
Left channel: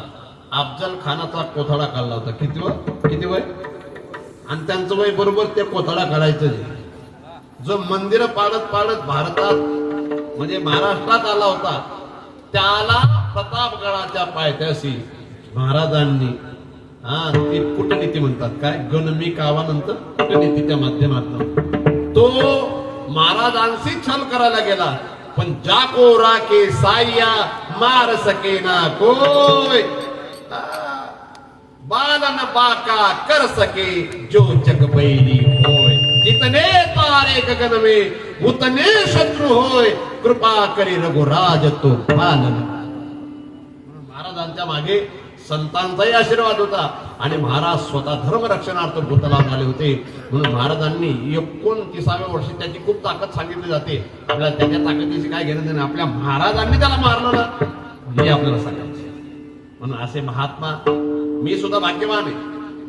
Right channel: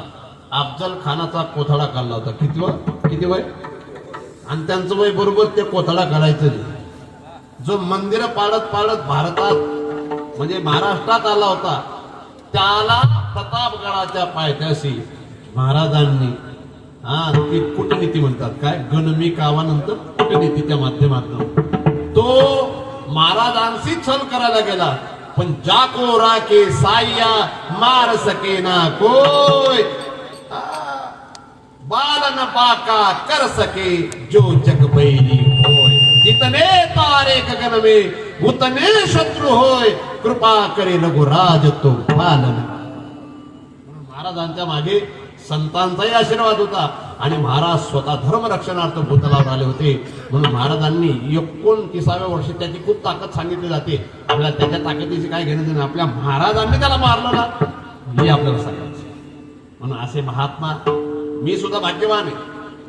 अफजल खानाचा कोथळा काढला होता. किती वय? आणि त्यांचं वय बरोबर ते कोथळा काढायचं. जो मंदिर पाडत भारतात म्हणजे महाराष्ट्रात आला होता, त्याला प्रतापगडाच्या पायथ्याशी महाराजांनी ती कूटनीती म्हणतात, काय गणमी कावानंतर कूटनीतीच्या माध्यमातून तो महाराजांशी छल करायला गेला. पण जाको राके साया मार सके ना कोय, बालन बाका कर सके जो जग बैली होय. जितने तारे गगन में उतने शत्रु होय, कृपा करे रघुराज तो पालन. म्हणून महाराजांच्या मागे संतांचाही आशीर्वाद होता आणि महाराज स्वतः धर्मरक्षणार्थ भूतलावर आले होते. म्हणून महाराजांनी 29व्या वर्षी त्याची खूप ताकद सांगितली जाते. आपल्याला त्याच्या ताकदीची काय घेणं नाही, आपल्या महाराजांनी त्याला मारलं ना हे आपल्याला सांगायचं. म्हणून असे महात्मा, मी सुद्धा भाग्यवान आहे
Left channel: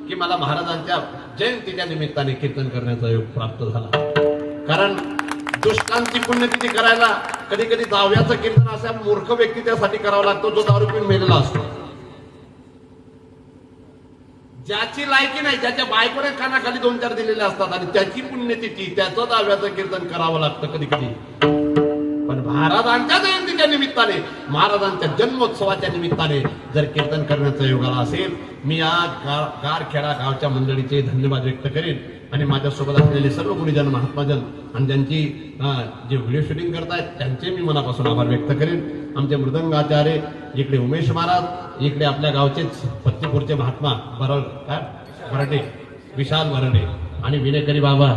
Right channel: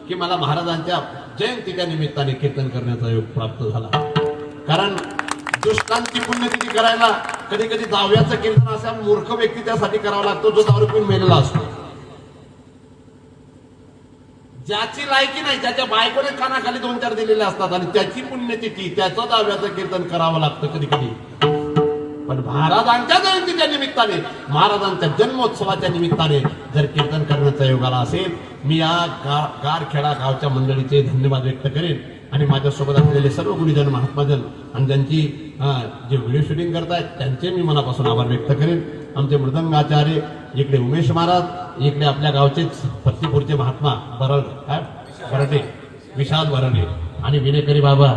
की मला महाराजांच्या जयंतीच्या निमित्ताने कीर्तन करण्याचा योग प्राप्त झाला. कारण दुष्टांची पुण्यतिथी करायला कधी कधी दहाव्याचं कीर्तन असा मूर्ख व्यक्ती त्यासाठी करावा लागतो जो दारू पिऊन मेलेला असतो. ज्याची लायकी नाही, ज्याच्या बायकोने कानाखाली 2-4 दिलेले असतात आणि त्याची पुण्यतिथी त्याचं दहाव्याचं कीर्तन करावं लागतं कधी कधी. पण महाराजांच्या जयंतीच्या निमित्ताने, महाराजांच्या जन्मोत्सवाच्या निमित्ताने जर कीर्तन करण्याचा योग आला असेल, मी या गारखेडा गावच्या मंडळीचे धन्यवाद व्यक्त करेन आणि माझ्यासोबत असलेले सर्व गुणीजन महात्माजन आणि ज्यांची जे व्हिडिओ शूटिंग करतायत त्यांचे मी मनापासून आभार व्यक्त करेन. आमचे मृदंगाचार्य इकडे उमेश महाराज, इकडे आपल्या गावचेच पत्तीपूरचे महात्मा बराटे विशाल बराटे आणि विनेकरी बाबा,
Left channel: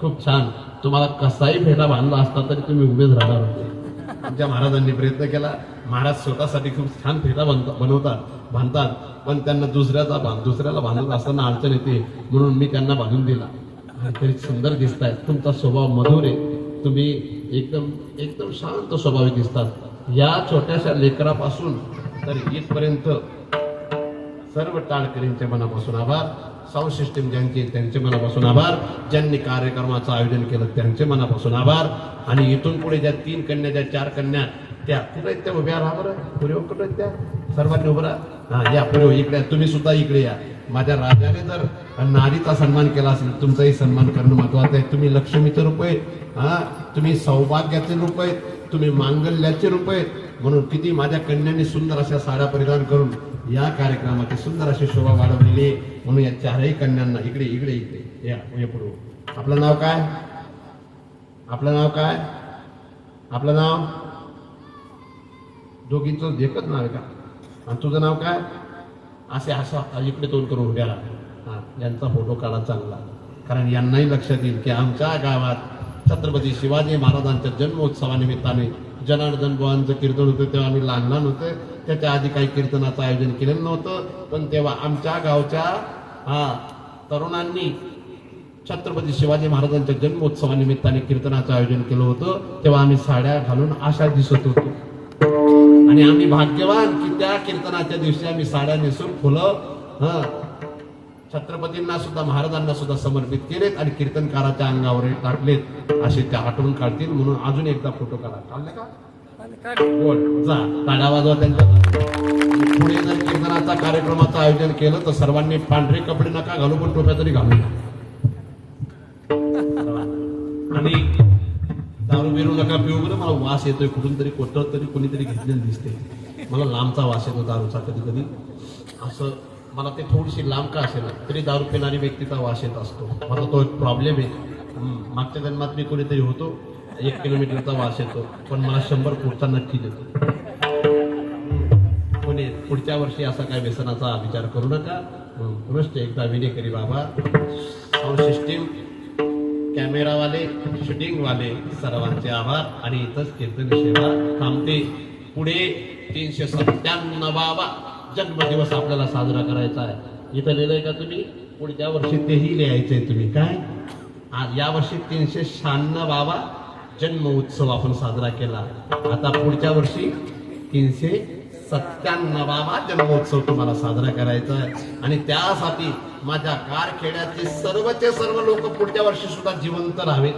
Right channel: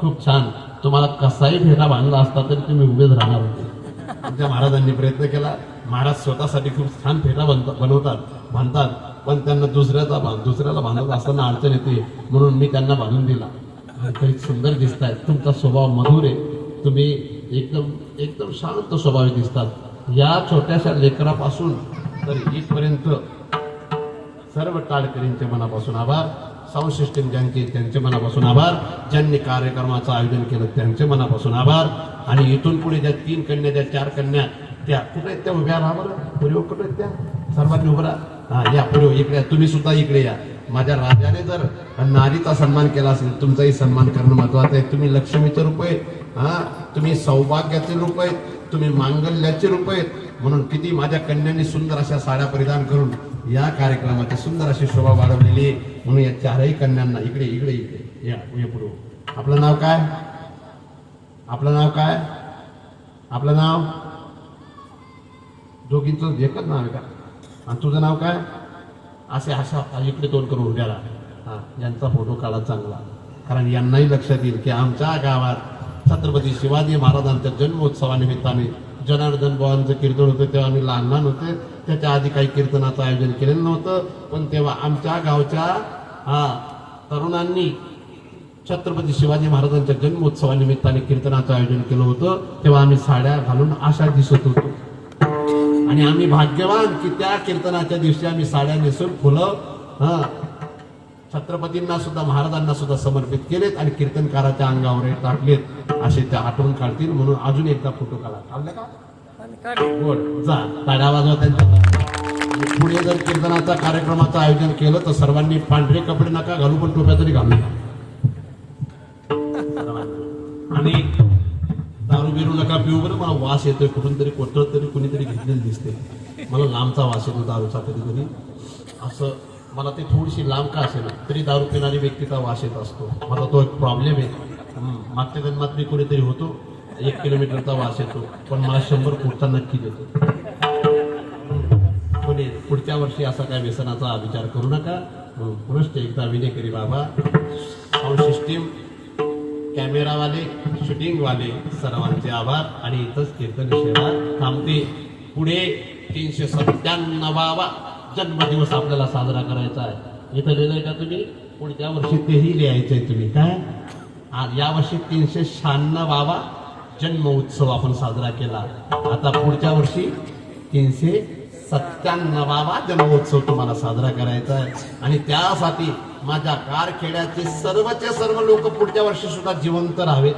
खूप छान. तुम्हाला कसाही फेटा बांधला असता तरी तुम्ही उभेच राहणार होते. तुमच्या महाराजांनी प्रयत्न केला. महाराज स्वतःसाठी खूप छान फेटा बांधतात, पण त्यांना दुसऱ्याला बांधत असताना अडचण येते, म्हणून मी त्यांना बांधून दिला. तरी सुंदर दिसताय, तुमचा स्वभाव मधुर आहे, तुम्ही एकदम शांत स्वभावी दिसतात. या छोट्याशा लेकरापासून तर इथपर्यंत सर्व टाळकरींचे मनापासून आभार. साऊंड सिस्टीम ज्यांचे त्यांचे मनापासून आभार. ज्यांनी कार्यक्रमाचं आयोजन केलं त्यांचे मनापासून आभार. आणि इथून पुढे ज्या 3 कन्या, ज्या 4 कन्या, त्या कुठे त्या उभ्या राहा बरं, पुढे कुठे त्या सर्वांनी उभं राहा. या पुढे इकडे, तुम्ही सुद्धा इकडे या. माझ्या राजाने जर नारीचा सन्मान केला असेल, तुमचाही सन्मान करणं महत्वाचं आहे. तुम्ही लक्ष्मीचे रूप आहे, तुम्ही सौभाग्याचे रूप आहेत, तुम्ही मांगल्याचे रूप आहेत. म्हणून किती माझ्या कन्यांनी सुंदर अशा साड्या परिधान करून या कार्यक्रमाची सुंदर अशी शोभा वाढवलेली. म्हणून या 4ही कन्यांना इकडे इकडे इकडे या पुढे. आपलं नाव काय? आपलं नाव काय? आपलं नाव? दोघींचं एकच नाव आहे का? आणि तुझं नाव काय? असे अशा इकडे तोंड करून उभ्या राहा. यांचा फोटो काढा चांगला, कारण यांनाही लक्षात येईल की आमच्या गावात छत्रपती शिवाजी महाराजांच्या जन्मोत्सवानिमित्ताने जनार्दन बुवांचं कीर्तन होतं. तेव्हा आम्ही लहान होते, त्याच्या आधी काही कीर्तनाचं आयोजन केलेलं नव्हतं. पण तेव्हा आमच्या गावच्या तरुणांनी छत्रपती शिवाजी महाराजांच्या जन्मोत्सवानिमित्ताने कीर्तनाचं आयोजन केलं होतं. तेव्हा आम्ही साड्या घालून अशा दिसत होतो आणि आम्ही भाग्यवान की त्या कीर्तनाच्या दिवशी आम्ही साड्या नेसून फुलं छत्रपतींना सुद्धा, महाराजांना सुद्धा समर्पित केलेत आणि कीर्तनकाराच्या अंगावर टाकलेत. असे त्या आठवण काढतील. म्हणून अजून एकदा फोटो काढा. काढले का? बोल जा, ताड्या वाजवा त्यांच्या. पुढे जर कीर्तनाचा कार्यक्रमाचं आयोजन केलं तर सर्वांनी पांढरे कपडे नका घालू, पण टोप्या तरी घालू. आणि दारू बिरू नका पिऊ बरं. मला वास येतोय कुठून तरी, कोठं तरी कुणीतरी घेतलेलं दिसते. मला लांबचा वास येतो दारूचा कधी कधी. असं मला ते थोडीशी लांब का असेल तरी दारू पिणारी व्यक्तीचा वास येत असतो. मला तो एक प्रॉब्लेम आहे. मागच्या जन्मात मी कुठेतरी होतो, 1 किलोमीटरचा वास येतो, पण मला 100 फूटचा नक्कीच येतो. कोणी पुढच्या वर्षी असा काय व्यसनाचा विचार करू नका. पुनश्च एकदा विनेकरी बाबा, साऊंड सिस्टीम, कॅमेरावाले, शूटिंगवाले सर्वांचे आभार. आणि इथंच कीर्तन सेवा थांबते. पुढे 397वा जन्मदिवस आपल्याला साजरा करायचा आहे. इथं लिहिलंय का तुम्ही? पुढच्या वर्षी तेही लिहायचंय तुम्ही. काय आज या वर्षी 396वा जन्म उत्सव आपण साजरा केला. आता पुढच्या वर्षी 397वा जन्मोत्सव तुम्हाला साजरा करायचा आहे. आणि त्यासाठी माझ्या कारखेड्याचे सर्वचे सर्व लोक पुढच्या वर्षी सुद्धा जिवंत राहावेत.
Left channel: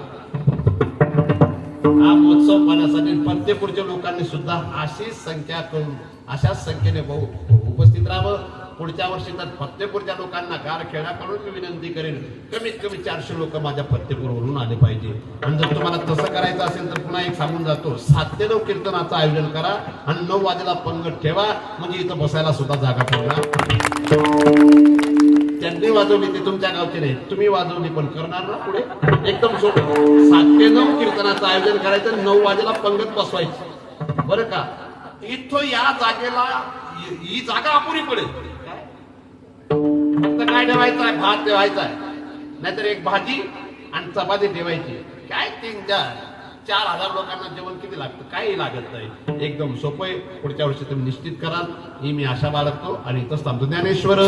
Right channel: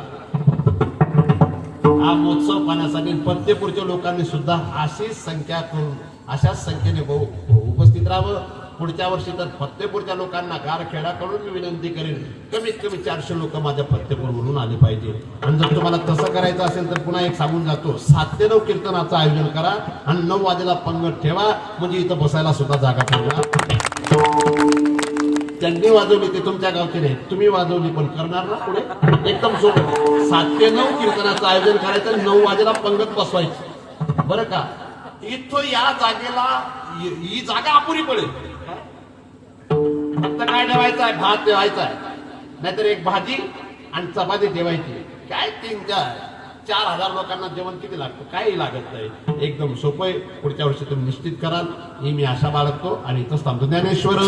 हा महोत्सव करण्यासाठी फतेपूरच्या लोकांनी सुद्धा अशीच संख्या करून अशाच संख्येने उपस्थित राहावं. पुढच्या वर्षी तर फतेपूरच्या लोकांना गारखेड्याकडून मी विनंती करेन, कमीत कमी 400 लोक माझ्या फतेपूरवरून आले पाहिजे. आणि जर तुम्हाला तसं करायचं असेल तर पुन्हा एक सांगून जातो, 7 ते 9 कीर्तनाचं आयोजन करा आणि 9 वाजेला पंगत ठेवा, म्हणजे इथं बसायला सुद्धा जागा ठेवा. त्यांनी वाजवली ते तुमच्या गावचे नाही, तुम्ही वाजवली पण करणार ना पुढे. एकदम सोपं, 7 ते 9 कीर्तनाचं आयोजन करायचं, 9 वाजेला पंगत बसवायची. बरं का, इथं या जागेला ही जागा अपुरी पडेल. फक्त काय ठेवायचं आहे, भात ठेवायचा आहे, नाहीतर एक भाजी आणि चपाती ठेवायची. काय 3-4 लोकांना जेवण किती लागतं, काही लागत नाही. एकदम सोपं आहे. पुढच्या वर्षी तुम्ही निश्चित कराल ही मी आशा बाळगतो आणि इथंच थांबतो. ज्ञानेश्वर